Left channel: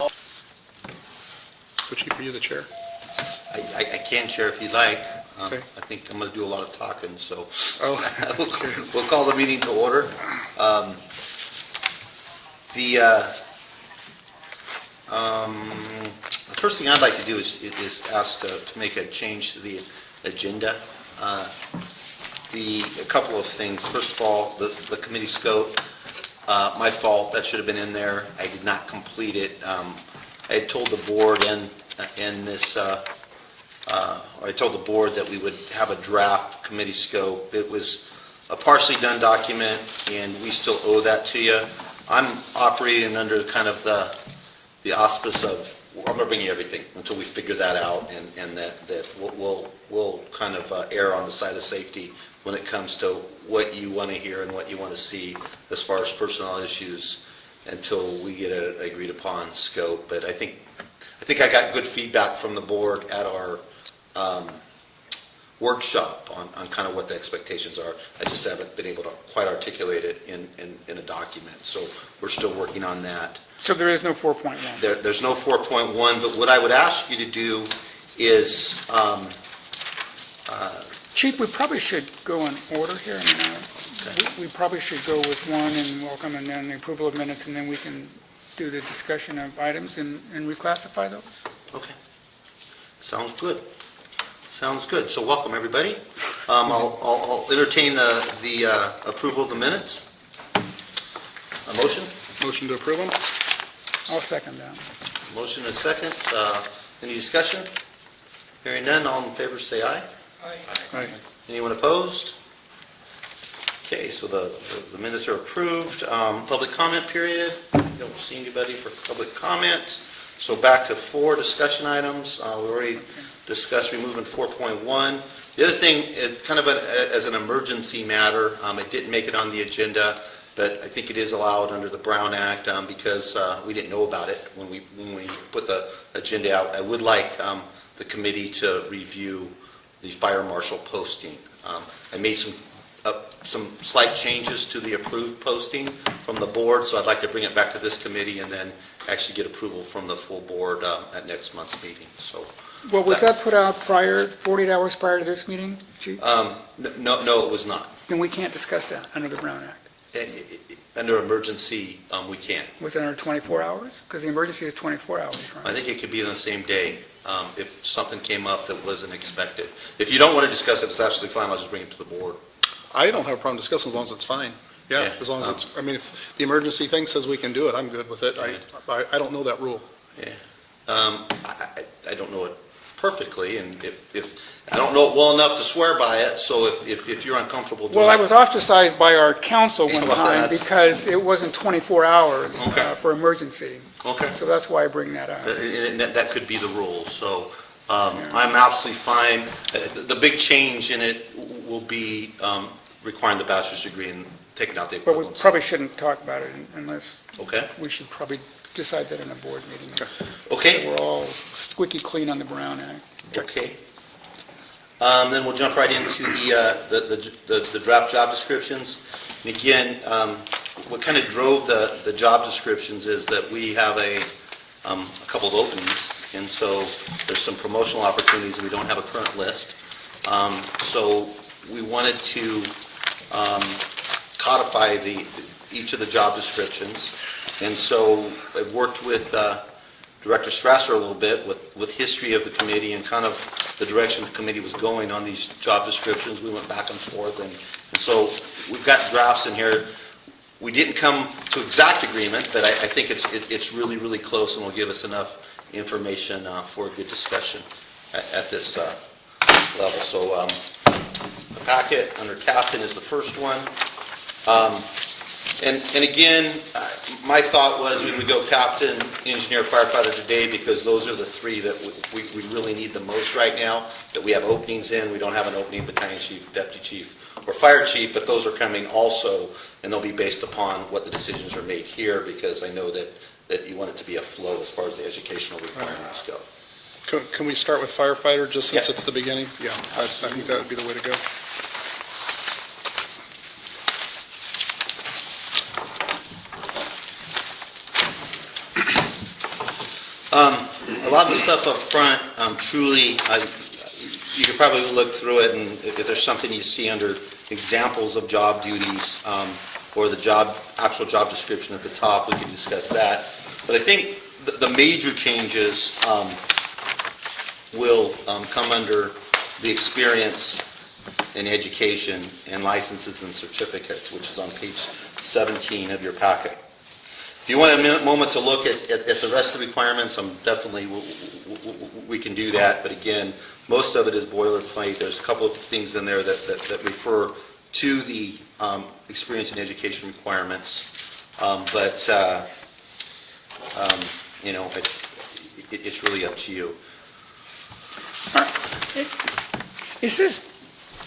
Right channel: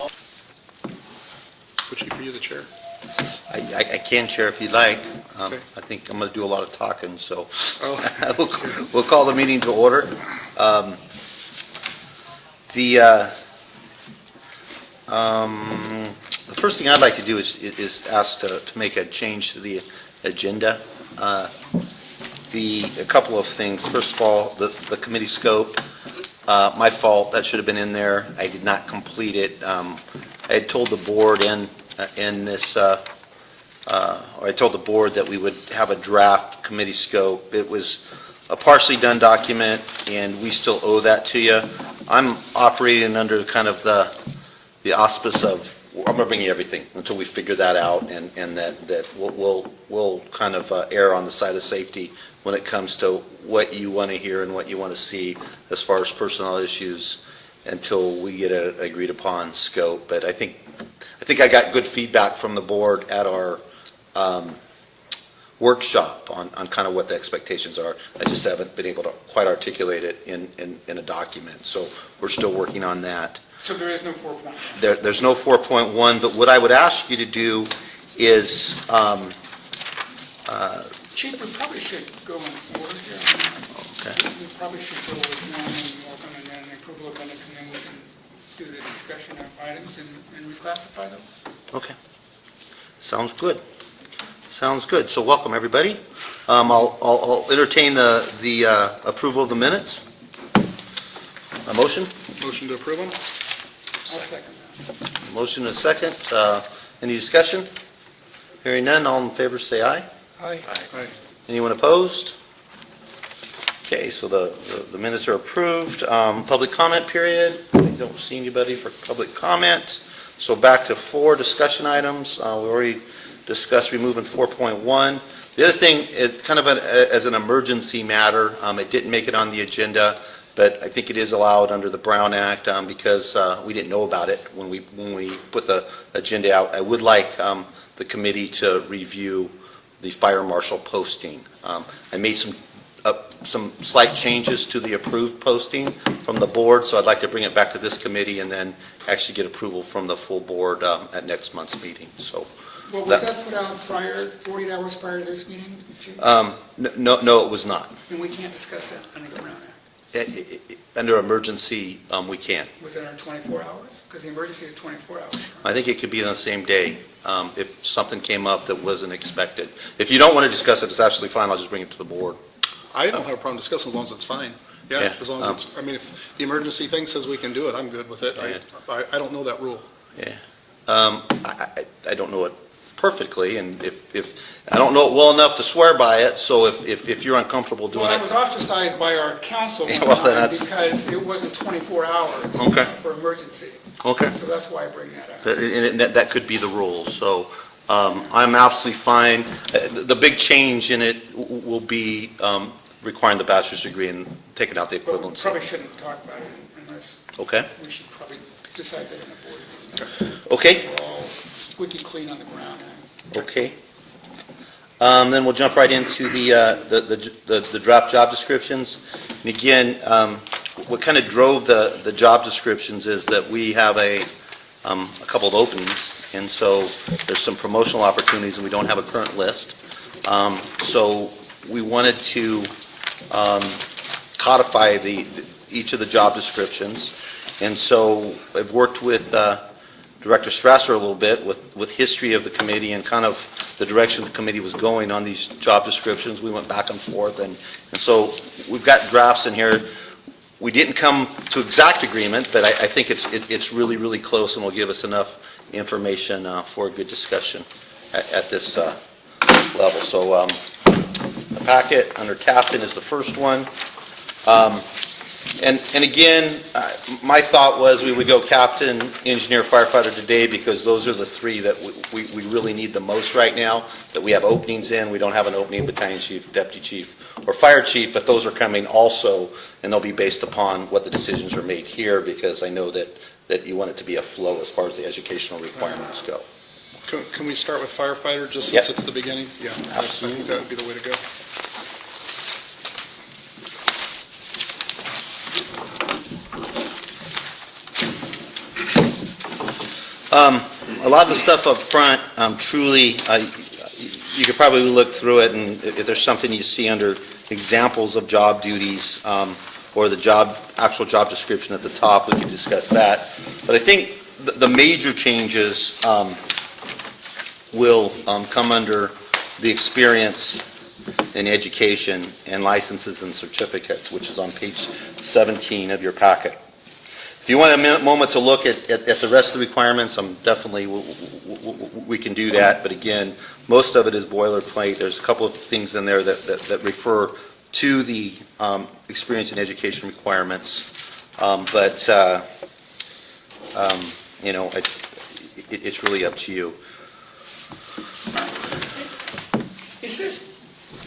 So Chief, are you the chair? I can chair if you'd like. Okay. I think I'm going to do a lot of talking, so Oh, we'll call the meeting to order. The first thing I'd like to do is ask to make a change to the agenda. A couple of things. First of all, the committee scope. My fault. That should have been in there. I did not complete it. I had told the board in this. I told the board that we would have a draft committee scope. It was a partially done document, and we still owe that to you. I'm operating under kind of the auspice of I'm going to bring you everything until we figure that out, and that we'll kind of err on the side of safety when it comes to what you want to hear and what you want to see as far as personnel issues until we get an agreed upon scope. But I think I got good feedback from the board at our workshop on kind of what the expectations are. I just haven't been able to quite articulate it in a document, so we're still working on that. So there is no 4.1? There's no 4.1, but what I would ask you to do is Chief, we probably should go in order here. We probably should go with one and welcome, and then the approval of minutes, and then we can do the discussion of items and reclassify those. Okay. Sounds good. Sounds good. So welcome, everybody. I'll entertain the approval of the minutes. A motion? motion to approve them? I'll second that. Motion and second. Any discussion? Hearing none, all in favor say aye. Aye. Aye. Anyone opposed? Okay, so the minutes are approved. Public comment period. Don't see anybody for public comment. So back to 4 discussion items. We already discussed removing 4.1. The other thing, kind of as an emergency matter, it didn't make it on the agenda, but I think it is allowed under the Brown Act because we didn't know about it when we put the agenda out. I would like the committee to review the fire marshal posting. I made some slight changes to the approved posting from the board, so I'd like to bring it back to this committee and then actually get approval from the full board at next month's meeting. So, Well, was that put out 48 hours prior to this meeting, Chief? no, it was not. Then we can't discuss that under the Brown Act. Under emergency, we can. Was it under 24 hours? Because the emergency is 24 hours, right? I think it could be on the same day if something came up that wasn't expected. If you don't want to discuss it, it's absolutely fine. I'll just bring it to the board. I don't have a problem discussing as long as it's fine. Yeah, Yeah. as long as it's, I mean, if the emergency thing says we can do it, I'm good with it. I don't know that rule. Yeah. I don't know it perfectly, and if I don't know it well enough to swear by it, so if you're uncomfortable doing Well, I it. was ostracized by our council one Well, time that's- because it wasn't 24 hours Okay. for emergency. Okay. So that's why I bring that up. And that could be the rule, so I'm absolutely fine. The big change in it will be requiring the bachelor's degree and taking out the But we equivalence. probably shouldn't talk about it unless, Okay? we should probably decide that in a board meeting. Okay? We're all squeaky clean on the Brown Act. Okay. Then we'll jump right into the draft job descriptions. And again, what kind of drove the job descriptions is that we have a couple of openings, and so there's some promotional opportunities, and we don't have a current list. So we wanted to codify each of the job descriptions, and so I've worked with Director Strasser a little bit with history of the committee and kind of the direction the committee was going on these job descriptions. We went back and forth, and so we've got drafts in here. We didn't come to exact agreement, but I think it's really, really close and will give us enough information for a good discussion at this level. So the packet under captain is the first one. And again, my thought was we would go captain, engineer, firefighter today because those are the 3 that we really need the most right now, that we have openings in. We don't have an opening battalion chief, deputy chief, or fire chief, but those are coming also, and they'll be based upon what the decisions are made here because I know that you want it to be a flow as far as the educational requirements go. Can we start with firefighter just since Yeah. it's the beginning? Yeah, I think that would be the way to go. A lot of the stuff up front, truly, you could probably look through it, and if there's something you see under examples of job duties, or the actual job description at the top, we can discuss that. But I think the major changes will come under the experience in education and licenses and certificates, which is on page 17 of your packet. If you want a moment to look at the rest of the requirements, definitely we can do that. But again, most of it is boilerplate. There's a couple of things in there that refer to the experience and education requirements. It's really up to you. Is this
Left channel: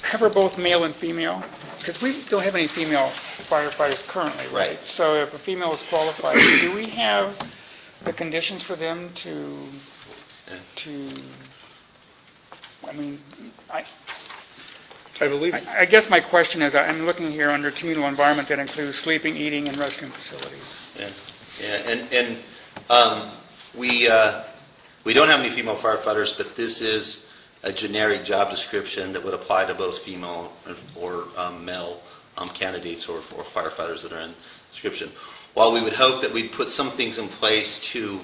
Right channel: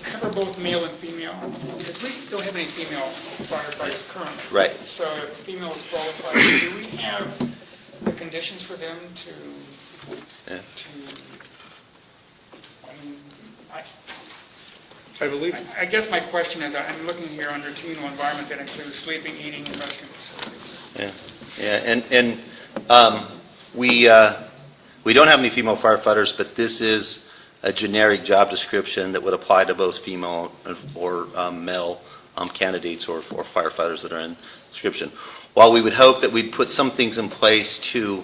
cover both male and female? Because we don't have any female firefighters currently, right? Right. So if a female is qualified, do we have the conditions for them to, I mean, I believe, I guess my question is, I'm looking here under communal environment that includes sleeping, eating, and restroom facilities. We don't have any female firefighters, but this is a generic job description that would apply to both female or male candidates or firefighters that are in the description. While we would hope that we'd put some things in place to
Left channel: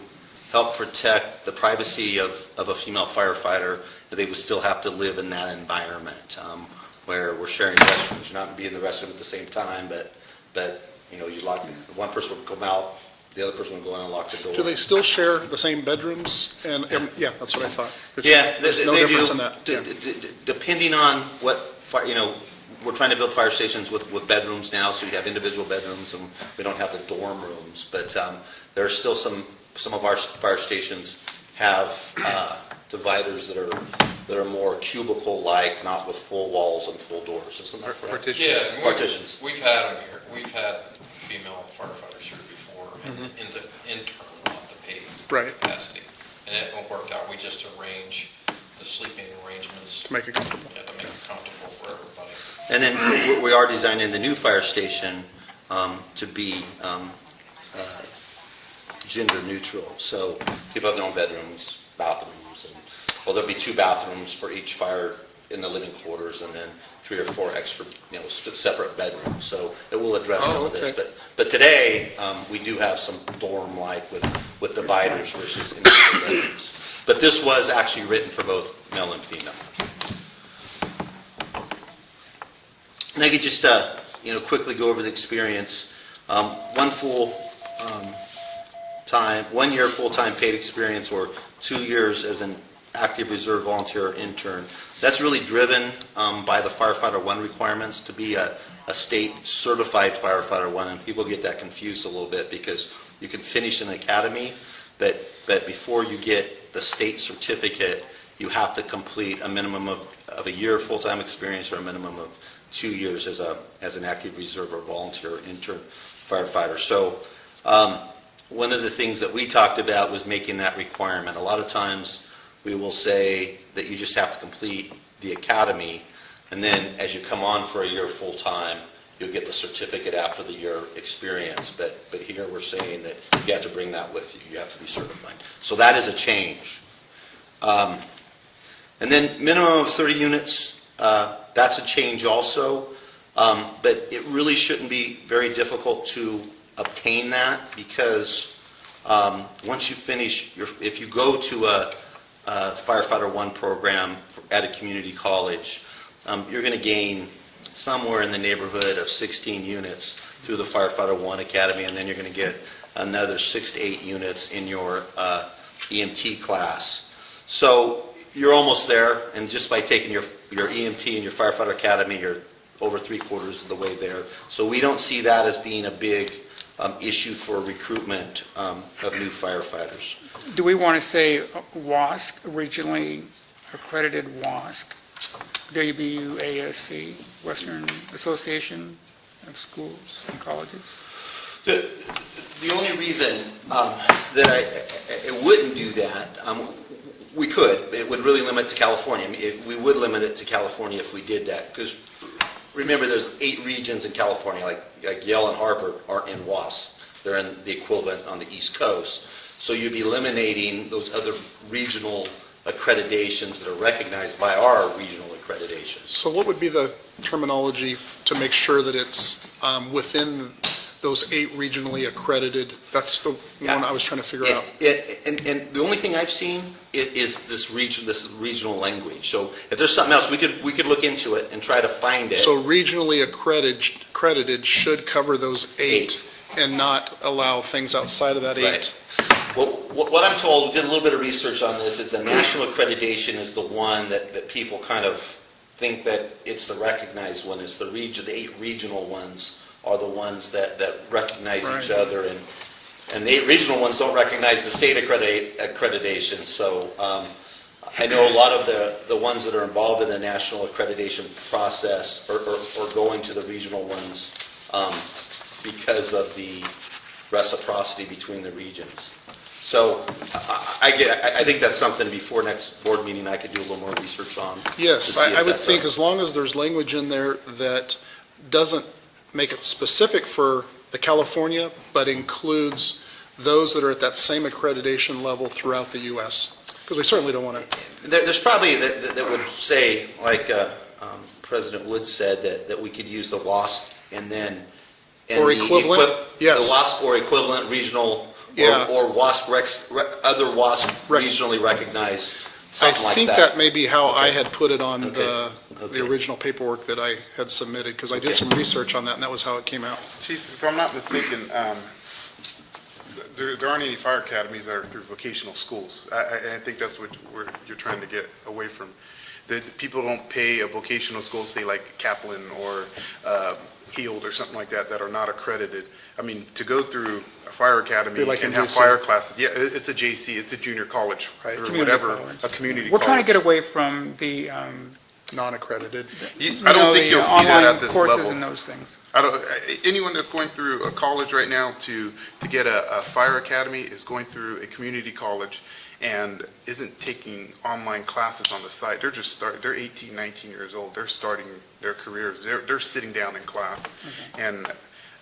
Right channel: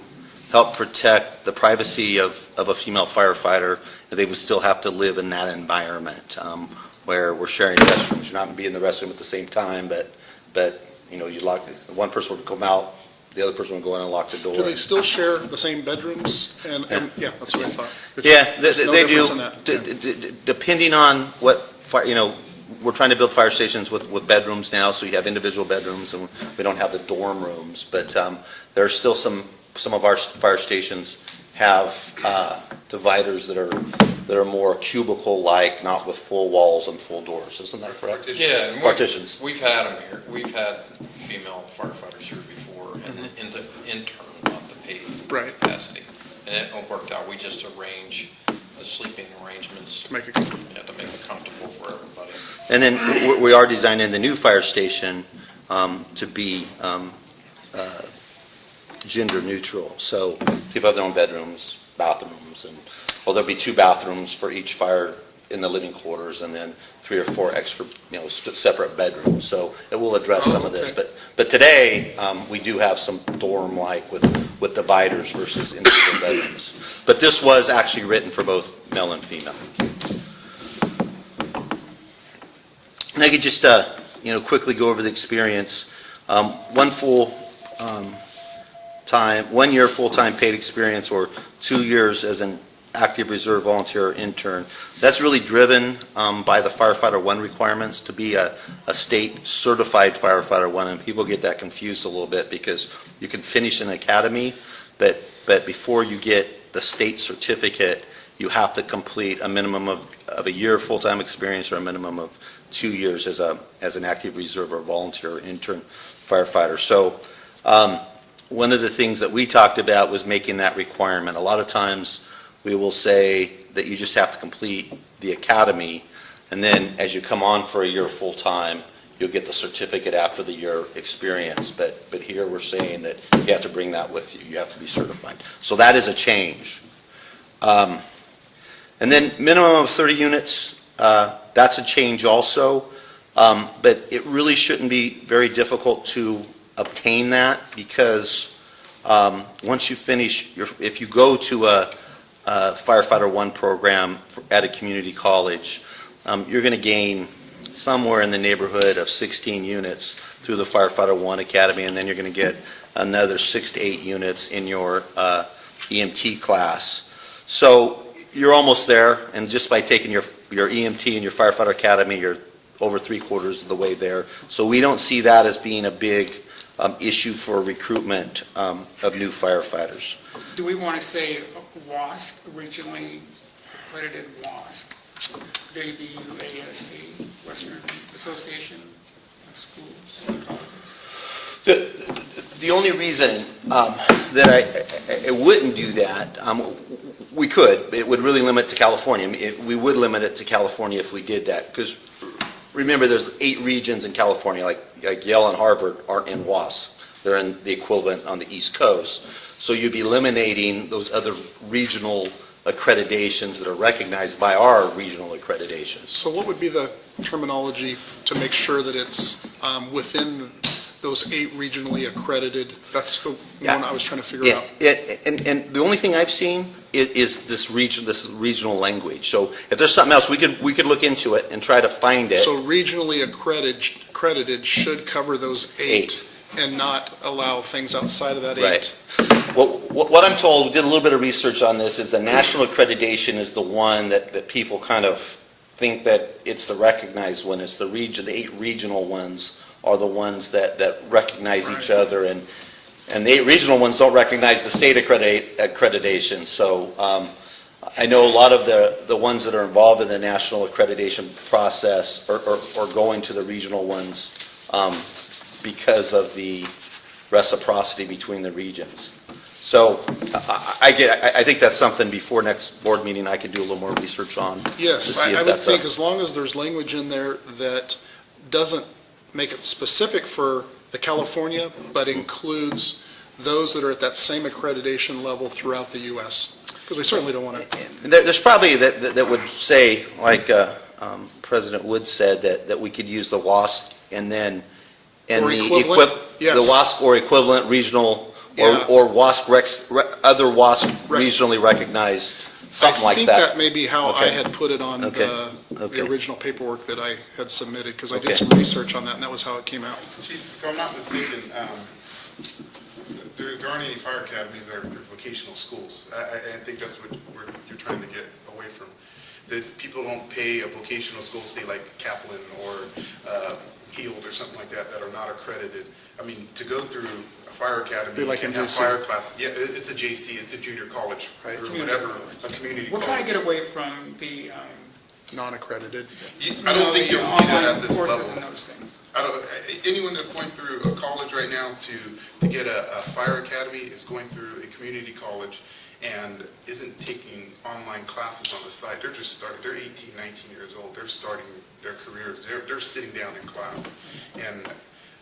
help protect the privacy of a female firefighter, that they would still have to live in that environment where we're sharing restrooms. You're not going to be in the restroom at the same time, but you lock, one person would come out, the other person would go in and lock the door. do they still share the same bedrooms? And yeah, that's what I thought. There's no they difference do. in that. Yeah. Depending on what fire, we're trying to build fire stations with bedrooms now, so you have individual bedrooms, and we don't have the dorm rooms. But there are still some of our fire stations have dividers that are more cubicle-like, not with full walls and full doors. Isn't that correct? Yeah, Partitions. we've had them here. We've had female firefighters here before in the intern, not the paid Right. capacity. And it all worked out. We just arrange the sleeping arrangements To make it comfortable. to make it comfortable for everybody. And then we are designing the new fire station to be gender neutral. So people have their own bedrooms, bathrooms, and there'll be 2 bathrooms for each fire in the living quarters, and then 3 or 4 extra, separate bedrooms. So it will address some of this. okay. But today we do have some dorm-like with dividers versus individual bedrooms. But this was actually written for both male and female. And I could just quickly go over the experience. 1 year full-time paid experience, or 2 years as an active reserve volunteer or intern. That's really driven by the Firefighter 1 requirements to be a state certified Firefighter 1, and people get that confused a little bit because you can finish an academy, but before you get the state certificate, you have to complete a minimum of a year full-time experience or a minimum of 2 years as an active reserve or volunteer or intern firefighter. So one of the things that we talked about was making that requirement. A lot of times we will say that you just have to complete the academy, and then as you come on for a year full-time, you'll get the certificate after the year experience. But here we're saying that you have to bring that with you. You have to be certified. So that is a change. And then minimum of 30 units, that's a change also. But it really shouldn't be very difficult to obtain that, because once you finish, if you go to a Firefighter 1 program at a community college, you're going to gain somewhere in the neighborhood of 16 units through the Firefighter 1 Academy, and then you're going to get another 6 to 8 units in your EMT class. So you're almost there, and just by taking your EMT and your Firefighter Academy, you're over 3/4 of the way there. So we don't see that as being a big issue for recruitment of new firefighters. Do we want to say WASC, regionally accredited WASC, WBUASC, Western Association of Schools and Colleges? The only reason that I wouldn't do that, we could, but it would really limit to California. We would limit it to California if we did that, because remember, there's 8 regions in California, like Yale and Harvard aren't in WASC. They're in the equivalent on the East Coast. So you'd be eliminating those other regional accreditations that are recognized by our regional accreditations. So what would be the terminology to make sure that it's within those 8 regionally accredited? That's the one I was trying to figure out. And the only thing I've seen is this regional language. So if there's something else, we could look into it and try to find it. So regionally accredited should cover those 8 and not allow things outside of that 8. Right. Well, what I'm told, we did a little bit of research on this, is that national accreditation is the one that people kind of think that it's the recognized one. It's the 8 regional ones are the ones that recognize each other, and the 8 regional ones don't recognize the state accreditation. So I know a lot of the ones that are involved in the national accreditation process are going to the regional ones because of the reciprocity between the regions. So I think that's something before next board meeting I could do a little more research on. Yes, I would think as long as there's language in there that doesn't make it specific for the California, but includes those that are at that same accreditation level throughout the U.S. Because we certainly don't want to. There's probably that would say, like President Wood said, that we could use the WASC and then Or equivalent, yes. The WASC or equivalent regional Yeah. or WASC other WASC regionally recognized. Something like I think that may be how I Okay. had put it on Okay. the original paperwork that I had submitted, because I did some research on that, and that was how it came out. Chief, if I'm not mistaken, there aren't any fire academies that are through vocational schools. I think that's what you're trying to get away from. That people don't pay a vocational school, say like Kaplan or Heald or something like that are not accredited. I mean, to go through a fire academy Be like and in have JC. fire classes, yeah, it's a JC, it's a junior college, Right. or Community whatever, college. a community We're college. trying to get away from the, Non-accredited. I don't think you'll see that at this online courses level. and those things. Anyone that's going through a college right now to get a fire academy is going through a community college and isn't taking online classes on the side. They're just they're 18, 19 years old. They're starting their careers. They're sitting down in class. And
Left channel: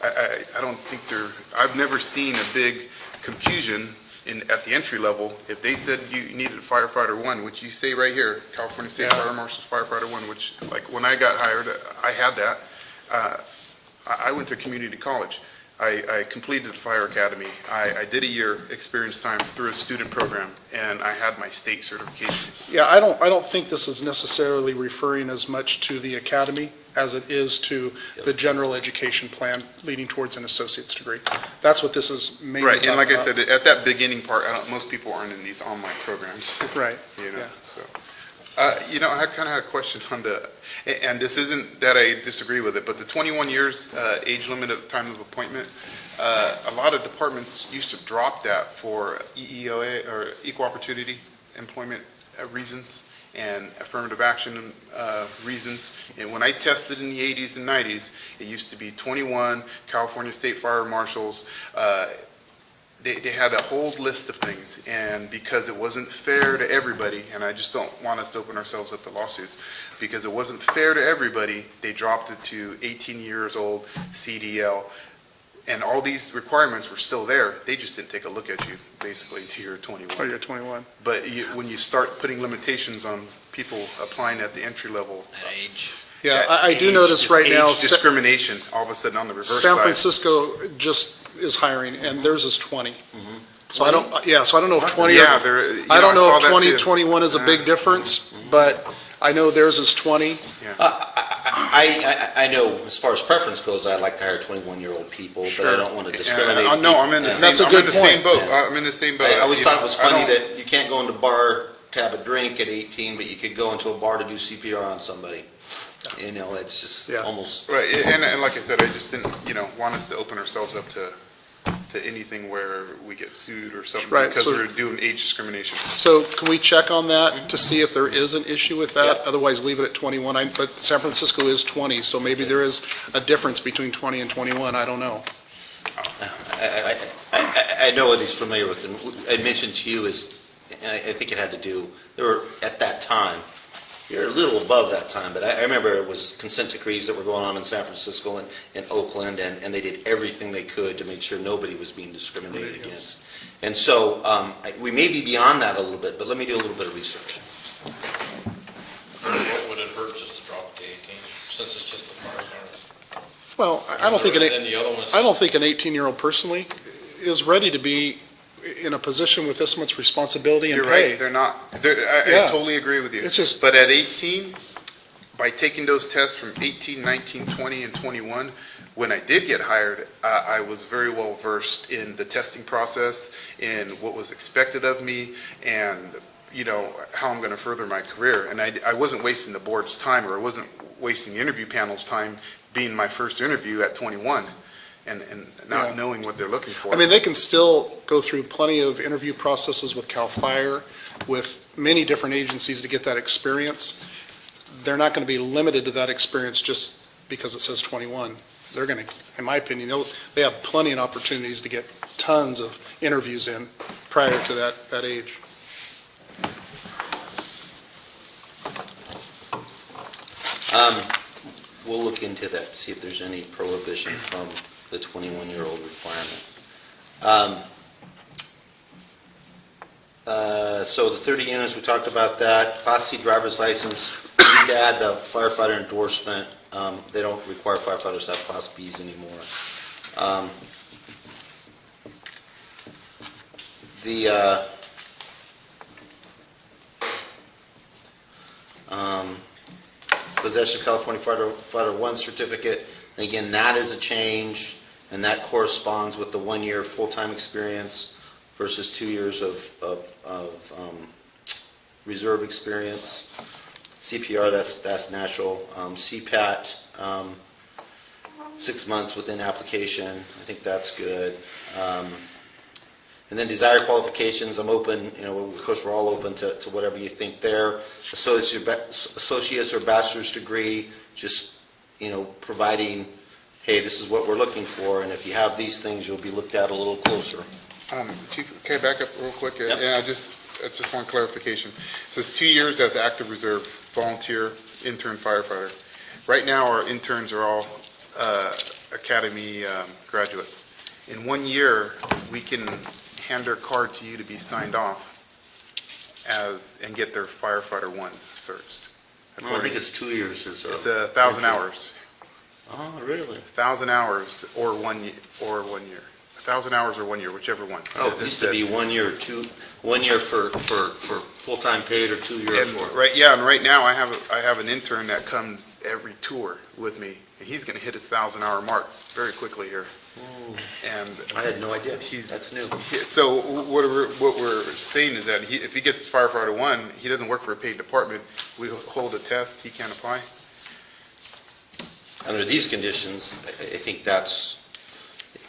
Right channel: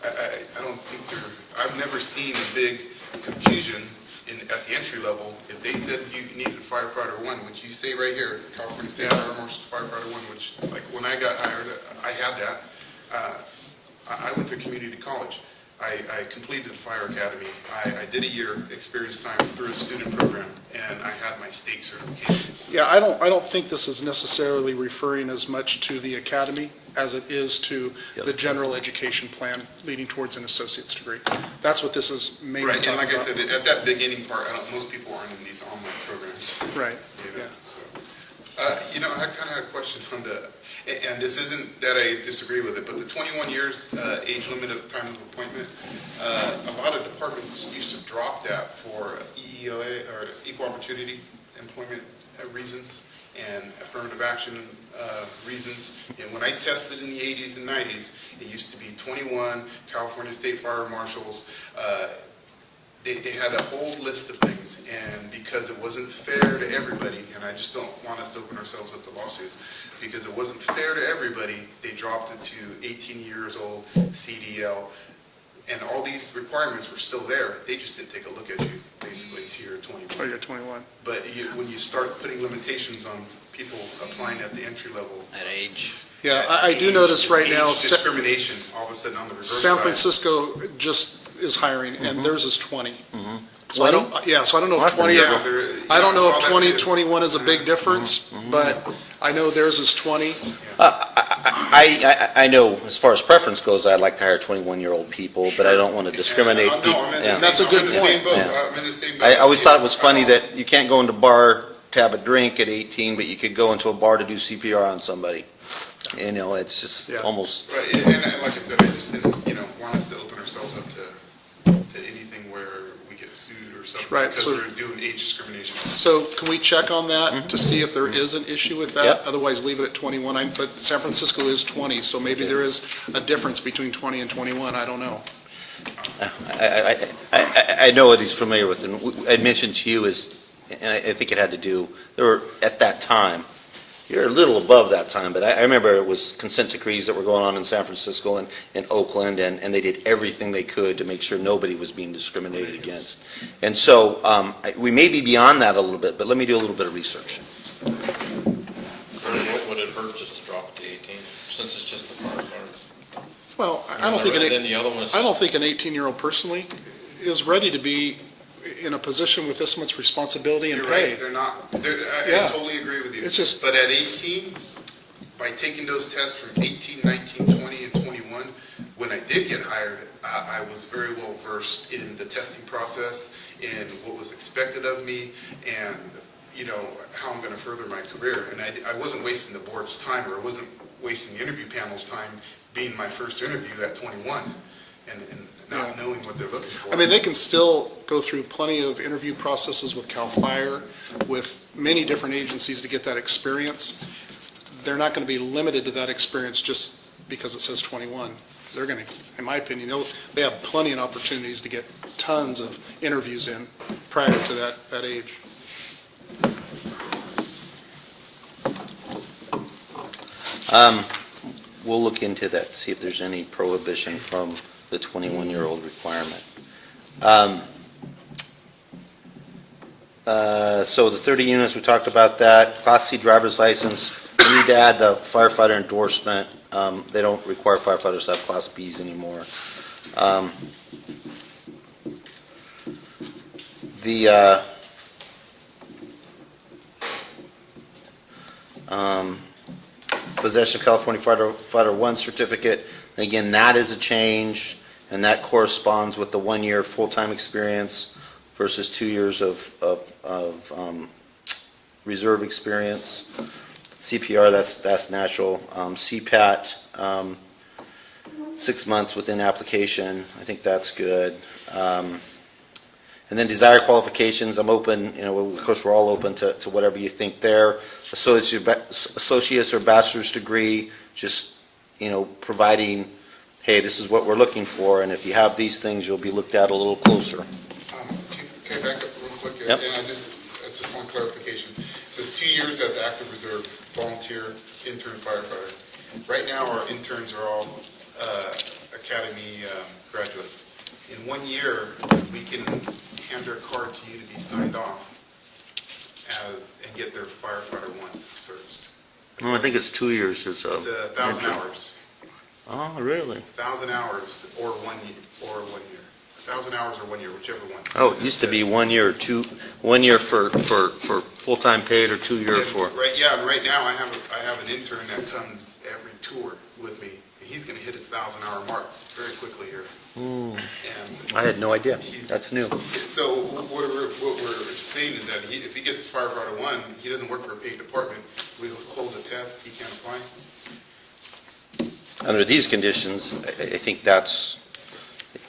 I don't think I've never seen a big confusion at the entry level. If they said you needed a firefighter 1, which you say right here, California State Fire Marshal's firefighter 1, which like when I got hired, I had that. I went to community college. I completed the fire academy. I did a year experience time through a student program, and I had my state certification. Yeah, I don't think this is necessarily referring as much to the academy as it is to the general education plan leading towards an associate's degree. That's what this is mainly Right, talking and like I about. said, at that beginning part, most people aren't in these online programs. Right, You know, yeah. so. I kind of had a question on and this isn't that I disagree with it, but the 21 years age limit at the time of appointment, a lot of departments used to drop that for EEOA or equal opportunity employment reasons and affirmative action reasons. And when I tested in the 80s and 90s, it used to be 21 California State Fire Marshals. They had a whole list of things, and because it wasn't fair to everybody, and I just don't want us to open ourselves up to lawsuits, because it wasn't fair to everybody, they dropped it to 18 years old, CDL, and all these requirements were still there. They just didn't take a look at you, basically, until you're 21. Oh, you're 21. But when you start putting limitations on people applying at the entry level, At age. Yeah, I do notice right now, age discrimination, all of a sudden on the reverse San side. Francisco just is hiring, and theirs is 20. So I don't know if 20, Yeah, I don't know I if saw that 20, too. 21 is a big difference, but I know theirs is 20. I know as far as preference goes, I'd like to hire 21-year-old people, but I don't want to discriminate. No, I'm in the Yeah. same, That's a I'm good in the same point. boat. I'm in the same boat. I always You thought know, it was I funny don't- that you can't go into a bar to have a drink at 18, but you could go into a bar to do CPR on somebody. You know, it's just Yeah. almost. Right, and like I said, I just didn't, want us to open ourselves up to anything where we get sued or something Right, because so- we're doing age discrimination. So can we check on that to see if there is an issue with that? Yeah. Otherwise, leave it at 21. But San Francisco is 20, so maybe there is a difference between 20 and 21. I don't know. I know what he's familiar with, and I mentioned to you is, and I think it had to do, there were, at that time, You're a little above that time, but I remember it was consent decrees that were going on in San Francisco and in Oakland, and they did everything they could to make sure nobody was being discriminated against. And so we may be beyond that a little bit, but let me do a little bit of research. What would it hurt just to drop it to 18, since it's just the firefighters? Well, I don't think Then the other one's I don't think an 18-year-old personally is ready to be in a position with this much responsibility and You're pay. right, they're not. Yeah. I totally agree with you. It's just- But at 18, by taking those tests from 18, 19, 20, and 21, when I did get hired, I was very well versed in the testing process, in what was expected of me, and how I'm going to further my career. And I wasn't wasting the board's time, or I wasn't wasting the interview panel's time being my first interview at 21 and not Yeah. knowing what they're looking for. I mean, they can still go through plenty of interview processes with CAL FIRE, with many different agencies to get that experience. They're not going to be limited to that experience just because it says 21. They're going to, in my opinion, they have plenty of opportunities to get tons of interviews in prior to that age. We'll look into that, see if there's any prohibition from the 21-year-old requirement. So the 30 units, we talked about that. Class C driver's license, we need to add the firefighter endorsement. They don't require firefighters to have Class Bs anymore. The possession of California Fighter 1 certificate, again, that is a change, and that corresponds with the 1 year full-time experience versus 2 years of reserve experience. CPR, that's natural. CPAT, 6 months within application, I think that's good. And then desired qualifications, I'm open, of course, we're all open to whatever you think there. Associate's or bachelor's degree, just, providing, hey, this is what we're looking for, and if you have these things, you'll be looked at a little closer. Chief, can I back up real quick? Yep. Yeah, just one clarification. It says 2 years as active reserve, volunteer, intern, firefighter. Right now, our interns are all academy graduates. In 1 year, we can hand their card to you to be signed off and get their firefighter 1 certs. I think it's 2 years. It's 1,000 hours. Oh, really? 1,000 hours or 1 year. 1,000 hours or 1 year, whichever one. Oh, it used to be 1 year or 1 year for full-time paid or 2 years And for. right, yeah, and right now I have an intern that comes every tour with me. And he's going to hit his 1,000-hour mark very quickly here. And I had no idea. That's new. so what we're saying is that if he gets his firefighter 1, he doesn't work for a paid department. We hold a test, he can't apply. Under these conditions, I think that's,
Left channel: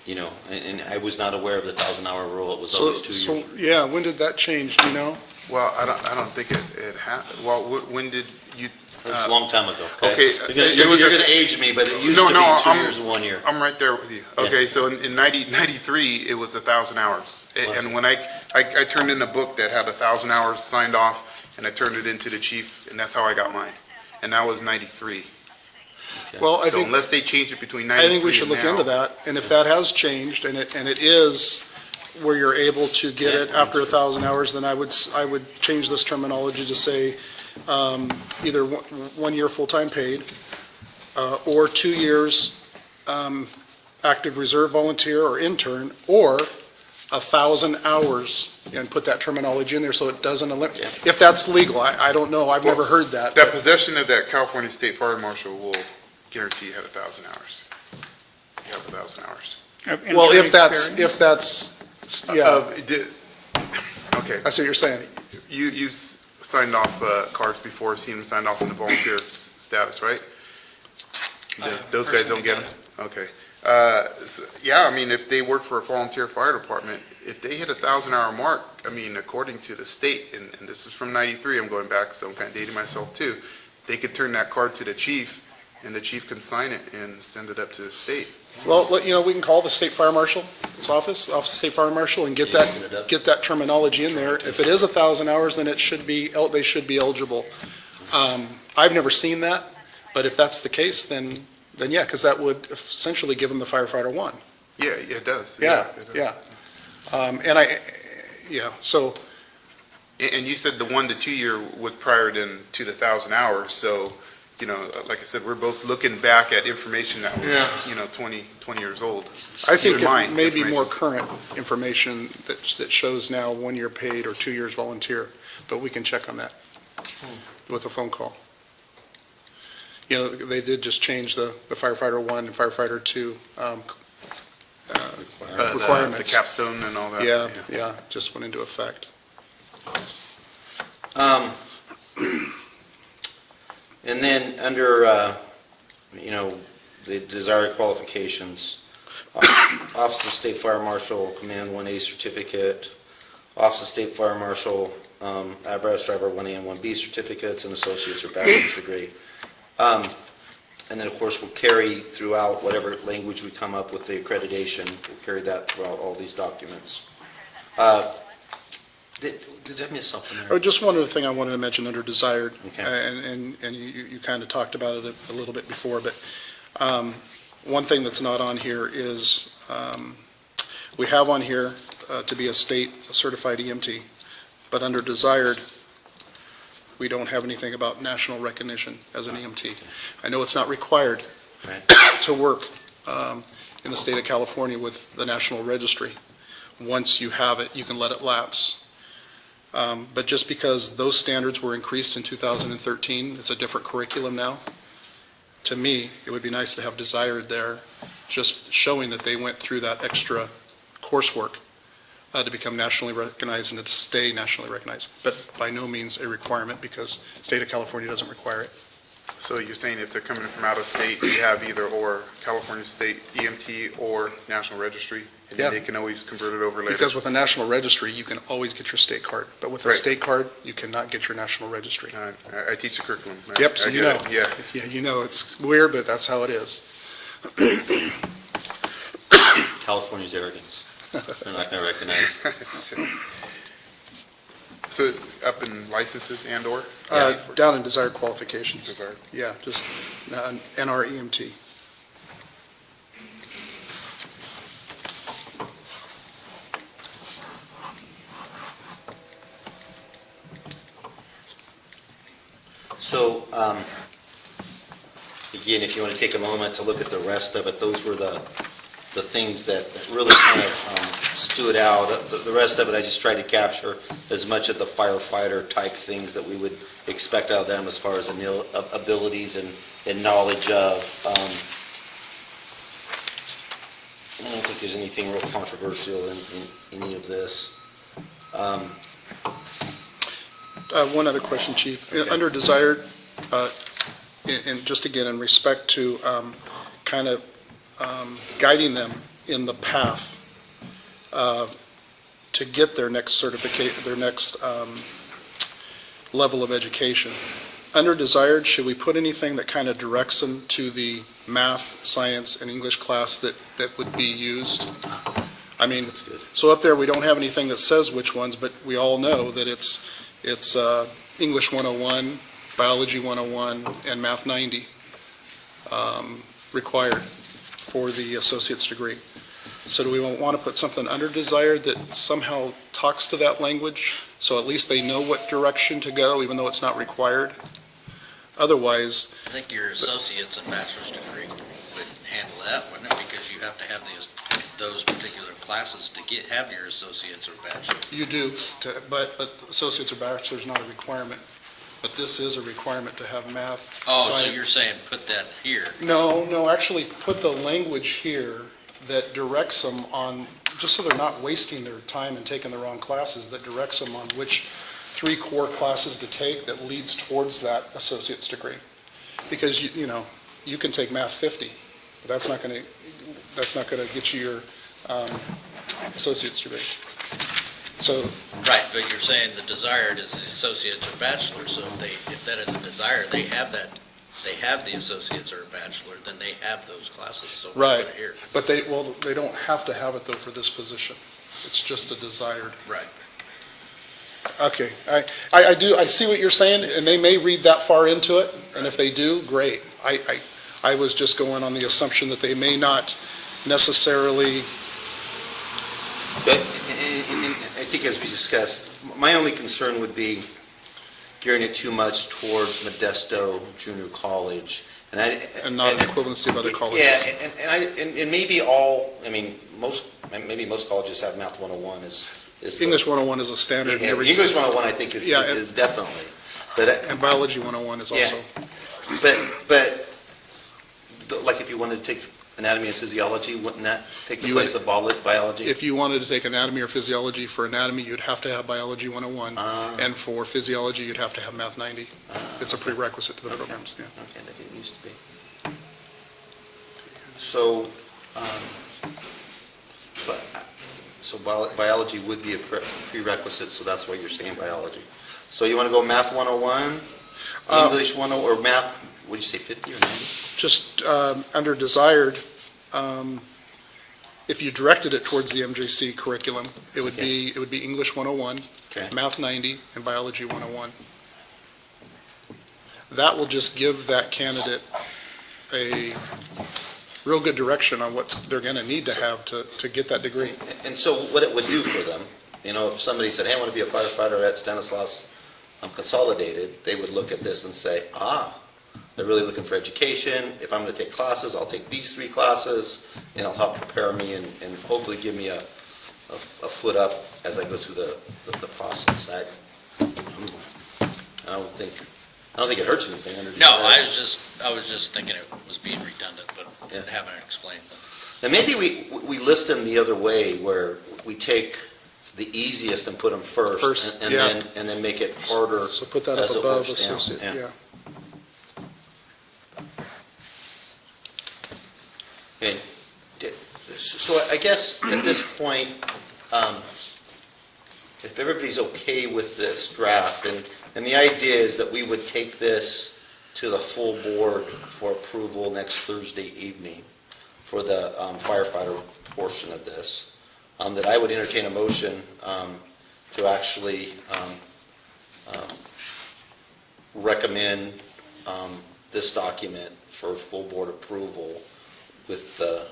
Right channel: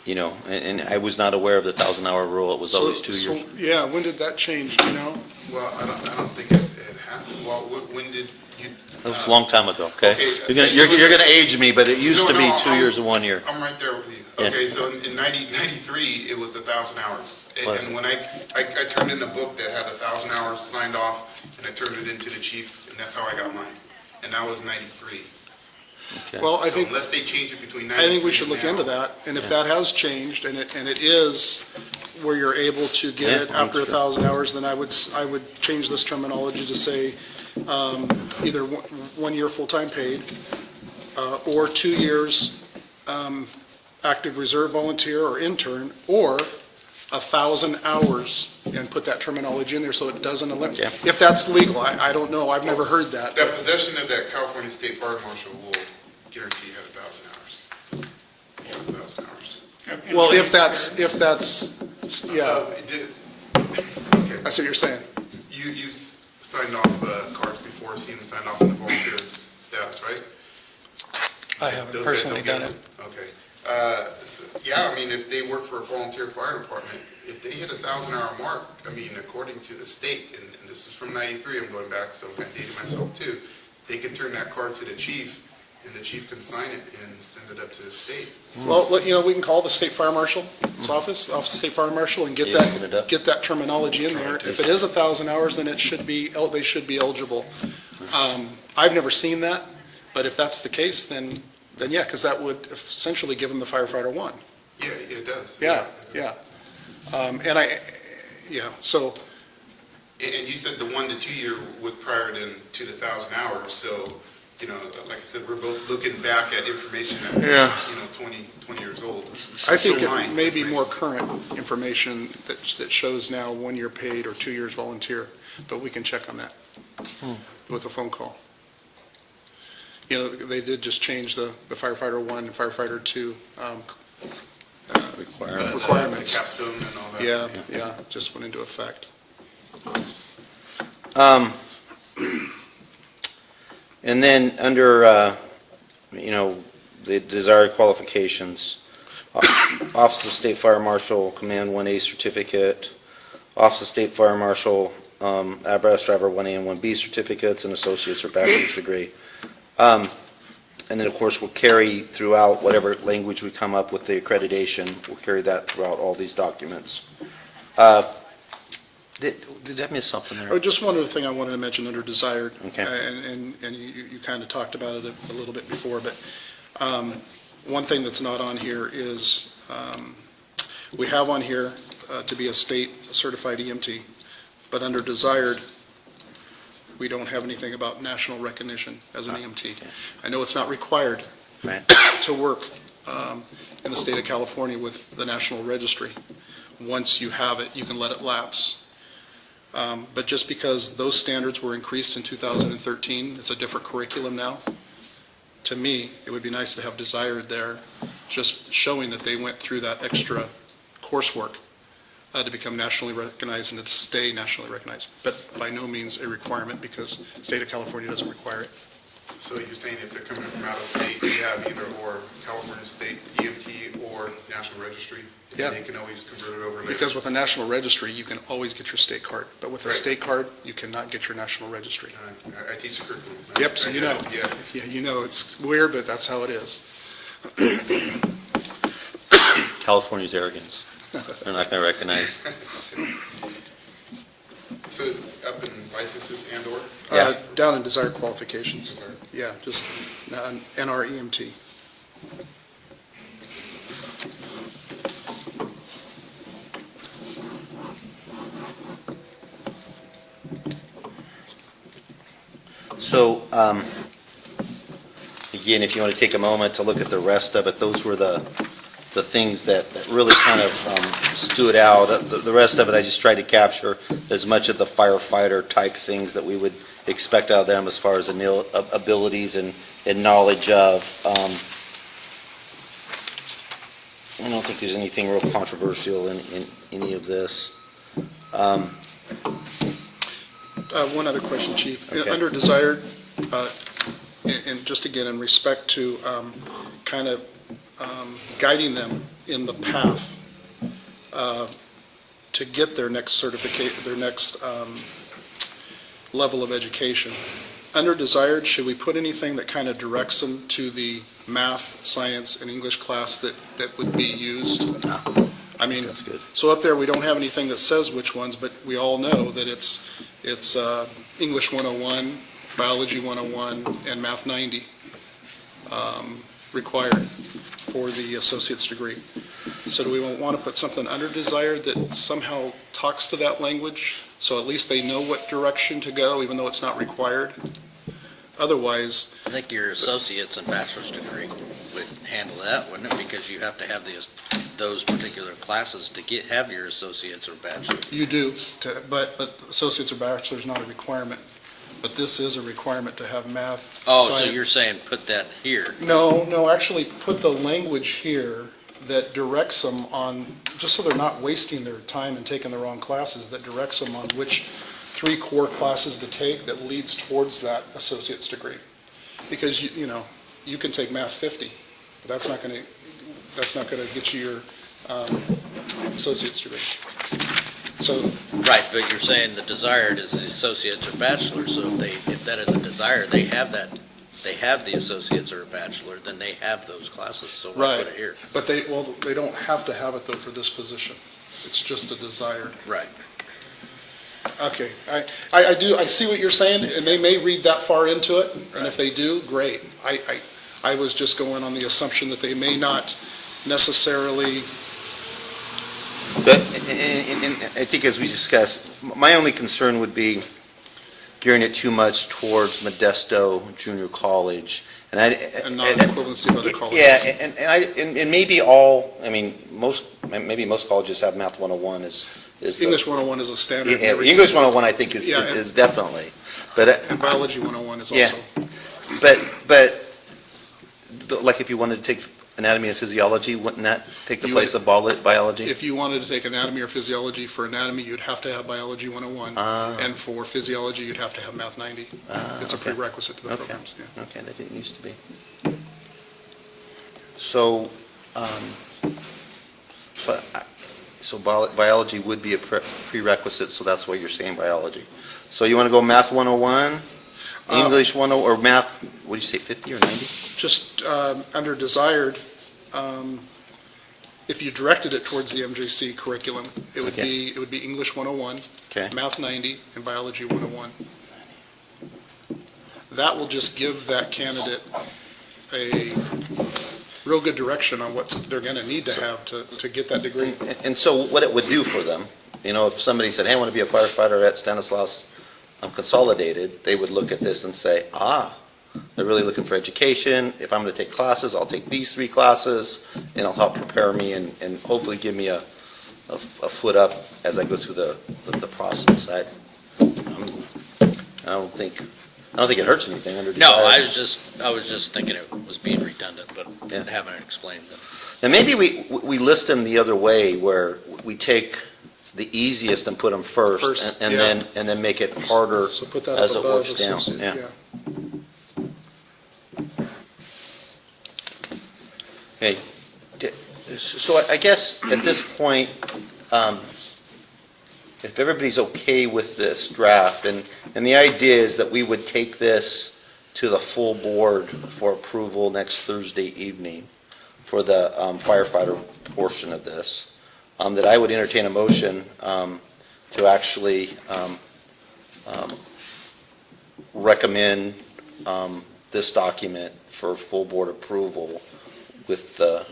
and I was not aware of the 1,000-hour rule. It was always 2 years. Yeah, when did that change, do you know? Well, I don't think it happened. Well, when did you? It was a long time ago, okay? Okay, You're going to age me, but it used to be 2 years and 1 year. I'm right there with you. Okay, so in 93, it was 1,000 hours. And when I turned in a book that had 1,000 hours signed off, and I turned it into the chief, and that's how I got mine. And that was 93. Well, I So think, unless they change it between 93 I think we should and look now- into that, and if that has changed, and it is where you're able to get it after 1,000 hours, then I would change this terminology to say, either 1 year full-time paid, or 2 years active reserve volunteer or intern, or 1,000 hours, and put that terminology in there so it doesn't eliminate. Yeah. If that's legal, I don't know, I've never heard that. That possession of that California State Fire Marshal will guarantee you have 1,000 hours. You have 1,000 hours. Well, if that's, yeah, Okay. I see what you're saying. You signed off cards before, seen them signed off in the volunteer status, right? I haven't Those guys personally don't get done them? Okay. Yeah, I mean, if they work for a volunteer fire department, if they hit 1,000-hour mark, I mean, according to the state, and this is from 93, I'm going back, so I'm kind of dating myself too, they could turn that card to the chief, and the chief can sign it and send it up to the state. Well, we can call the state fire marshal's office of State Fire Marshal, and get that terminology in there. If it is 1,000 hours, then they should be eligible I've never seen that, but if that's the case, then yeah, because that would essentially give them the firefighter one. Yeah, it does. Yeah, It does. So, And you said the 1 to 2 year with prior to the 1,000 hours, so, like I said, we're both looking back at information that was, 20 years old. I think Keep in mind, it may be information. more current information that shows now 1 year paid or 2 years volunteer, but we can check on that with a phone call. They did just change the firefighter one and firefighter two requirements. The capstone and all that. Yeah, just went into effect. And then under, the desired qualifications, Office of State Fire Marshal, Command 1A certificate, Office of State Fire Marshal, Apparatus Driver 1A and 1B certificates, and associate's or bachelor's degree. And then, of course, we'll carry throughout whatever language we come up with the accreditation, we'll carry that throughout all these documents. Did I miss something Oh, there? just one other thing I wanted to mention under desired, Okay. and you kind of talked about it a little bit before, but one thing that's not on here is, we have on here to be a state certified EMT, but under desired, we don't have anything about national recognition as an EMT. I know it's not required Right. to work in the state of California with the National Registry. Once you have it, you can let it lapse. But just because those standards were increased in 2013, it's a different curriculum now. To me, it would be nice to have desired there, just showing that they went through that extra coursework to become nationally recognized and to stay nationally recognized. But by no means a requirement, because the state of California doesn't require it. So you're saying if they're coming from out of state, you have either or California State EMT or National Registry? And Yeah. they can always convert it over later? Because with a national registry, you can always get your state card. But with a Right. state card, you cannot get your national registry. I teach the curriculum. Yep, so I you get know. it. Yeah. Yeah, you know, it's weird, but that's how it is. California's arrogance. They're not going to recognize. So up in licenses and/or? Down in desired qualifications. Desired. Yeah, just NREMT. So, again, if you want to take a moment to look at the rest of it, those were the things that really kind of stood out. The rest of it, I just tried to capture as much of the firefighter type things that we would expect out of them as far as abilities and knowledge of. I don't think there's anything real controversial in any of this. One other question, Chief. Okay. Under desired, and just again, in respect to kind of guiding them in the path to get their next certificate, their next level of education. Under desired, should we put anything that kind of directs them to the math, science, and English class that would be used? I mean, That's good. so up there, we don't have anything that says which ones, but we all know that it's English 101, Biology 101, and Math 90 required for the associate's degree. So do we want to put something under desired that somehow talks to that language, so at least they know what direction to go, even though it's not required? Otherwise, I think your associate's and bachelor's degree would handle that, wouldn't it? Because you have to have those particular classes to have your associate's or bachelor's. you do, but associate's or bachelor's is not a requirement. But this is a requirement to have math, Oh, so science. you're saying put that here. No, actually put the language here that directs them on, just so they're not wasting their time and taking the wrong classes, that directs them on which 3 core classes to take that leads towards that associate's degree. Because, you can take Math 50, but that's not going to get you your associate's degree. So, Right, but you're saying the desired is the associate's or bachelor's, so if that is a desire, they have the associate's or bachelor, then they have those classes, so we'll right, put it here. but they don't have to have it though for this position. It's just a desired. Right. Okay, I see what you're saying, and they may read that far into it, and if they do, great. I was just going on the assumption that they may not necessarily, But, and I think as we discussed, my only concern would be gearing it too much toward Modesto Junior College. and not an equivalency of other colleges. Yeah, and maybe all, I mean, maybe most colleges have Math 101 is the- English 101 is a standard in Yeah, every. English 101, I think, is Yeah, and- definitely. But, And Biology 101 is yeah, also. but, like if you wanted to take anatomy and physiology, wouldn't that take the You place would- of biology? If you wanted to take anatomy or physiology, for anatomy, you'd have to have Biology 101, and for physiology, you'd have to have Math 90. It's a prerequisite to the programs, yeah. Okay, that didn't used to be. So, biology would be a prerequisite, so that's why you're saying biology. So you want to go Math 101, English 101, or Math, what did you say, 50 or 90? Just under desired, if you directed it towards the MJC curriculum, it would be English 101, Okay. Math 90, and Biology 101. That will just give that candidate a real good direction on what they're going to need to have to get that degree. And so what it would do for them, if somebody said, hey, I want to be a firefighter at Stanislaus Consolidated, they would look at this and say, they're really looking for education. If I'm going to take classes, I'll take these 3 classes, and it'll help prepare me and hopefully give me a foot up as I go through the process. I don't think it hurts anything. No, I was just thinking it was being redundant, but Yeah. haven't explained them. And maybe we list them the other way, where we take the easiest and put them first, and yeah. then make it harder. So put that up as it above works down. associate, yeah. Okay. So I guess at this point, if everybody's okay with this draft, and the idea is that we would take this to the full board for approval next Thursday evening for the firefighter portion of this, that I would entertain a motion to actually recommend this document for full board approval with the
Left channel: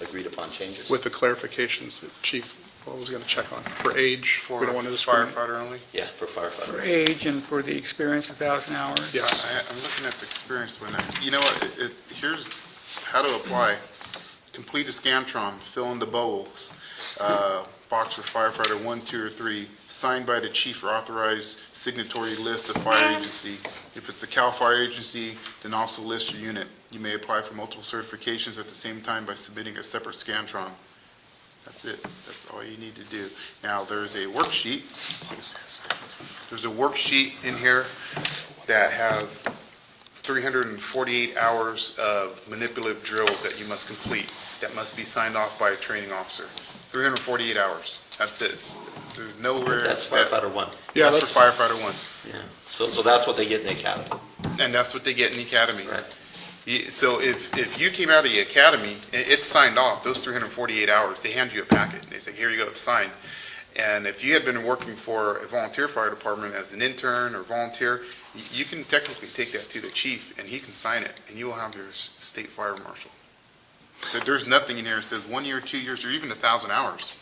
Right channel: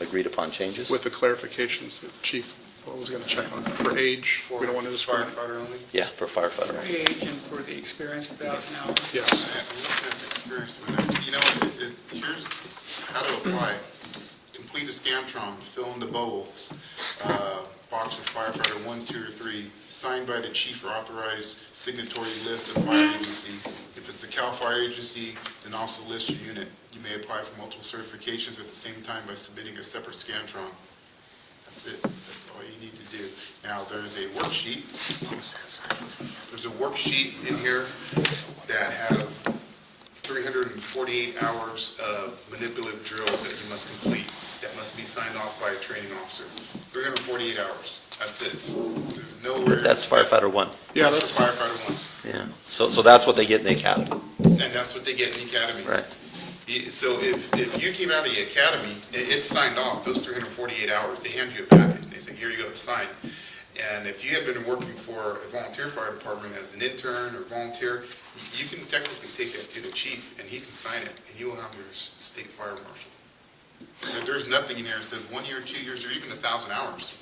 agreed upon changes. With the clarifications that Chief was going to check on, for age, we don't want to discriminate. Firefighter only? Yeah, for firefighter. For age and for the experience, 1,000 hours. Yes. I'm looking at the experience one. You know what, here's how to apply. Complete a Scantron, fill in the bubbles, box for firefighter 1, 2, or 3, signed by the chief or authorized signatory list of fire agency. If it's a CAL FIRE agency, then also list your unit. You may apply for multiple certifications at the same time by submitting a separate Scantron. That's it. That's all you need to do. Now, there's a worksheet. There's a worksheet in here that has 348 hours of manipulative drills that you must complete, that must be signed off by a training officer. 348 hours. That's it. There's nowhere. That's firefighter 1. Yeah, That's for firefighter 1. Yeah. So that's what they get in the academy. And that's what they get in the academy. Right. So if you came out of the academy, it's signed off, those 348 hours, they hand you a packet, and they say, here you go, sign. And if you had been working for a volunteer fire department as an intern or volunteer, you can technically take that to the chief, and he can sign it, and you will have your state fire marshal. There's nothing in here that says 1 year, 2 years, or even 1,000 hours.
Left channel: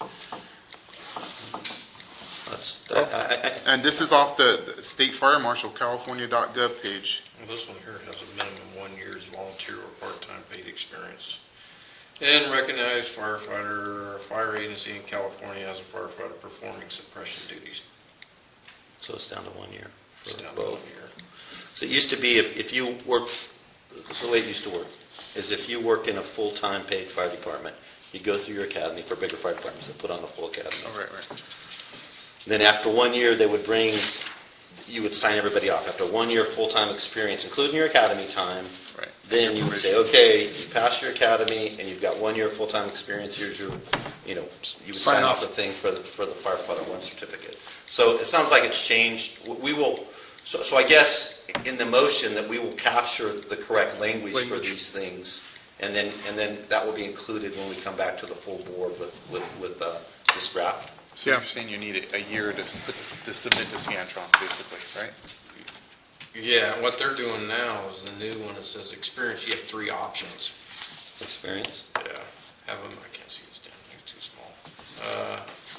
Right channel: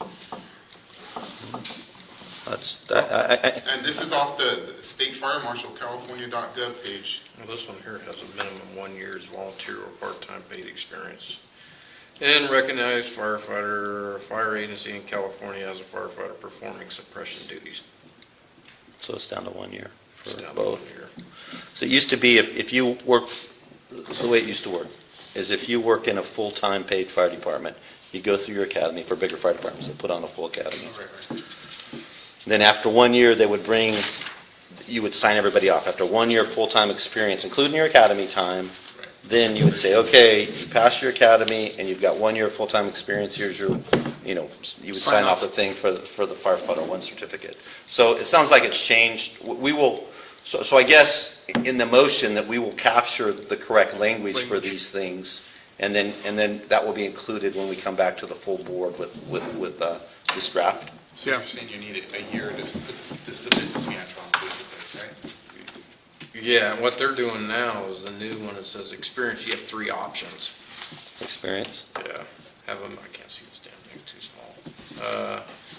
And this is off the state fire marshal, California.gov page. Well, this one here has a minimum 1 year's volunteer or part-time paid experience. And recognized firefighter or fire agency in California as a firefighter performing suppression duties. So it's down to 1 year for It's down to 1 both. year. So it used to be if you work, so the way it used to work is if you work in a full-time paid fire department, you go through your academy for bigger fire departments that put on a full academy. Oh, right. Then after 1 year, they would you would sign everybody off. After 1 year full-time experience, including your academy time, Right. then you would say, okay, you passed your academy and you've got 1 year full-time experience, here's your, you would Sign sign off. off the thing for the firefighter 1 certificate. So it sounds like it's changed. We will, so I guess in the motion that we will capture the correct language for these things, and then that will be included when we come back to the full board with this draft. So Yeah. you're saying you need a year to submit to Scantron, basically, right? Yeah, what they're doing now is the new one, it says experience, you have 3 options. Experience? Yeah, have them, I can't see this damn thing's too small.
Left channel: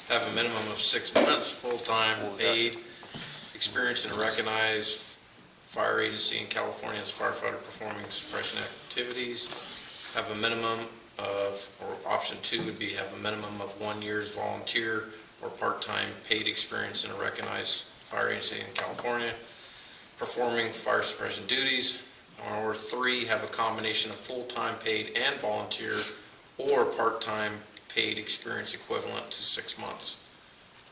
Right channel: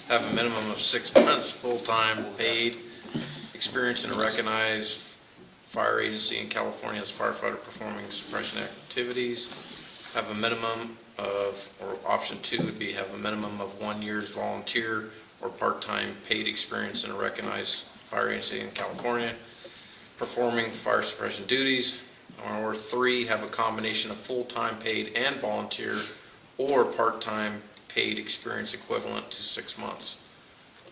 Have a minimum of 6 months, full-time, paid, experience in a recognized fire agency in California as firefighter performing suppression activities. Have a minimum of, or option 2 would be have a minimum of 1 year's volunteer or part-time paid experience in a recognized fire agency in California performing fire suppression duties. Or 3, have a combination of full-time paid and volunteer or part-time paid experience equivalent to 6 months.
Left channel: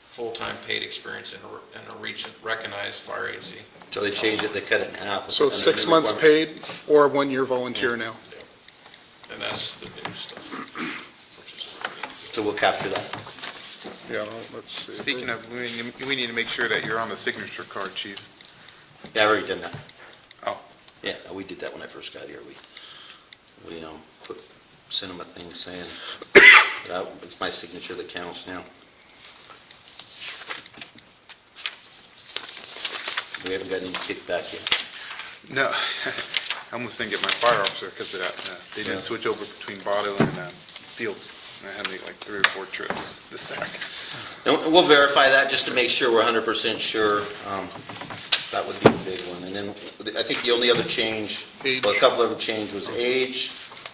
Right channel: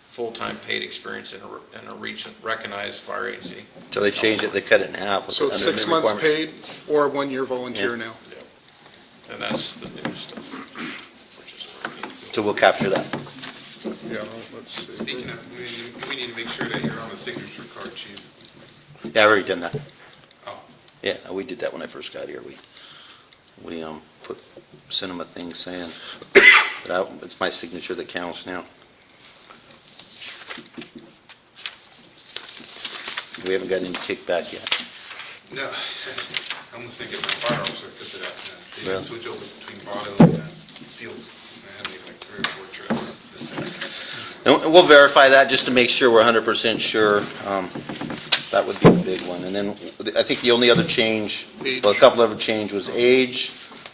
Full-time paid experience in a recognized fire agency. So they changed it, they cut it in half. So it's 6 months paid or 1 year volunteer now. And that's the new stuff, which is really good. So we'll capture that. Yeah, well, let's see. Speaking of, we need to make sure that you're on the signature card, chief. Yeah, I've already done that. Oh. Yeah, we did that when I first got here. We sent them a thing saying, but it's my signature that counts now. We haven't got any kickback yet. No, I almost didn't get my fire officer because of that. They didn't switch over between Bottle and Fields. I had to make like 3 or 4 trips this second. And we'll verify that just to make sure we're 100% sure. That would be the big one. And then I think the only other change, well, a couple other change was age.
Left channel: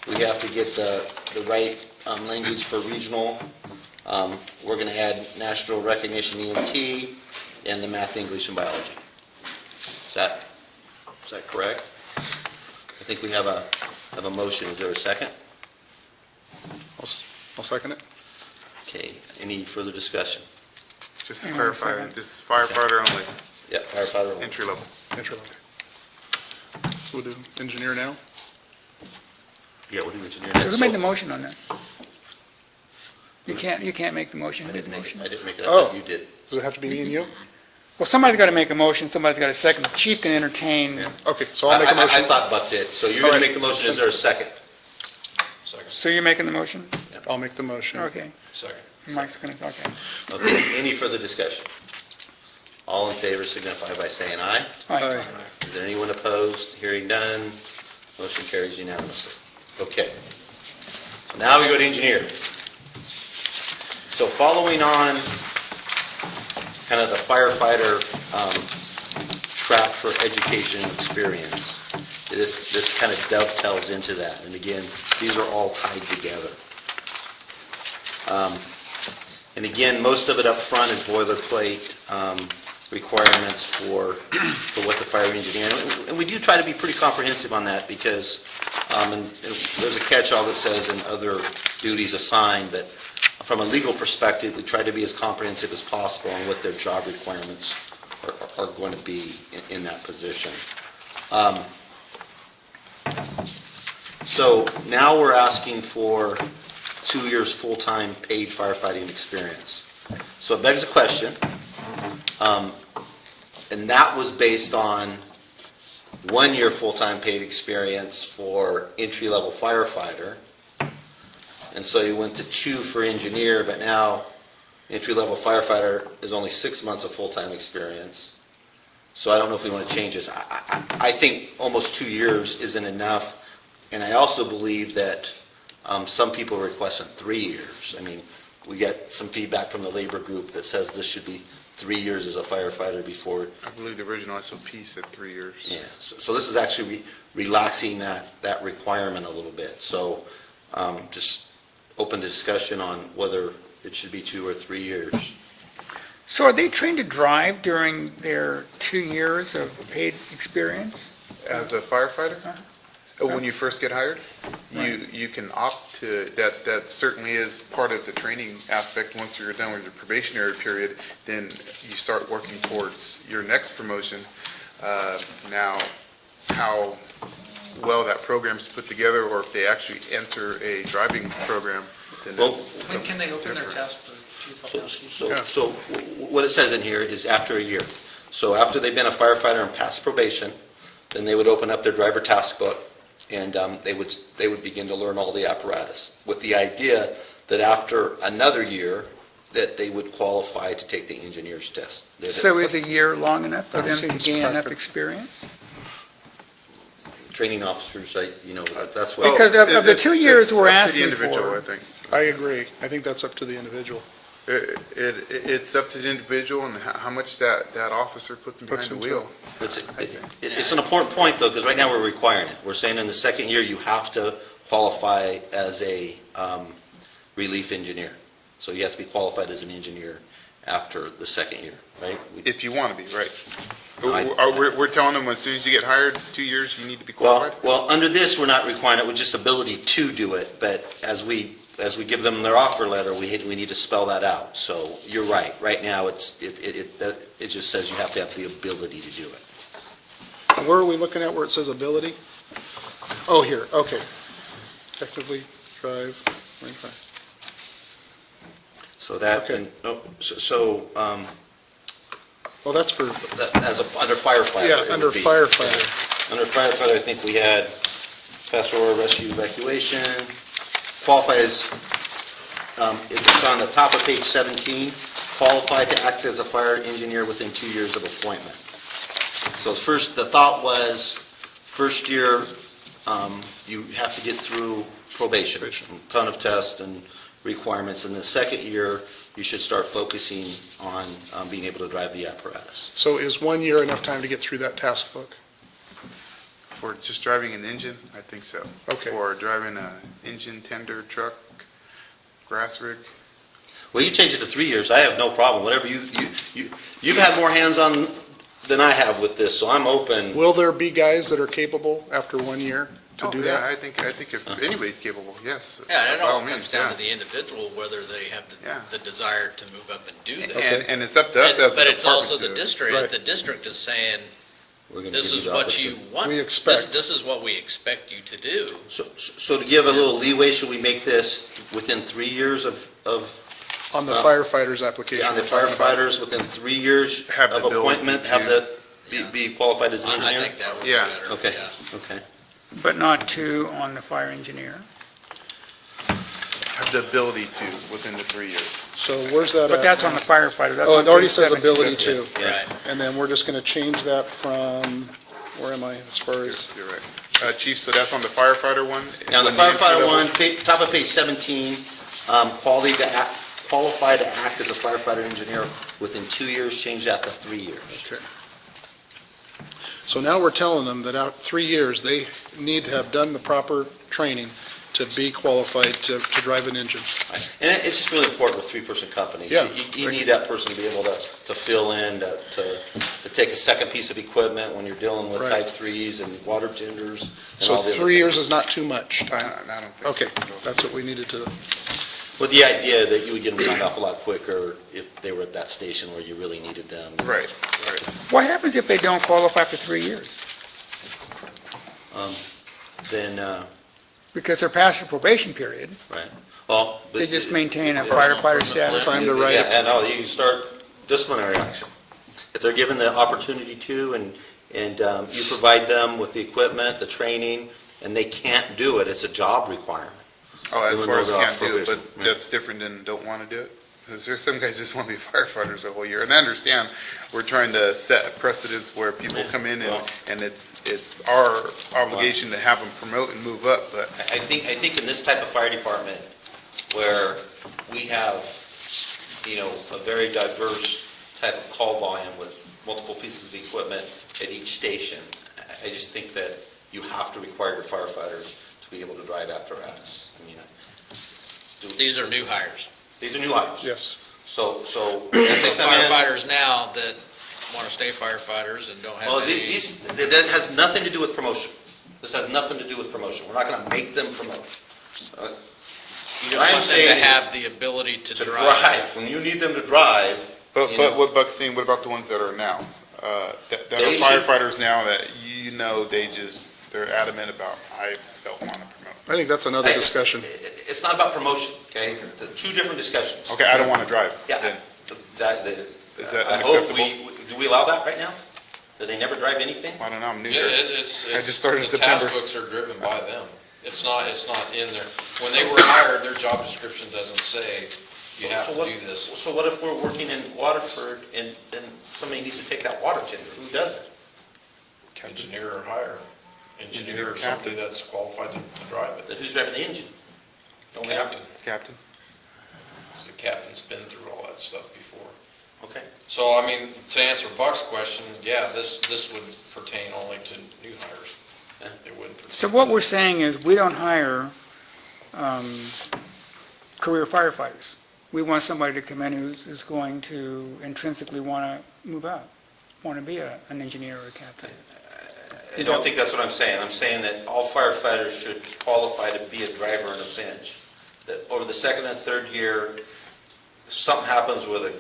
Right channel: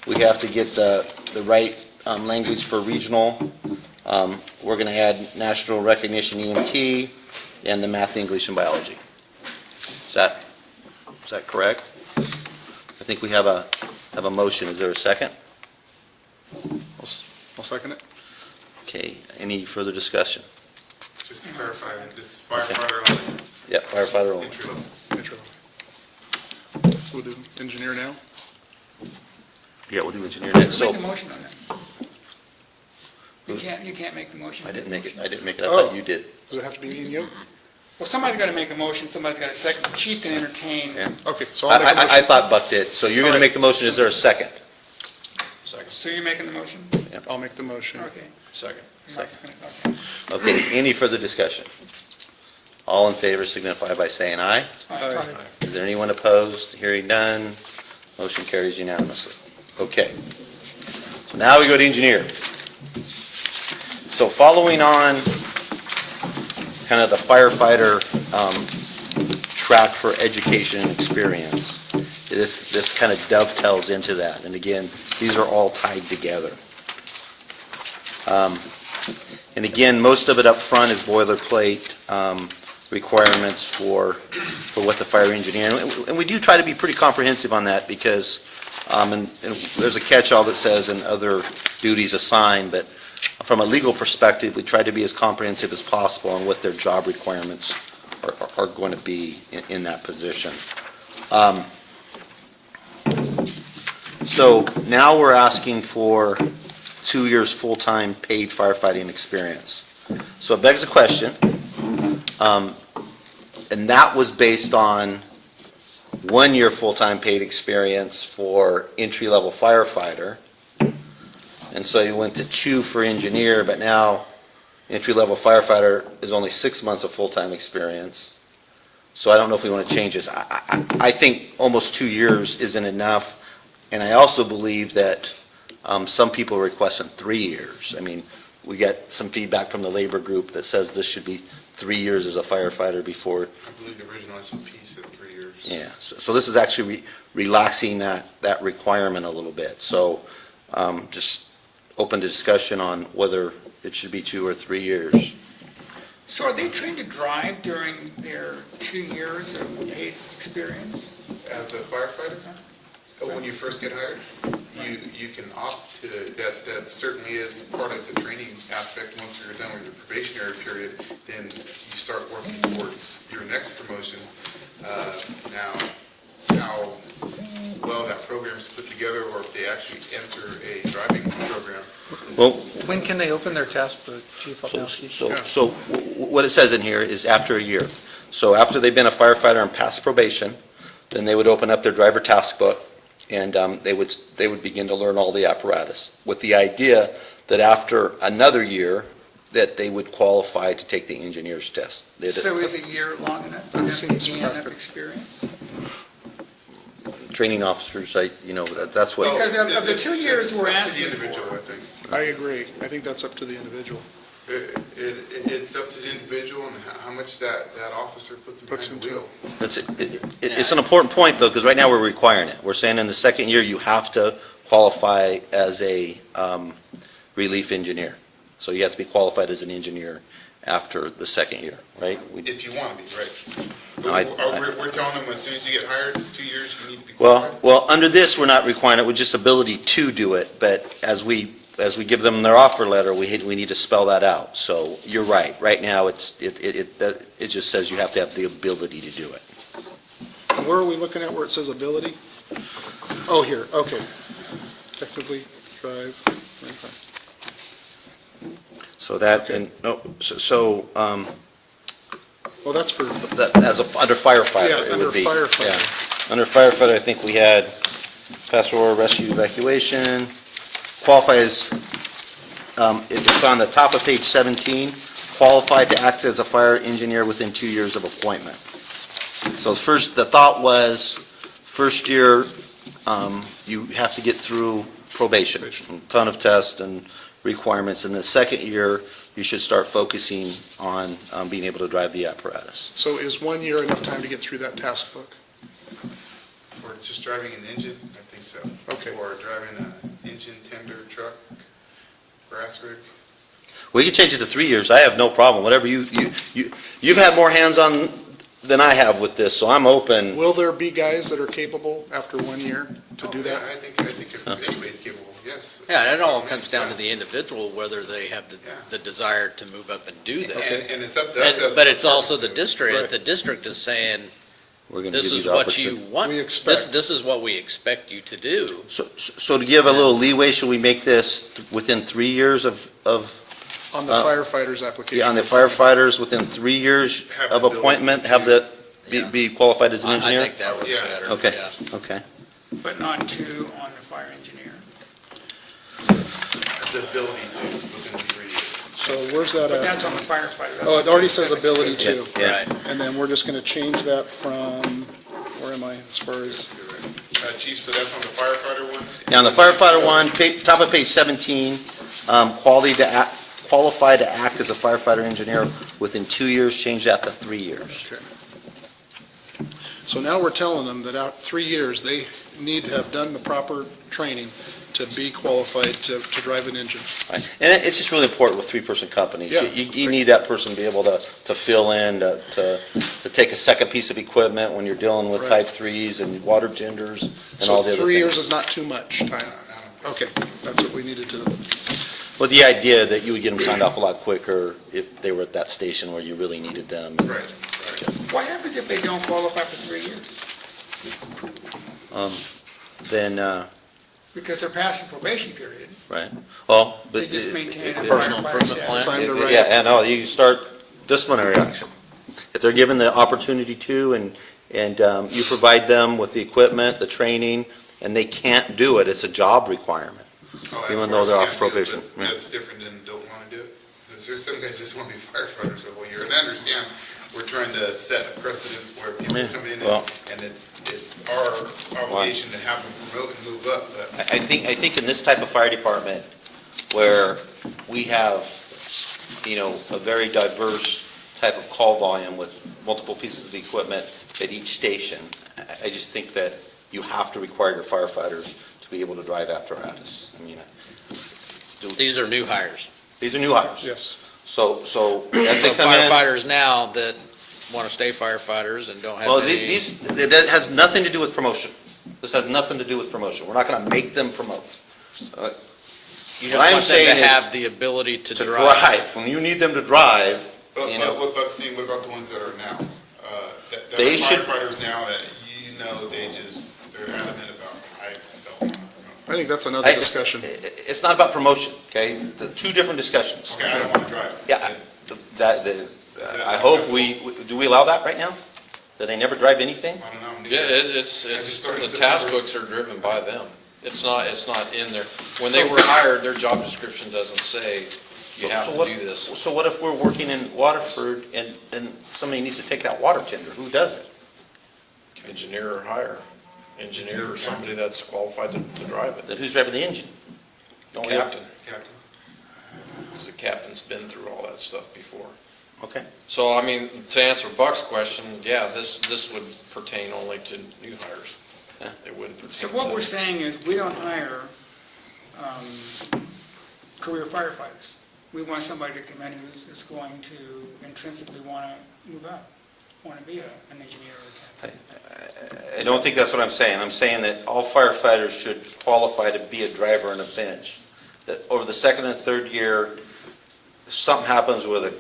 We have to get the right language for regional. We're going to add national recognition EMT and the math, English, and biology. Is that correct? I think we have a motion. Is there a second? I'll second it. Okay. Any further discussion? Just to clarify, this is firefighter only, Yep. Firefighter only. entry level. Entry level. We'll do engineer now. Yeah, we'll do engineer. Who made the motion on that? You can't make the motion. I Who made didn't the make it. motion? I didn't make it. Oh. I thought you did. Does it have to be me and you? Well, somebody's got to make a motion, somebody's got to second. The chief can entertain. Okay, so I'll make a motion. I thought Buck did. So you're All going to right. make the motion. Is there a second? Second. So you're making the motion? I'll make the motion. Okay. Second. Mike's going to, okay. Okay. Any further discussion? All in favor signify by saying aye. All right, Aye. fine. Is there anyone opposed? Hearing none. Motion carries unanimously. Okay. Now we go to engineer. So following on kind of the firefighter track for education and experience, this kind of dovetails into that. And again, these are all tied together. And again, most of it up front is boilerplate requirements for what the fire engineer, and we do try to be pretty comprehensive on that because, and there's a catch-all that says and other duties assigned, but from a legal perspective, we try to be as comprehensive as possible on what their job requirements are going to be in that position. So now we're asking for 2 years full-time paid firefighting experience. So it begs the question, and that was based on 1 year full-time paid experience for entry-level firefighter. And so you went to 2 for engineer, but now entry-level firefighter is only 6 months of full-time experience. So I don't know if we want to change this. I think almost 2 years isn't enough. And I also believe that some people are requesting 3 years. I mean, we get some feedback from the labor group that says this should be 3 years as a firefighter before. I believe the original SOP said 3 years. Yeah, so this is actually relaxing that requirement a little bit. So just open to discussion on whether it should be 2 or 3 years. So are they trained to drive during their 2 years of paid experience? As a firefighter, when you first get hired, you can opt to, that certainly is part of the training aspect. Once you're done with your probationary period, then you start working towards your next promotion. Now, how well that program's put together, or if they actually enter a driving program. then Well, that's- When can they open their test book, Chief Opelski? So what it says in here is after a year. So after they've been a firefighter and passed probation, then they would open up their driver task book, and they would begin to learn all the apparatus, with the idea that after another year, that they would qualify to take the engineer's test. So is a year long enough for That them to seems gain enough practical. experience? Training officers, that's what. Because of the 2 years we're It's up to the asking individual, I for. think. I agree. I think that's up to the individual. It's up to the individual and how much that officer puts Puts behind the into wheel. It's an important point, though, because right now we're requiring it. We're saying in the second year, you have to qualify as a relief engineer. So you have to be qualified as an engineer after the second year, right? If you want to be, right. I- We're telling them as soon as you get hired, 2 years, you need to be qualified? Well, under this, we're not requiring it with just ability to do it, but as we give them their offer letter, we need to spell that out. So you're right. Right now, it just says you have to have the ability to do it. And where are we looking at where it says ability? Oh, here, okay. Technically drive, right. So that, Okay. Well, that's for, under firefighter. yeah, it under would be. firefighter. Under firefighter, I think we had pastoral rescue evacuation, qualifies, it's on the top of page 17, qualified to act as a fire engineer within 2 years of appointment. So first, the thought was, first year, you have to get through probation, a ton of tests and requirements. And the second year, you should start focusing on being able to drive the apparatus. So is 1 year enough time to get through that task book? For just driving an engine, I think so. Okay. For driving an engine, tender, truck, grass rig. Well, you change it to 3 years, I have no problem, whatever you've had more hands-on than I have with this, so I'm open. Will there be guys that are capable after 1 year to do Yeah, that? I think if anybody's capable, yes. Yeah, it By all means, comes down yeah. to the individual, whether they have Yeah. the desire to move up and do that. And it's up to us. as But a it's also the department to- district, Right. the district is saying, We're gonna this give is the what you opportunity. want. We expect. This is what we expect you to do. So to give a little leeway, should we make this within 3 years of On the firefighters application? on the we're talking about. firefighters, within 3 years Have the of ability appointment, to, have be qualified as an I engineer? think that would be Yeah. better. Okay, Yeah. okay. But not 2 on the fire engineer. Have the ability to within the 3 years. So where's that But at? that's on the firefighter. That's Oh, on it already page says 17. ability to. Right. And then we're just going to change that from, where am I, as far as, You're right. Chief, so that's on the firefighter one? Now, the firefighter one, top of page 17, qualified to act as a firefighter engineer within 2 years, change that to 3 years. okay. So now we're telling them that out 3 years, they need to have done the proper training to be qualified to drive an engine. Right. And it's just really important with three-person companies. Yeah. You need that person to be able to fill in, to take a second piece of equipment when you're dealing with Right. type 3s and water tenders. and So all the other 3 years things. is not too much I time. don't think Okay, that's what we needed to, But the idea that you would get them signed off a lot quicker if they were at that station where you really needed them. Right. What happens if they don't qualify for 3 years? Then, Because they're past the probation period. right, well. but- They just maintain a Personal firefighter improvement status. time to write Yeah, it. and you start disciplinary action. If they're given the opportunity to, and you provide them with the equipment, the training, and they can't do it, it's a job requirement. Oh, as Even far though as they're can't off do it, probation. but that's different than don't want to do it? Because there's some guys just want to be firefighters the whole year. And I understand we're trying to set precedents where people come in and it's our obligation to have them promote and move up, but I think in this type of fire department, where we have, a very diverse type of call volume with multiple pieces of equipment at each station, I just think that you have to require your firefighters to be able to drive apparatus. I mean, These are new hires. these are new hires. yes. So So if they come in- firefighters now that want to stay firefighters and don't Well, have any. that has nothing to do with promotion. This has nothing to do with promotion. We're not going to make them promote. You what I'm just want them saying to is have the ability to To drive. drive, when you need them to drive, But you know. what Buck's saying, what about the ones that are now? That They are should- firefighters now that they're adamant about, I don't want to promote. I think that's another discussion. It's not about promotion, okay? The two different discussions. Okay, I don't want to drive. Yeah, Then that, Is that I hope unacceptable? do we allow that right now? That they never drive anything? I don't know, I'm new Yeah, here. it's, I just started in the task September. books are driven by them. It's not in there. When they were hired, their job description doesn't say you have to do this. So what if we're working in Waterford and somebody needs to take that water tender? Who does it? Engineer or hire. Engineer or somebody that's qualified to drive it. Then who's driving the engine? Don't we- Captain. Captain? Because the captain's been through all that stuff before. Okay. So, I mean, to answer Buck's question, yeah, this would pertain only to new hires. It wouldn't pertain. So what to- we're saying is, we don't hire career firefighters. We want somebody to come in who's going to intrinsically want to move up, want to be an engineer or a captain. I don't think that's what I'm saying. I'm saying that all firefighters should qualify to be a driver on a bench. That over the second and third year, if something happens with a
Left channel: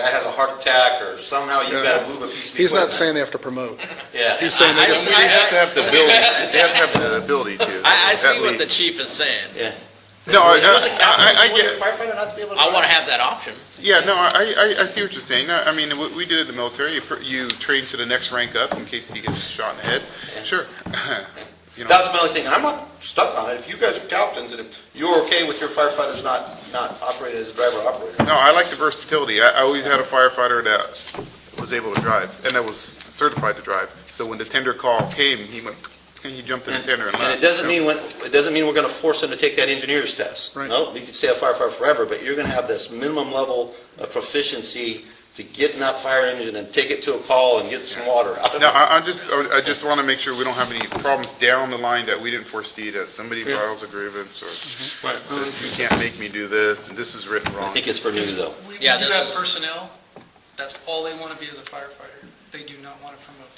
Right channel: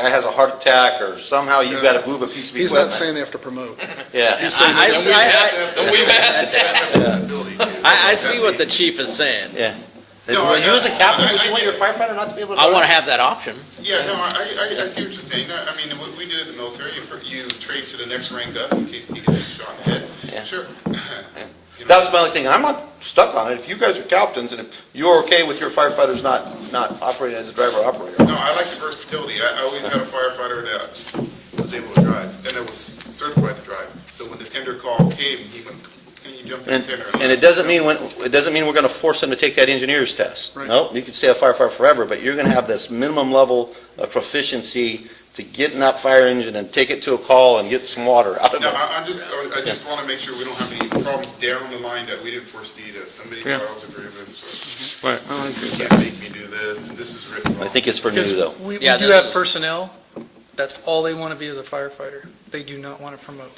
guy has a heart attack or somehow you've got to move a piece of equipment. He's not saying they have to promote. Yeah. He's saying they I- just, They have to have the ability, they have to have the ability to. I at see what the least. chief is saying. Yeah. No, Who's a captain? I Who's get a it. firefighter not to be able to I want to drive? have that option. Yeah, no, I see what you're saying. I mean, what we did in the military, you train to the next rank up in case you get shot in the head. Yeah. Sure. You know, That was my only thing, and I'm not stuck on it. If you guys are captains and if you're okay with your firefighters not operating as a driver-operator. no, I like the versatility. I always had a firefighter that was able to drive and that was certified to drive. So when the tender call came, he went, and he jumped in the tender. And it doesn't mean we're going to force them to take that engineer's test. Right. No, you can stay a firefighter forever, but you're going to have this minimum level of proficiency to get in that fire engine and take it to a call and get some water out of No, it. I just want to make sure we don't have any problems down the line that we didn't foresee, that somebody files a grievance or says, you can't make me do this, and this is written I wrong. think it's for new Because though. we Yeah, do this have is- personnel, that's all they want to be as a firefighter. They do not want to promote.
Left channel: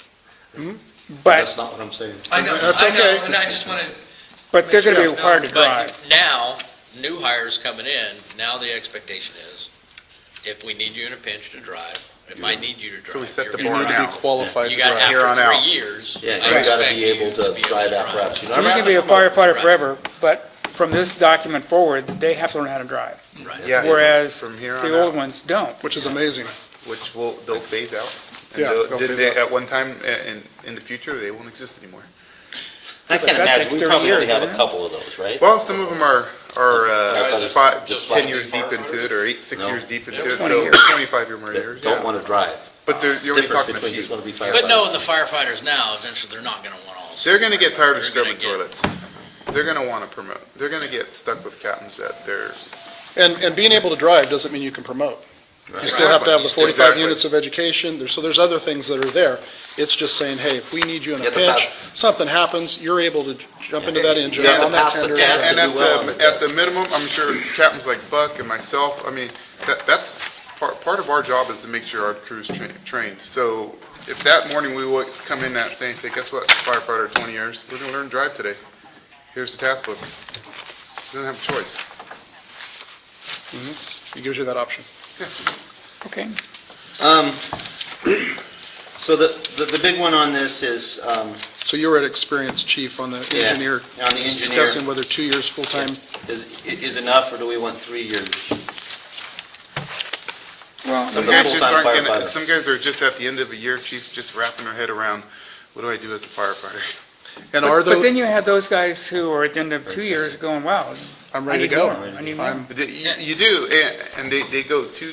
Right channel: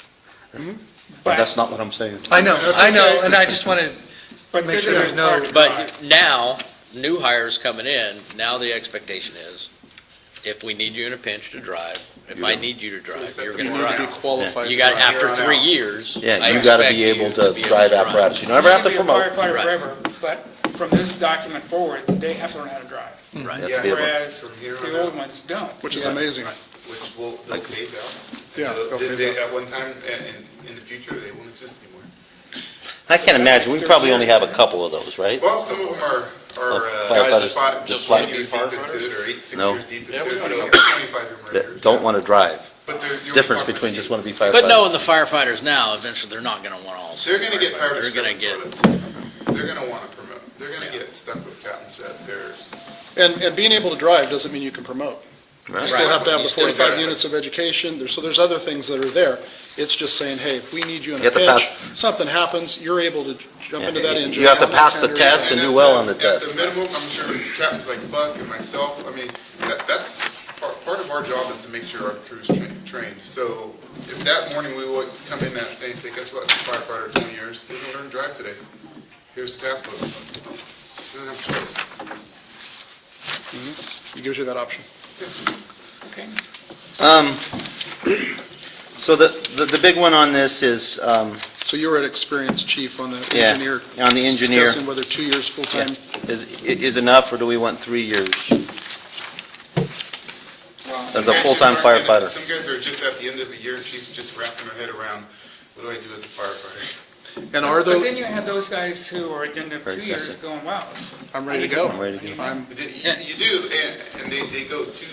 That's But, not what I'm saying. I know, That's I know, okay. and I just want to, but they're going to be Make sure required to drive. But now, new hires coming in, now the expectation is, if we need you in a pinch to drive, if I need you to So we drive, set you're the you going bar need to to now. be qualified to You got, drive. Here on after 3 out. years, Yeah, I you got to expect be you able to to be able drive to apparatus. drive. You You never have can to be a promote. firefighter Right. forever, but from this document forward, they have to learn how to drive. Right. Yeah, Whereas from here on the old out, ones don't. which is amazing. which they'll phase out. And Yeah, they'll phase out. At one time, in the future, they won't exist anymore. I can't That's imagine. like We probably 30 only have a years, couple of those, right? Well, some of them are Guys that five, just wanna 10 be years deep into firefighters? it, or 6 No. years deep into Yeah, it, 20 so years. 25 or more That years. don't yeah. want to drive. But you're only Difference talking a between few. just want to be firefighters. But knowing the firefighters now, eventually they're not going to want all. They're gonna get tired of They're gonna scrubbing get- toilets. They're gonna wanna promote. They're gonna get stuck with captains that they're, And being able to drive doesn't mean you can promote. You still have to have the 45 Exactly. units of education, so there's other things that are there. It's just saying, hey, if we need you in a Get the pinch, pass. something happens, you're able to jump into that engine You have to on that pass the tender. test. and do well on the at the test. minimum, I'm sure captains like Buck and myself, I mean, that's part of our job is to make sure our crew's trained. So if that morning we would come in that saying, say, guess what, firefighter, 20 years, we're gonna learn to drive today. Here's the task book. You don't have a choice. It gives you that option. Okay. So the big one on this is, So you were an experienced chief on the Yeah, engineer. on the engineer. Discussing whether 2 years full-time. is enough, or do we want 3 years? Well, As a Guys just full-time aren't gonna- firefighter. Some guys are just at the end of a year, chief, just wrapping their head around, what do I do as a firefighter? And are but then those, you have those guys who are at the end of 2 years going, wow. I'm I ready need to go. more. I need more. I'm, You do, and they go two,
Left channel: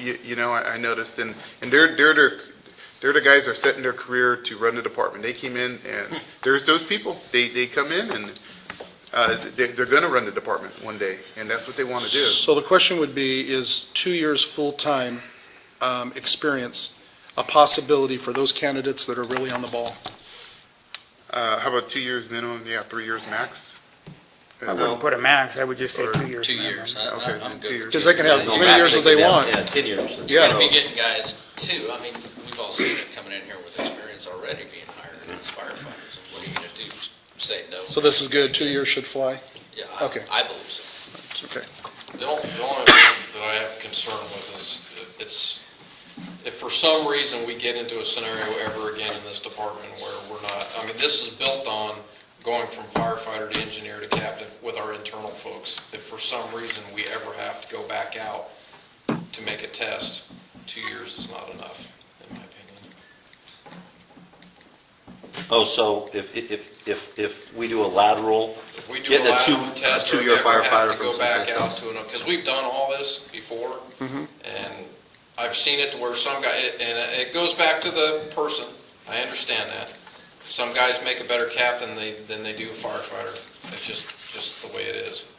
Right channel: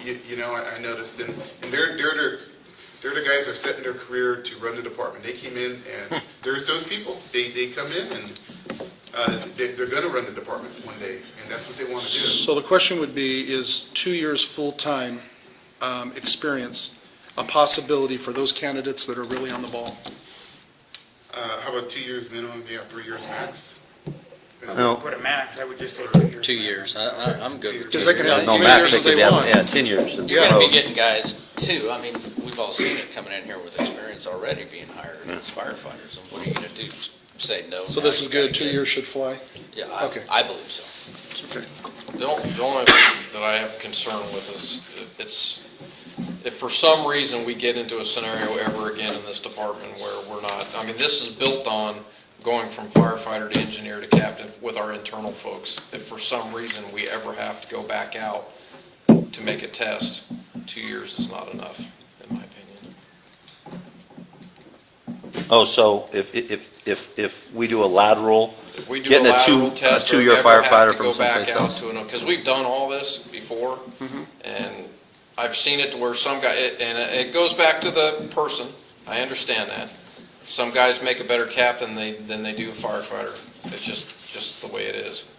you know, I noticed, and they're the guys that are setting their career to run the department. They came in, and there's those people, they come in, and they're gonna run the department one day, and that's what they wanna do. so the question would be, is 2 years full-time experience a possibility for those candidates that are really on the ball? How about 2 years minimum, yeah, 3 years max? I wouldn't put a max, I would just say Or 2 years. 2 minimum. years. Okay. I'm good with 'Cause 2 they can have years. as many years as they want. Yeah, 10 years. You're Yeah. going to be getting guys too. I mean, we've all seen it coming in here with experience already being hired as firefighters. And what are you going to do? Say no? So this is now you good, gotta 2 get- years should fly? Yeah, Okay. I believe so. Okay. The only thing that I have concern with is if for some reason we get into a scenario ever again in this department where we're not, I mean, this is built on going from firefighter to engineer to captain with our internal folks. If for some reason we ever have to go back out to make a test, 2 years is not enough, in my opinion. Oh, so if we do a lateral If we do a Getting a lateral two- test a or we two-year ever have firefighter to from go back someplace out else. to because we've done all this before, and I've seen it to where some guy, and it goes back to the person. I understand that. Some guys make a better cap than they do a firefighter. It's just the way it is.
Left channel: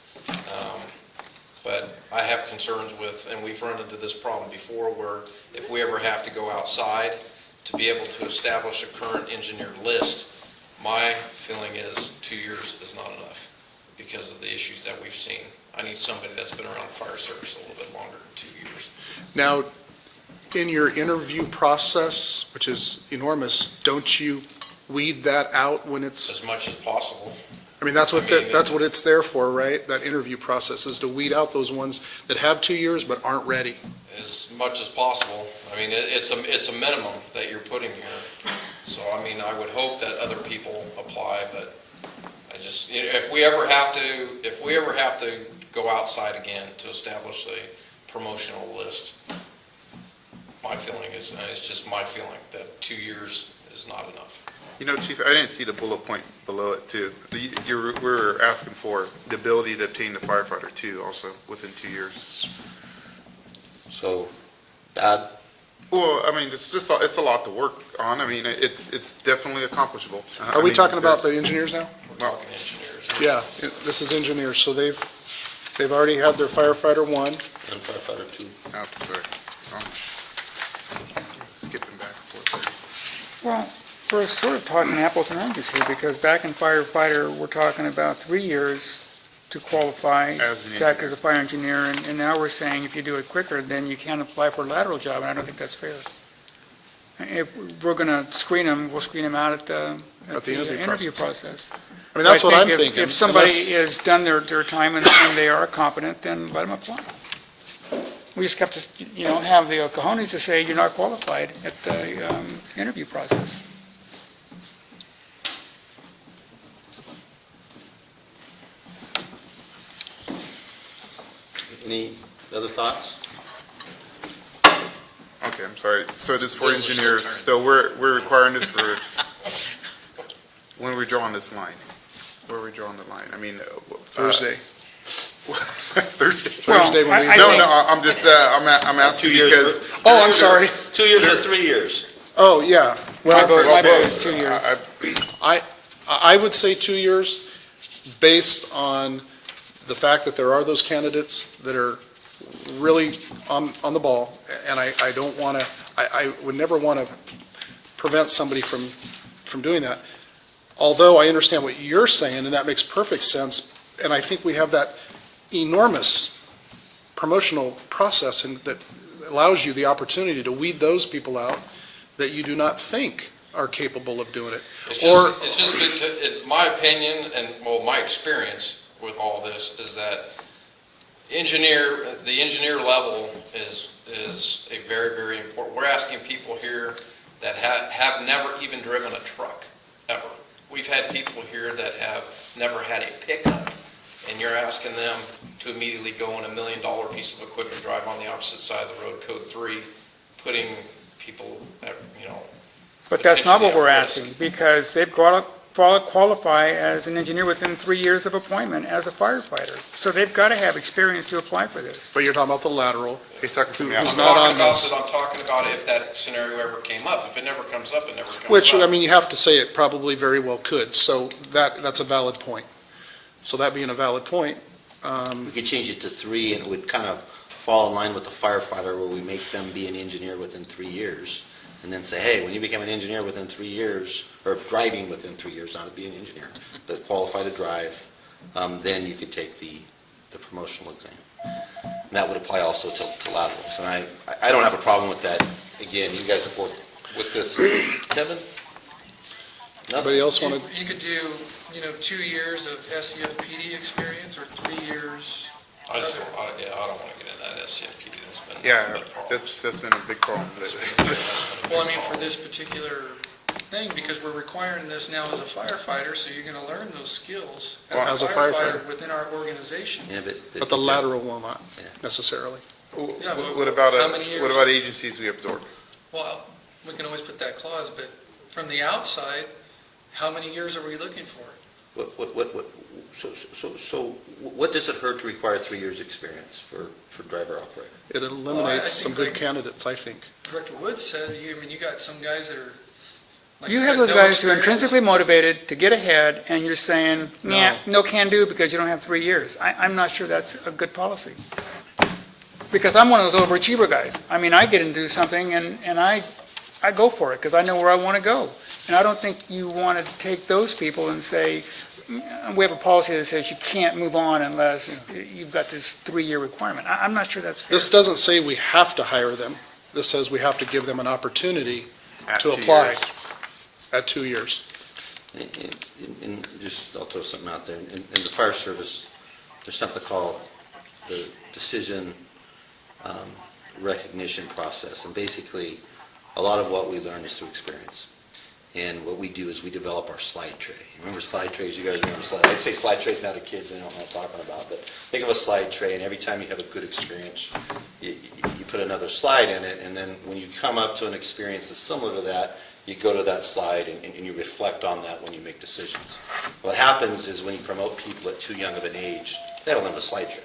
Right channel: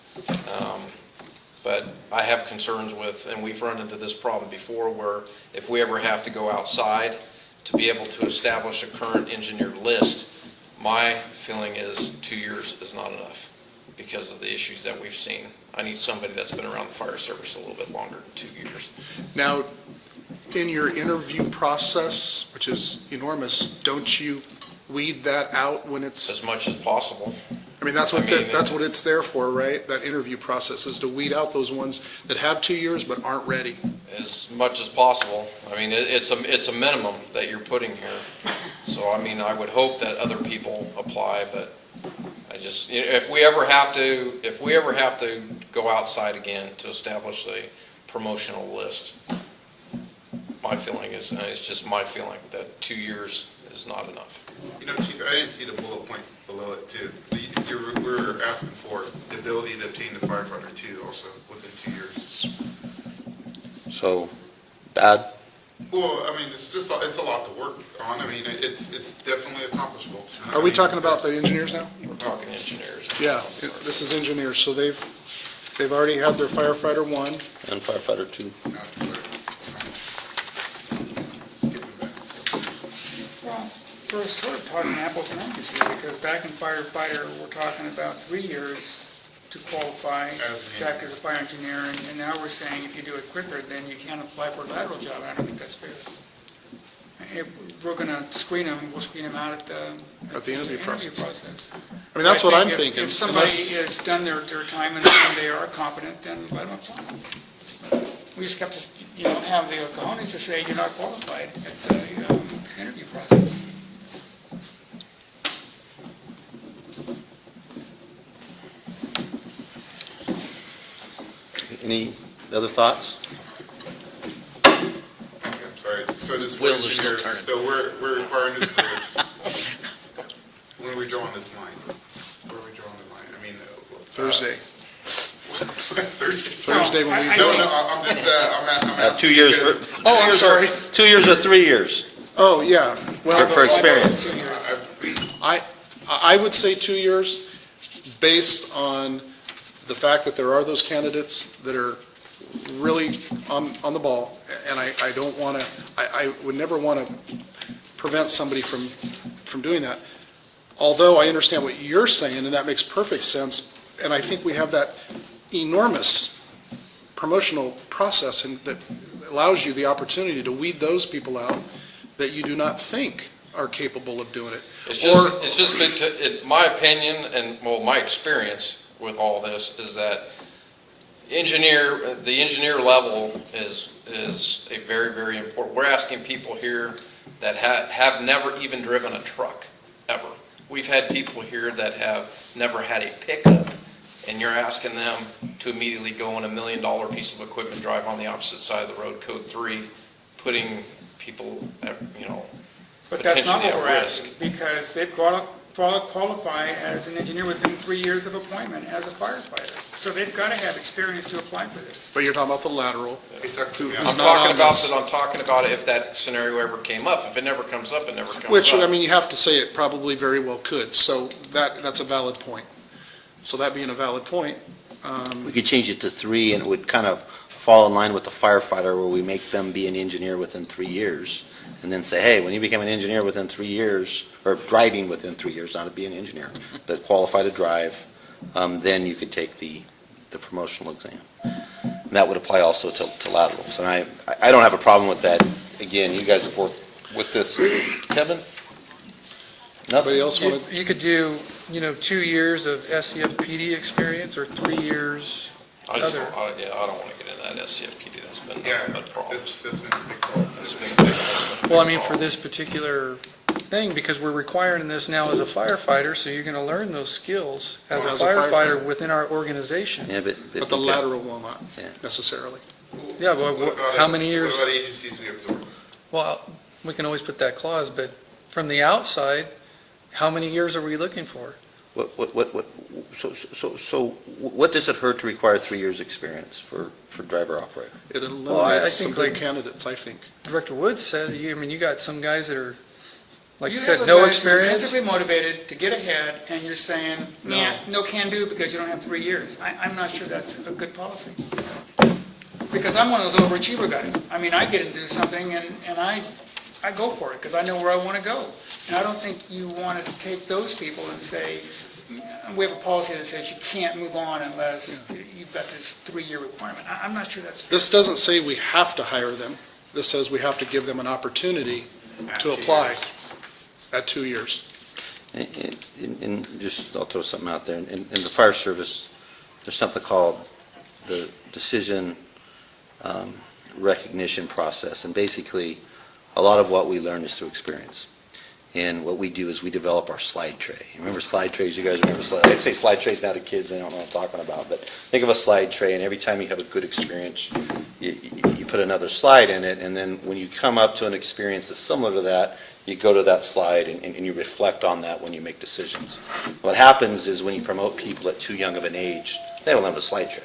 But I have concerns with, and we've run into this problem before, where if we ever have to go outside to be able to establish a current engineer list, my feeling is 2 years is not enough because of the issues that we've seen. I need somebody that's been around the fire service a little bit longer than 2 years. Now, in your interview process, which is enormous, don't you weed that out when it's, As much as possible. I mean, that's what, I mean- that's what it's there for, right? That interview process is to weed out those ones that have 2 years but aren't ready. As much as possible. I mean, it's a minimum that you're putting here. So, I mean, I would hope that other people apply, but I just, if we ever have to go outside again to establish a promotional list, my feeling is, and it's just my feeling, that 2 years is not enough. You know, Chief, I didn't see the bullet point below it too. We're asking for the ability to obtain the firefighter too, also within 2 years. So, bad? Well, I mean, it's a lot to work on. I mean, it's definitely accomplishable. Are we talking about the engineers now? We're talking engineers. Yeah, this is engineers, so they've already had their firefighter 1. And firefighter 2? Skipping back and forth. Well, we're sort of talking apples and oranges here, because back in firefighter, we're talking about 3 years to qualify As an to act as a fire engineer, and now we're saying if you do it quicker, then you can't apply for a lateral job, and I don't think that's fair. If we're going to screen them, we'll screen them out at the interview process. I mean, that's what I'm think thinking. If somebody unless- has done their time and they are competent, then let them apply. We just have to, have the cojones to say you're not qualified at the interview process. Any other thoughts? Okay, I'm sorry. So this for Wheels are still engineers, turning. so we're requiring this for, when are we drawing this line? Where are we drawing the line? I mean. Thursday. Thursday. Thursday when we- No, I'm just, I'm asking 2 years. because. Oh, I'm sorry. 2 years or 3 years? Oh, yeah. My Well, vote is 2 years. I would say 2 years based on the fact that there are those candidates that are really on the ball, and I don't want to, I would never want to prevent somebody from doing that. Although I understand what you're saying, and that makes perfect sense, and I think we have that enormous promotional process and that allows you the opportunity to weed those people out that you do not think are capable of doing it. It's Or, just been, in my opinion, and well, my experience with all this is that the engineer level is a very, very important. We're asking people here that have never even driven a truck, ever. We've had people here that have never had a pickup, and you're asking them to immediately go on $1 million piece of equipment, drive on the opposite side of the road, code 3, putting people at, But that's not what potentially we're at risk. asking, because they've got to qualify as an engineer within 3 years of appointment as a firefighter. So they've got to have experience to apply for this. but you're talking about the lateral. He's talking to me. Who's I'm not talking on about this. that. I'm talking about if that scenario ever came up. If it never comes up, it never comes up. Which, I mean, you have to say it probably very well could, so that's a valid point. So that being a valid point, We could change it to 3, and it would kind of fall in line with the firefighter, where we make them be an engineer within 3 years. And then say, hey, when you become an engineer within 3 years, or driving within 3 years, not to be an engineer, but qualify to drive, then you could take the promotional exam. And that would apply also to laterals. And I don't have a problem with that. Again, you guys have worked with this. Kevin? anybody else want to? You could do, 2 years of SCFPD experience or 3 years I other. don't want to get in that SCFPD. That's been Yeah, nothing but problems. that's been a big problem. Well, I mean, for this particular thing, because we're requiring this now as a firefighter, so you're going to learn those skills as a firefighter within our organization. Yeah, But the lateral will not necessarily. Yeah, but What about, how many years? what about agencies we absorb? Well, we can always put that clause, but from the outside, how many years are we looking for? So what does it hurt to require 3 years' experience for driver operator? It I eliminates some think good like- candidates, I think. Director Woods said, you got some guys that are, like You you have said, those no guys who are experience. intrinsically motivated to get ahead, and you're saying, nah, no can do because you don't have 3 years. I'm not sure that's a good policy. Because I'm one of those overachiever guys. I mean, I get into something and I go for it because I know where I want to go. And I don't think you want to take those people and say, we have a policy that says you can't move on unless you've got this 3-year requirement. I'm not sure that's fair. This doesn't say we have to hire them. This says we have to give them an opportunity At to 2 apply years. at 2 years. And just, I'll throw something out there. In the fire service, there's something called the decision recognition process. And basically, a lot of what we learn is through experience. And what we do is we develop our slide tray. Remember slide trays? You guys remember slide? I say slide trays now to kids. They don't know what I'm talking about. But think of a slide tray, and every time you have a good experience, you put another slide in it. And then when you come up to an experience that's similar to that, you go to that slide and you reflect on that when you make decisions. What happens is when you promote people at too young of an age, they don't have a slide tray.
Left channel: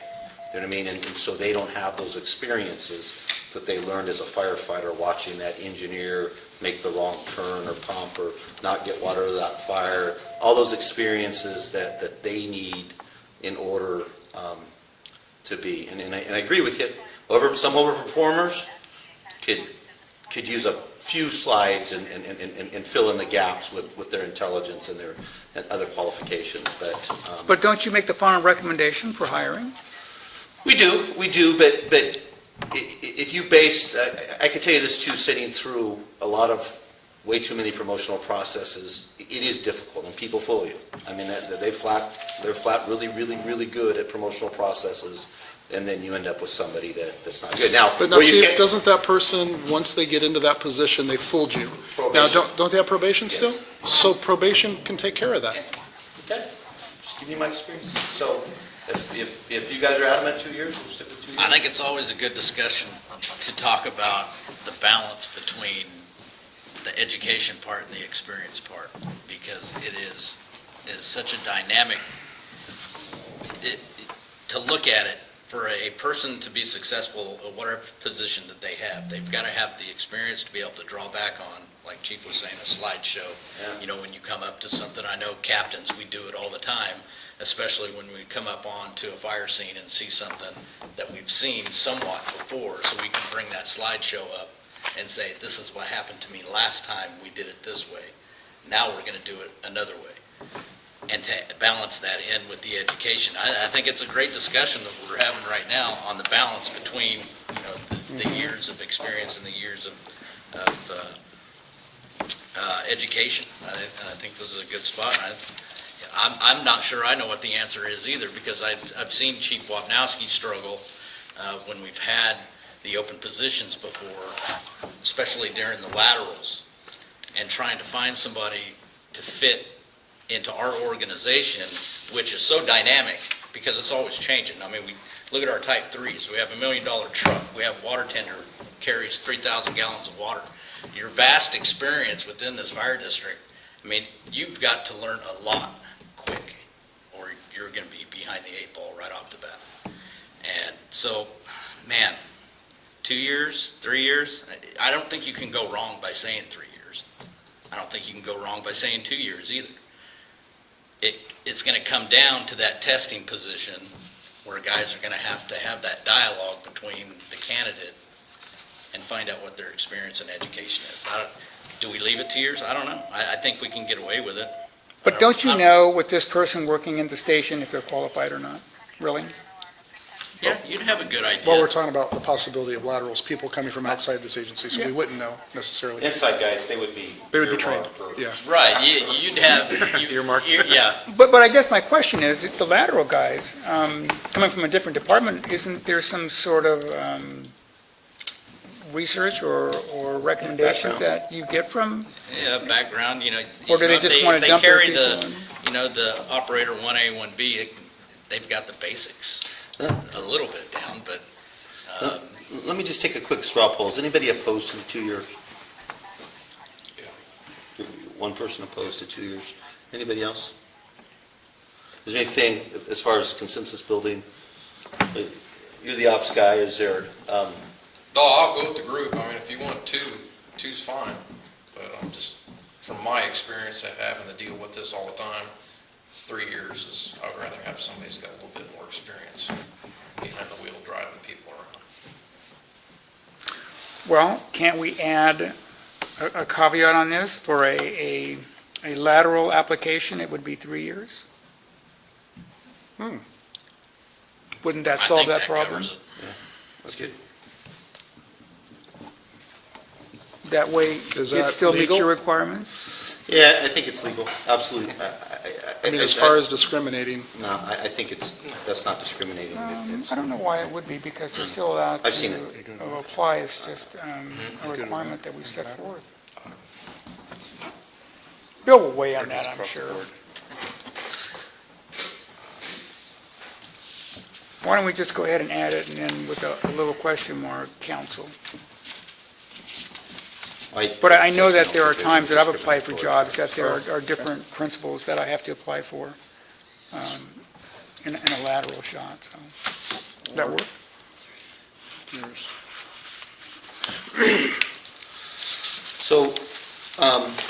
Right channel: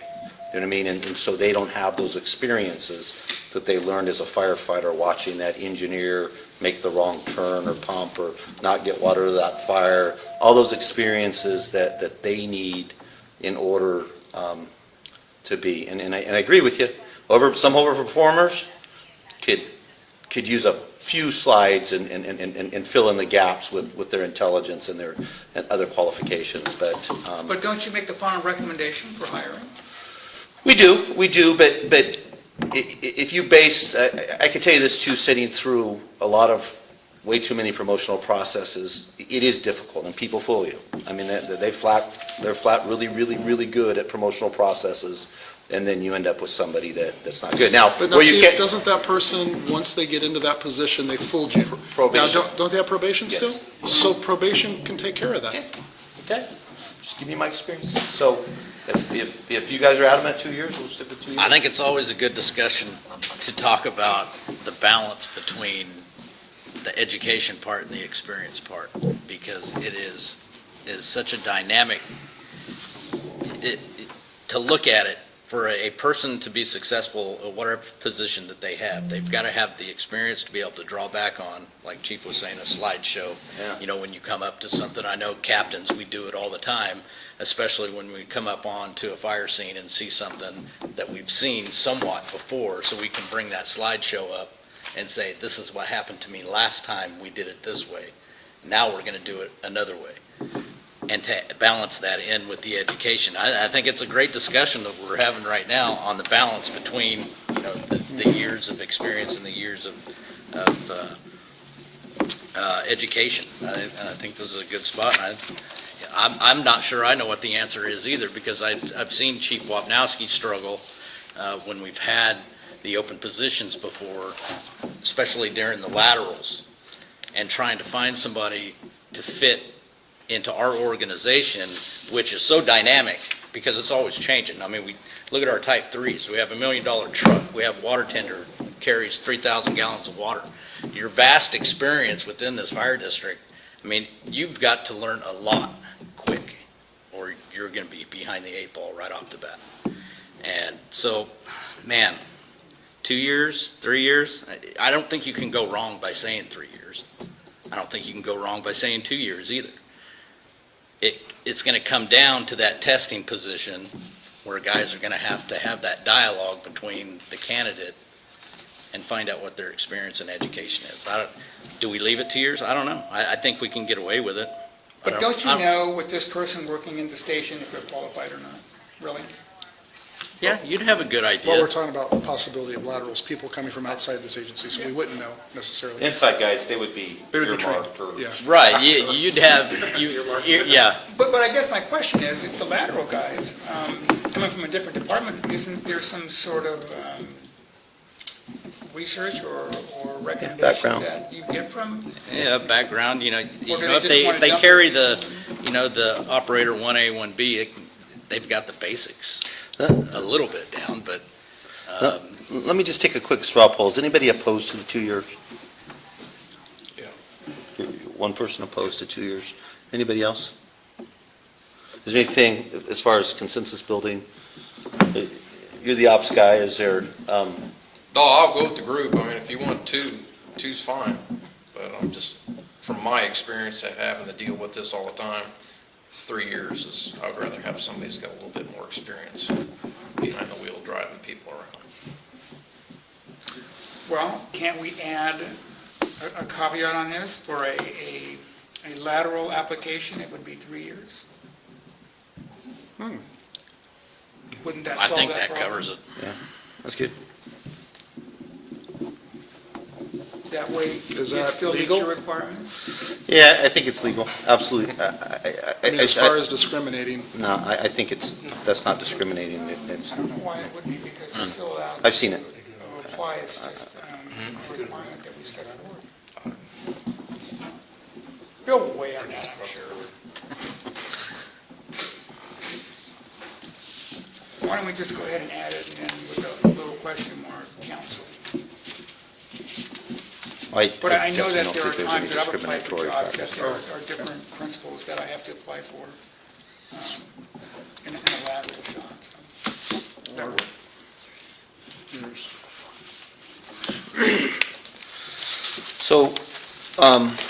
You know what I mean? And so they don't have those experiences that they learned as a firefighter, watching that engineer make the wrong turn or pump or not get water to that fire, all those experiences that they need in order to be. And I agree with you. Some overperformers could use a few slides and fill in the gaps with their intelligence and their other qualifications. But don't you make the final recommendation for hiring? We do, but if you base, I can tell you this too, sitting through a lot of way too many promotional processes, it is difficult, and people fool you. I mean, they're flat really, really, really good at promotional processes, and then you end up with somebody that's not good. Now, But now, where you Chief, get- doesn't that person, once they get into that position, they fooled you? Now, Probation. don't they have probation still? Yes. So probation can take care of that. Okay, just give you my experience. So if you guys are adamant 2 years, we'll stick with 2 years. I think it's always a good discussion to talk about the balance between the education part and the experience part, because it is such a dynamic, to look at it, for a person to be successful at whatever position that they have, they've got to have the experience to be able to draw back on, like Chief was saying, a slideshow. Yeah. You know, when you come up to something, I know captains, we do it all the time, especially when we come up onto a fire scene and see something that we've seen somewhat before, so we can bring that slideshow up and say, this is what happened to me last time we did it this way. Now we're going to do it another way. And to balance that in with the education. I think it's a great discussion that we're having right now on the balance between, you know, the years of experience and the years of education. And I think this is a good spot. I'm not sure I know what the answer is either, because I've seen Chief Wapnowski struggle when we've had the open positions before, especially during the laterals, and trying to find somebody to fit into our organization, which is so dynamic because it's always changing. I mean, we look at our Type 3s. We have $1 million truck. We have water tender, carries 3,000 gallons of water. Your vast experience within this fire district, I mean, you've got to learn a lot quick, or you're going to be behind the 8 ball right off the bat. And so, man, 2 years, 3 years, I don't think you can go wrong by saying 3 years. I don't think you can go wrong by saying 2 years either. It's going to come down to that testing position where guys are going to have that dialogue between the candidate and find out what their experience and education is. Do we leave it 2 years? I don't know. I think we can get away with it. But don't you know with this person working in the station if they're qualified or not? Really? Yeah, you'd have a good idea. Well, we're talking about the possibility of laterals, people coming from outside this agency, so we wouldn't know necessarily. Inside guys, they would be. They would be trained, earmarked for- yeah. Right, you'd have, yeah. But I guess my question is, the lateral guys, coming from a different department, isn't there some sort of research or recommendations Background. that you get from? Yeah, background, Or do they if just wanna if they dump carry their the, people the operator 1A, 1B, they've got the basics a little bit down, but, Let me just take a quick straw poll. Is anybody opposed to the 2 year? One person opposed to 2 years. Anybody else? Is there anything, as far as consensus building, you're the ops guy, is there, No, I'll go with the group. I mean, if you want two's fine. But I'm just, from my experience at having to deal with this all the time, 3 years is, I'd rather have somebody who's got a little bit more experience behind the wheel driving people around. Well, can't we add a caveat on this? For a lateral application, it would be 3 years? Wouldn't that I solve think that that problem? covers it. that's good. That way, Is it that still meets legal? your requirements? Yeah, I think it's legal, absolutely. I mean, as far as discriminating, No, I think that's not discriminating. I don't know why it would be, because they're still allowed I've seen to it. apply. It's just a requirement that we set forth. Bill will weigh on that, I'm sure. Why don't we just go ahead and add it, and then with a little question mark, council. But I know that there are times that I've applied for jobs that there are different principles that I have to apply for in a lateral shot, so. Does that work? So,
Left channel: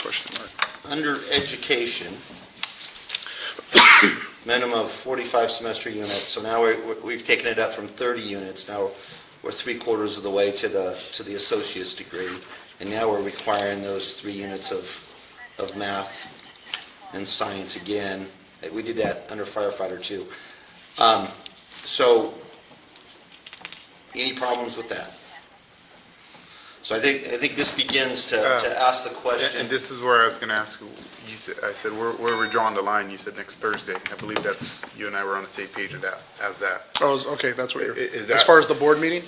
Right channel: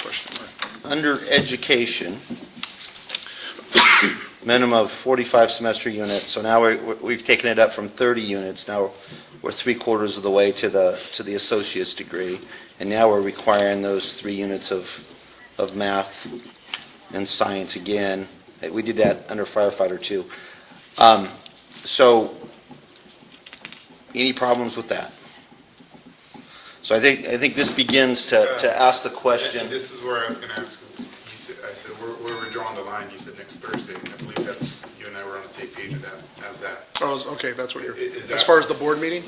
question mark. under education, minimum of 45 semester units, so now we've taken it up from 30 units, now we're 3/4 of the way to the associate's degree, and now we're requiring those 3 units of math and science again. We did that under firefighter too. So, any problems with that? So I think this begins to ask the question. And this is where I was going to ask, I said, where we're drawing the line, you said next Thursday. I believe that's, you and I were on the same page with that. How's that? Oh, okay, that's what you're, Is as that- far as the board meeting?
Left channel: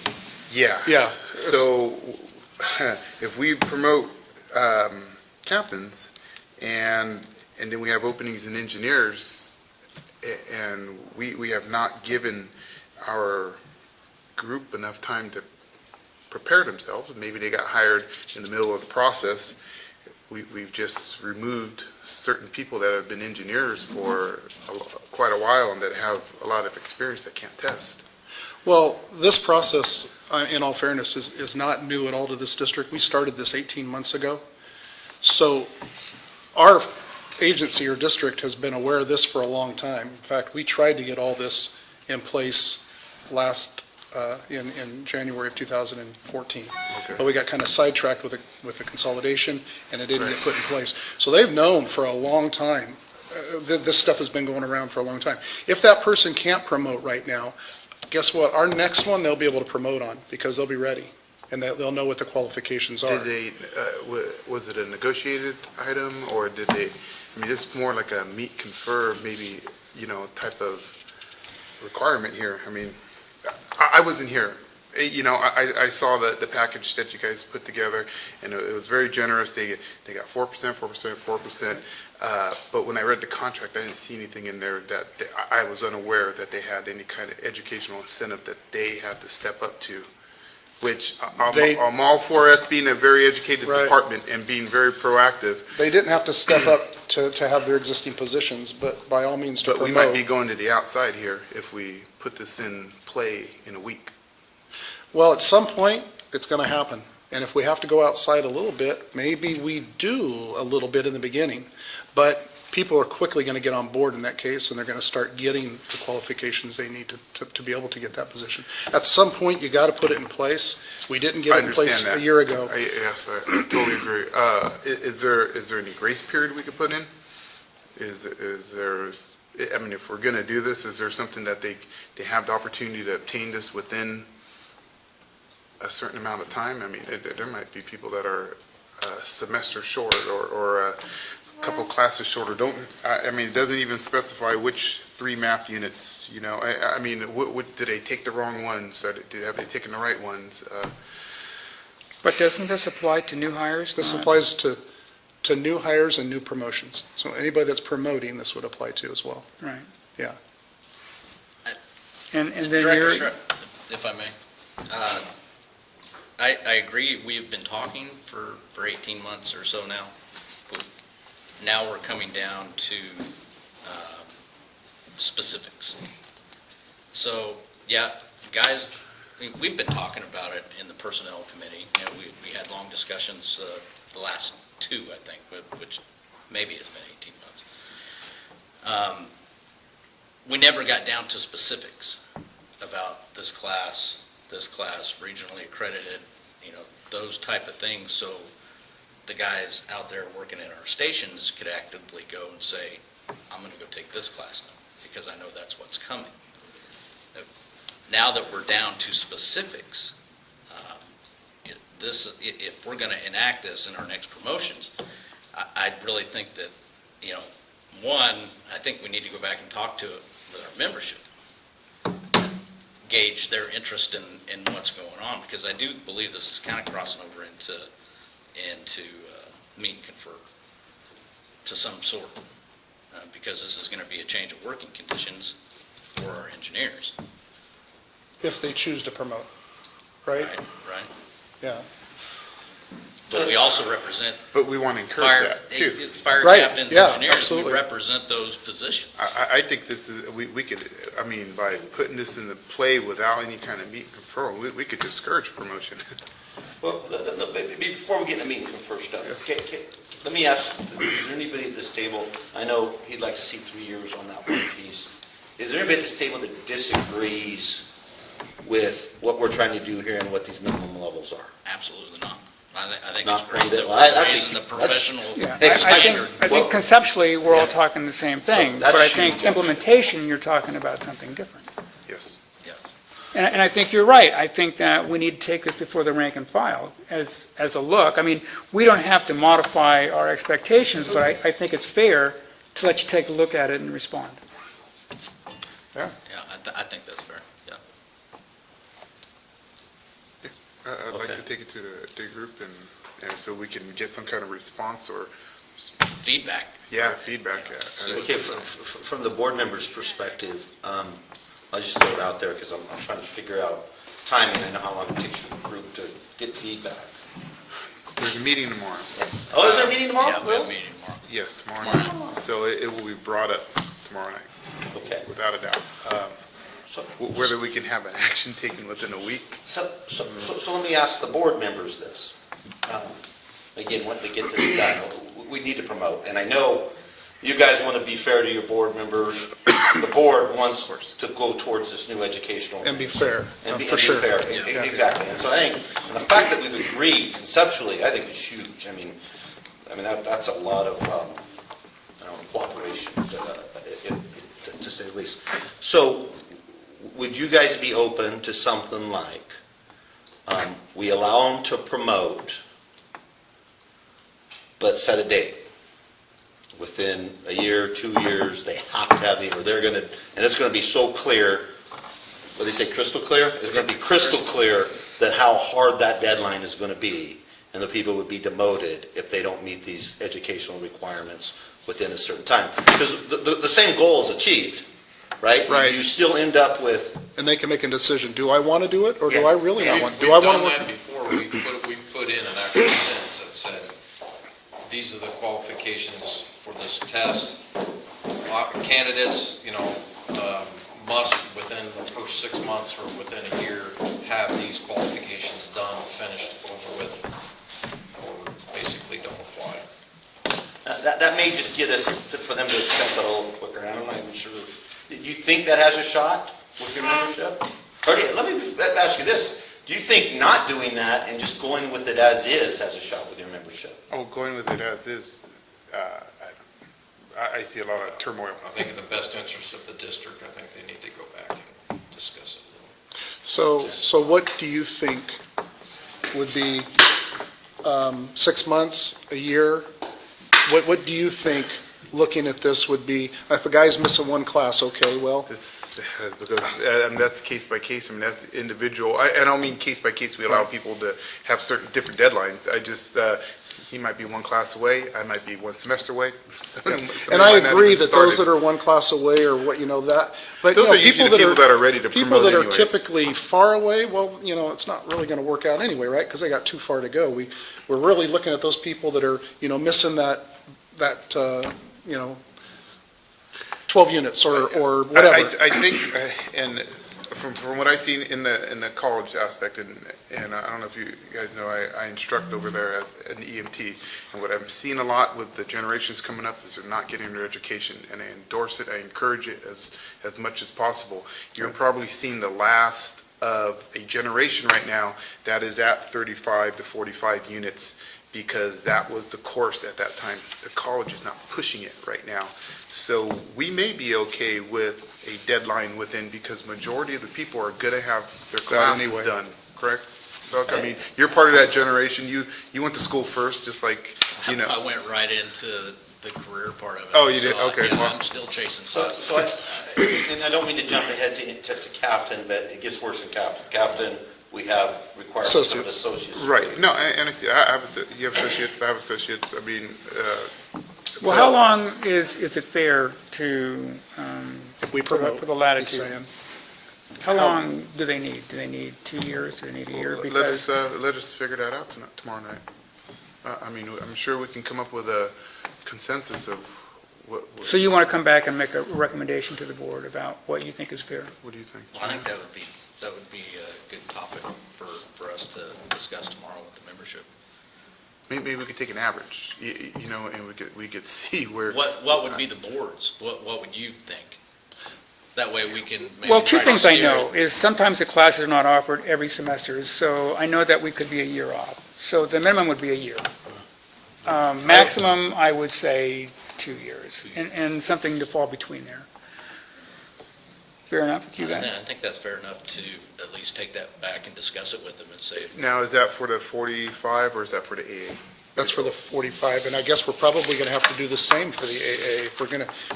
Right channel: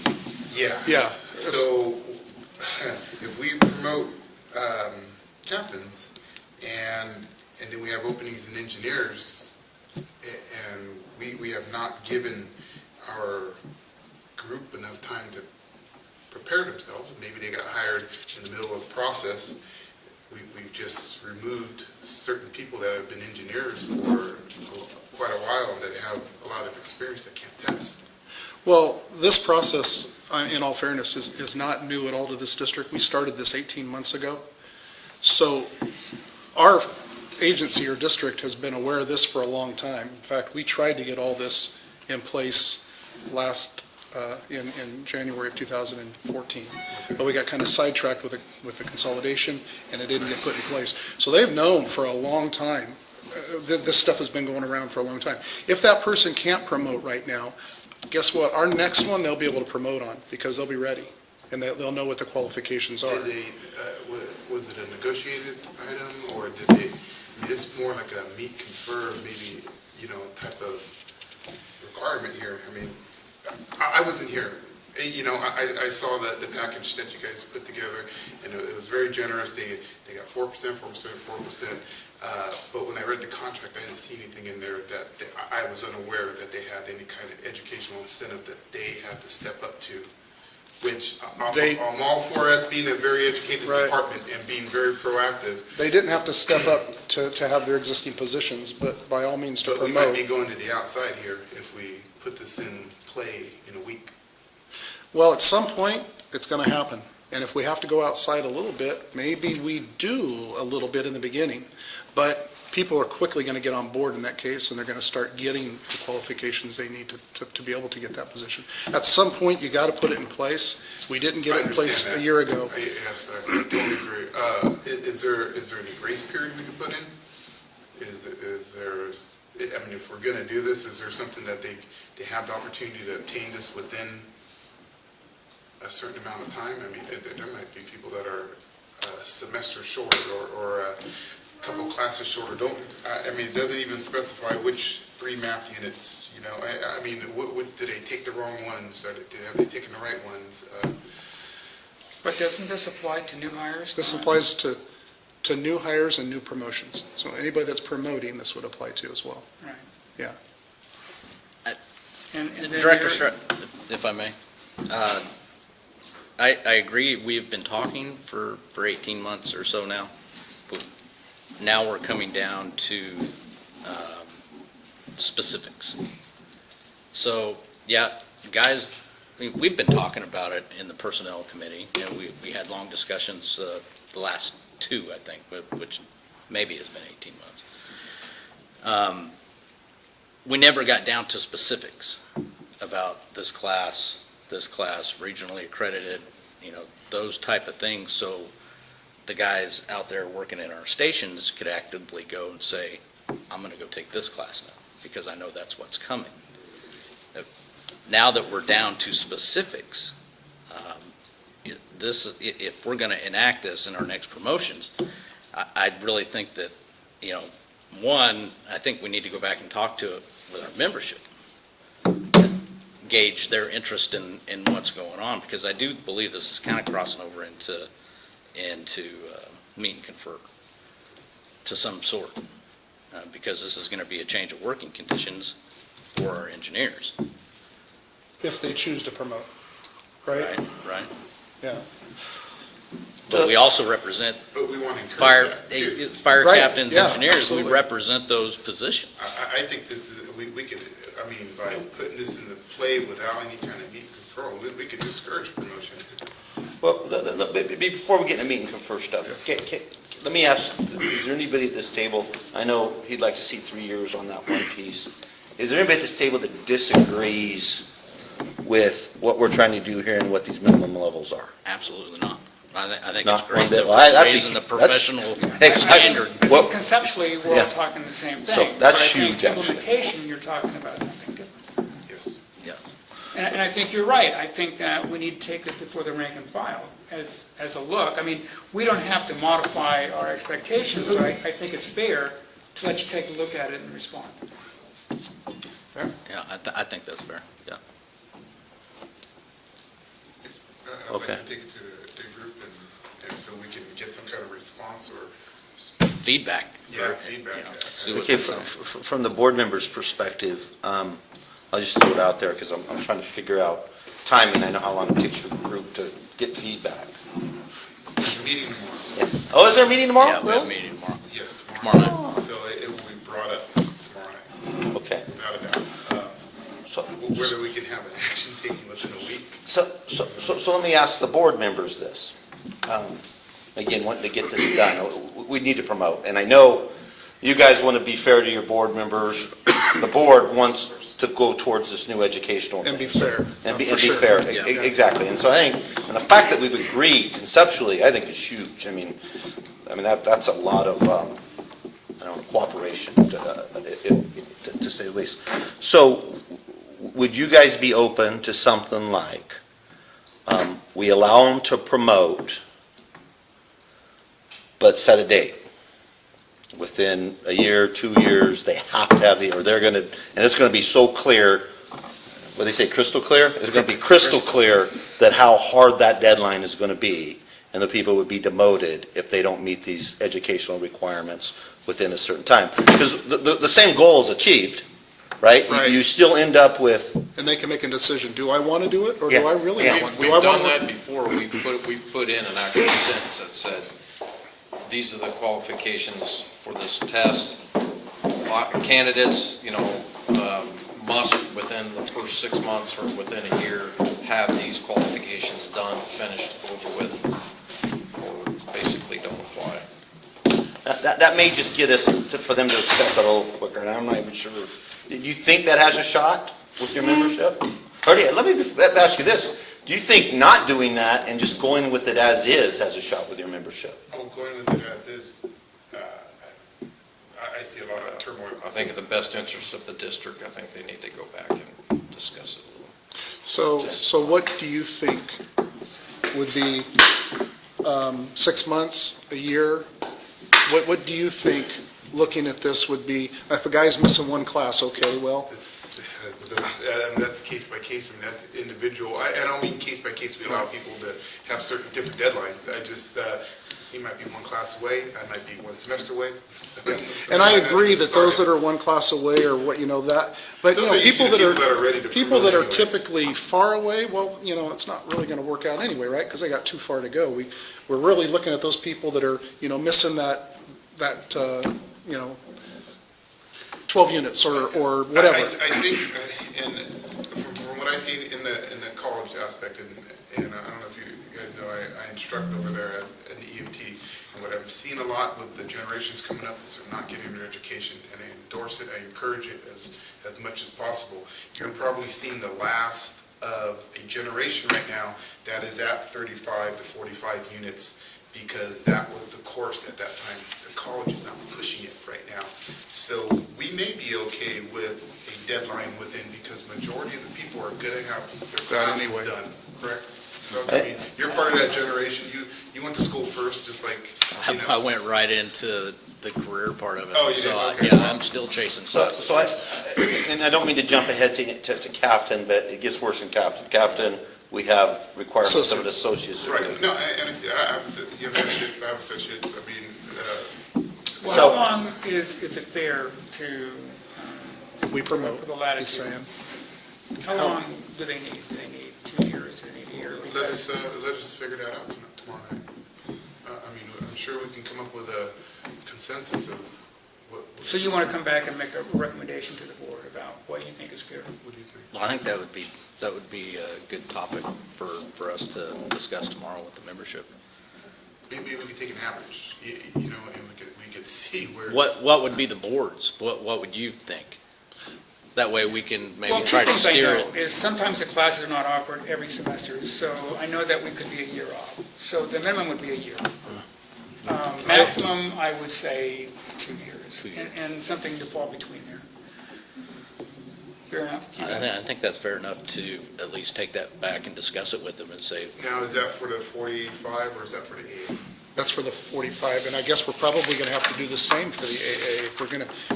Yeah. Yeah. So if we promote captains and then we have openings in engineers and we have not given our group enough time to prepare themselves, maybe they got hired in the middle of the process, we've just removed certain people that have been engineers for quite a while and that have a lot of experience that can't test. Well, this process, in all fairness, is not new at all to this district. We started this 18 months ago. So our agency or district has been aware of this for a long time. In fact, we tried to get all this in place in January of 2014. Okay. But we got kind of sidetracked with the consolidation, and it didn't get put in place. So they've known for a long time, this stuff has been going around for a long time. If that person can't promote right now, guess what? Our next one, they'll be able to promote on, because they'll be ready, and they'll know what the qualifications are. Did they, was it a negotiated item, or did they, I mean, this is more like a meet, confer, maybe, type of requirement here. I mean, I wasn't here. I saw the package that you guys put together, and it was very generous. They got 4%, 4%. But when I read the contract, I didn't see anything in there that I was unaware that they had any kind of educational incentive that they had to step up to, which I'm all for us being a very educated Right. department and being very proactive. They didn't have to step up to have their existing positions, but by all means to But we might be promote. going to the outside here if we put this in play in a week. Well, at some point, it's going to happen. And if we have to go outside a little bit, maybe we do a little bit in the beginning. But people are quickly going to get on board in that case, and they're going to start getting the qualifications they need to be able to get that position. At some point, you got to put it in place. We didn't get I it in place understand a that. year ago. Yes, I totally agree. Is there any grace period we could put in? Is there, I mean, if we're going to do this, is there something that they have the opportunity to obtain this within a certain amount of time? I mean, there might be people that are a semester short or a couple classes short, or don't, I mean, it doesn't even specify which 3 math units, I mean, did they take the wrong ones? Have they taken the right ones? But doesn't this apply to new hires? This applies to new hires and new promotions. So anybody that's promoting, this would apply to as well. Right. Yeah. And then Director you're, Strzok, if I may, I agree, we've been talking for 18 months or so now. But now we're coming down to specifics. So, yeah, guys, we've been talking about it in the Personnel Committee. You know, we had long discussions the last two, I think, which maybe has been 18 months. We never got down to specifics about this class, regionally accredited, you know, those type of things. So the guys out there working in our stations could actively go and say, I'm going to go take this class now because I know that's what's coming. Now that we're down to specifics, if we're going to enact this in our next promotions, I really think that, you know, one, I think we need to go back and talk to it with our membership, gauge their interest in what's going on, because I do believe this is kind of crossing over into meet and confer to some sort, because this is going to be a change of working conditions for our engineers. If they choose to promote, right? Right. Yeah. But we also represent But we want to encourage that too. fire Right, captains, yeah, engineers. absolutely. We represent those positions. I think this is, we could, I mean, by putting this into play without any kind of meet and confer, we could discourage promotion. Well, before we get into meeting confer stuff, let me ask, is there anybody at this table, I know he'd like to see 3 years on that one piece. Is there anybody at this table that disagrees with what we're trying to do here and what these minimum levels are? Absolutely not. I think it's Not great that well, we're raising the professional standard. I think conceptually, we're all Yeah. talking the same So thing, that's but I huge, think actually. implementation, you're talking about something different. Yes. Yeah. And I think you're right. I think that we need to take this before the rank and file as a look. I mean, we don't have to modify our expectations, but I think it's fair to let you take a look at it and respond. Yeah, I think that's fair. Yeah. I'd like Okay. to take it to the group and so we can get some kind of response or, Feedback. feedback. You know, Yeah. see what Okay, they're saying. from the board member's perspective, I'll just throw it out there because I'm trying to figure out timing. I know how long it takes your group to get feedback. There's a meeting tomorrow. Oh, is there a meeting tomorrow? Yeah, we have a meeting tomorrow. Yes, Tomorrow tomorrow night. So it will be brought up tomorrow night, Okay. without a doubt. So, Whether we can have an action taken within a week. so let me ask the board members this. Again, wanting to get this done, we need to promote. And I know you guys want to be fair to your board members. The board wants to go towards this new educational. And be fair, And be for sure. fair, Yeah. exactly. And so I think the fact that we've agreed conceptually, I think is huge. I mean, that's a lot of cooperation, to say the least. So would you guys be open to something like, we allow them to promote, but set a date? Within a year, 2 years, they have to have or they're going to, and it's going to be so clear, what they say, crystal clear? It's going to be crystal clear that how hard that deadline is going to be, and the people would be demoted if they don't meet these educational requirements within a certain time. Because the same goal is achieved, right? Right. You still end up with, And they can make a decision, do I want to do it, or do Yeah. I really not want? We've Do I want done to? that before. We put in an actual sentence that said, these are the qualifications for this test. Candidates, must within the first 6 months or within a year have these qualifications done, finished, over with, or basically don't apply. that may just get us for them to accept it a little quicker, and I'm not even sure. Do you think that has a shot with your membership? Or let me ask you this. Do you think not doing that and just going with it as is has a shot with your membership? Oh, going with it as is, I see a lot of turmoil. I think in the best interest of the district, I think they need to go back and discuss it. So what do you think would be 6 months, a year? What do you think, looking at this, would be, if a guy's missing one class, okay, well, Because that's case by case, I mean, that's individual. I don't mean case by case, we allow people to have certain different deadlines. I just, he might be one class away, I might be one semester away. and I agree that those that are one class away or what, that, but, Those are usually the people that are ready to people promote that are anyways. typically far away, well, it's not really going to work out anyway, right? Because they got too far to go. We're really looking at those people that are, missing that 12 units or whatever. I think, and from what I see in the college aspect, and I don't know if you guys know, I instruct over there as an EMT, and what I'm seeing a lot with the generations coming up is they're not getting their education, and I endorse it, I encourage it as much as possible. You're probably seeing the last of a generation right now that is at 35 to 45 units, because that was the course at that time. The college is not pushing it right now. So we may be okay with a deadline within, because majority of the people are gonna have their classes anyway. done, correct? So, I mean, you're part of that generation. You went to school first, just like, you know. I went right into the career part of it. Oh, you did? So, Okay. Yeah, I'm still chasing So, classes. and I don't mean to jump ahead to captain, but it gets worse than captain. Captain, we have requirements of associates. Right, no, and I see, you have associates, I have associates, I mean, Well, how long is it fair to, We promote, for the he's latitude? saying. How long do they need? Do they need 2 years? Do they need a year? let us figure that out tomorrow night. I mean, I'm sure we can come up with a consensus of what So you want to come back and make a recommendation to the board about what you think is fair? what do you think? Well, I think that would be a good topic for us to discuss tomorrow with the membership. Maybe we could take an average, you know, and we could see where. What would be the boards? What would you think? That way we can maybe Well, two try to things I steer know it. is sometimes the classes are not offered every semester, so I know that we could be a year off. So the minimum would be a year. Maximum, I would say 2 years, and something to fall between there. Fair enough with you guys? I think that's fair enough to at least take that back and discuss it with them and say, Now, is that for the 45 or is that for the AA? That's for the 45, and I guess we're probably going to have to do the same for the AA if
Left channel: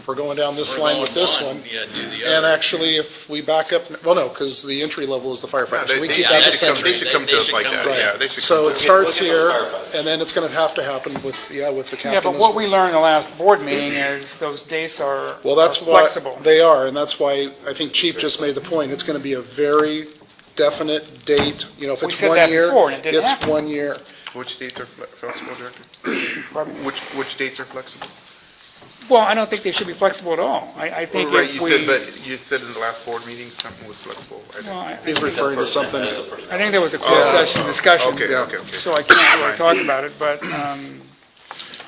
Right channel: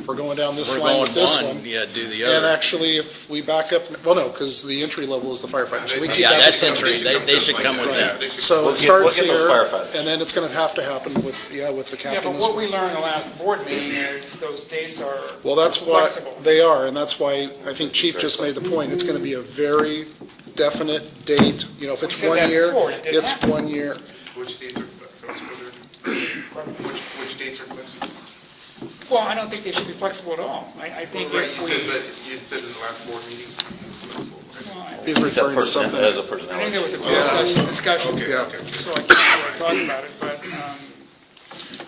we're going down this we're line going with this one, one. yeah, do the And other. actually, if we back up, well, no, because the entry level is the firefighter, so we keep yeah, that the that's same. entry. They should come with that. They should So come it with starts We'll get those here, firefighters. and then it's going to have to happen with the captain Yeah, but as what well. we learned in the last board meeting is those dates are Well, that's what flexible. they are, and that's why I think Chief just made the point. It's going to be a very definite date. You know, if We it's said 1 that year, before, and it didn't it's happen. 1 year. Which dates are flexible, Director? Pardon? Which dates are flexible? Well, I don't think they should be flexible at all. I think Well, right, if you we, said, but you said in the last board meeting, something was flexible. well, I He's referring to something. I think there was a closed session discussion. Okay, Yeah. okay. So I can't really talk about it, but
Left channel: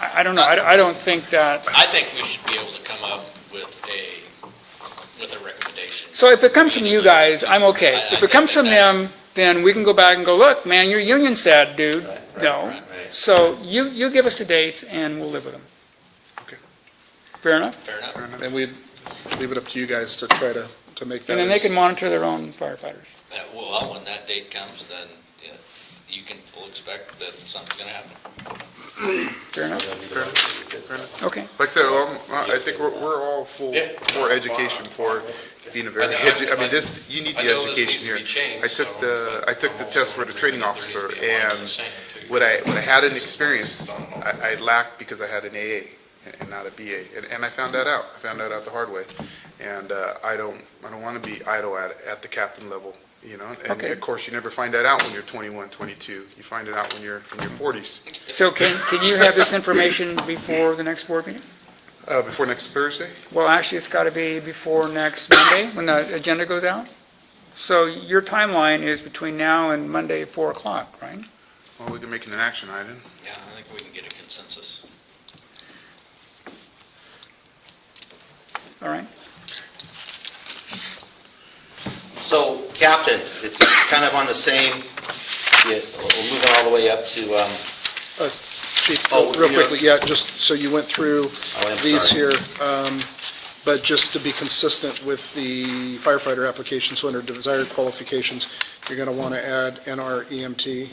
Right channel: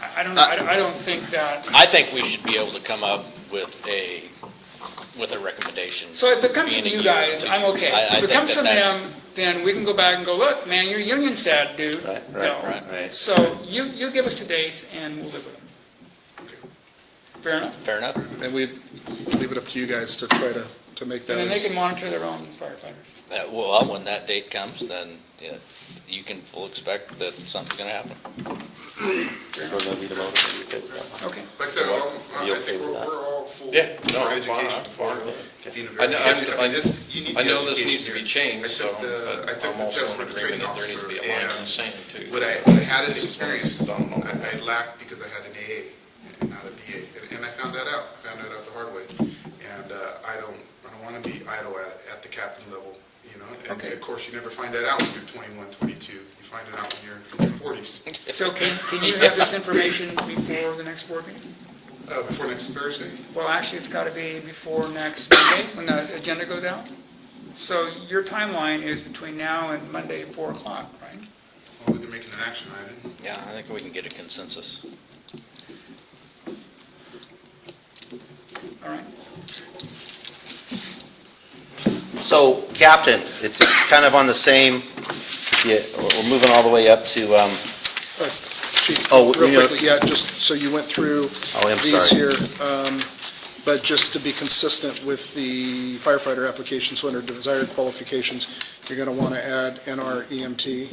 I don't know. I don't think that, I think we should be able to come up with a recommendation. so if it comes from you guys, I'm okay. I If it think comes from that's- them, then we can go back and go, look, man, your union said, dude, no. right. So you give us the dates and we'll live with them. Okay. Fair enough? Fair enough? And we leave it up to you guys to try to make that And then they as... can monitor their own firefighters. Well, when that date comes, then yeah, you can full expect that something's going to happen. Fair enough? Fair enough. Okay. Like I said, I think we're all full Yeah. for education, for being a very, I know- I mean, this, you need I the know this education needs to here. be changed, I took so, the, but I took I'm the also test for the in training agreement that officer, there needs to be a line in and the sand, too. what I had an experience, I lacked because I had an AA and not a BA, and I found that out. I found that out the hard way, and I don't want to be idle at the captain level, you know. And Okay. of course, you never find that out when you're 21, 22. You find it out when you're in your 40s. So can you have this information before the next board meeting? Before next Thursday. Well, actually, it's got to be before next Monday, when the agenda goes out. So your timeline is between now and Monday, 4 o'clock, right? Well, we can make it an action item. Yeah, I think we can get a consensus. All right? So, Captain, it's kind of on the same, we're moving all the way up to, Chief, Oh, real you know- quickly, yeah, just so you went through I'm these sorry. here, but just to be consistent with the firefighter application, so under desired qualifications, you're going to want to add NR EMT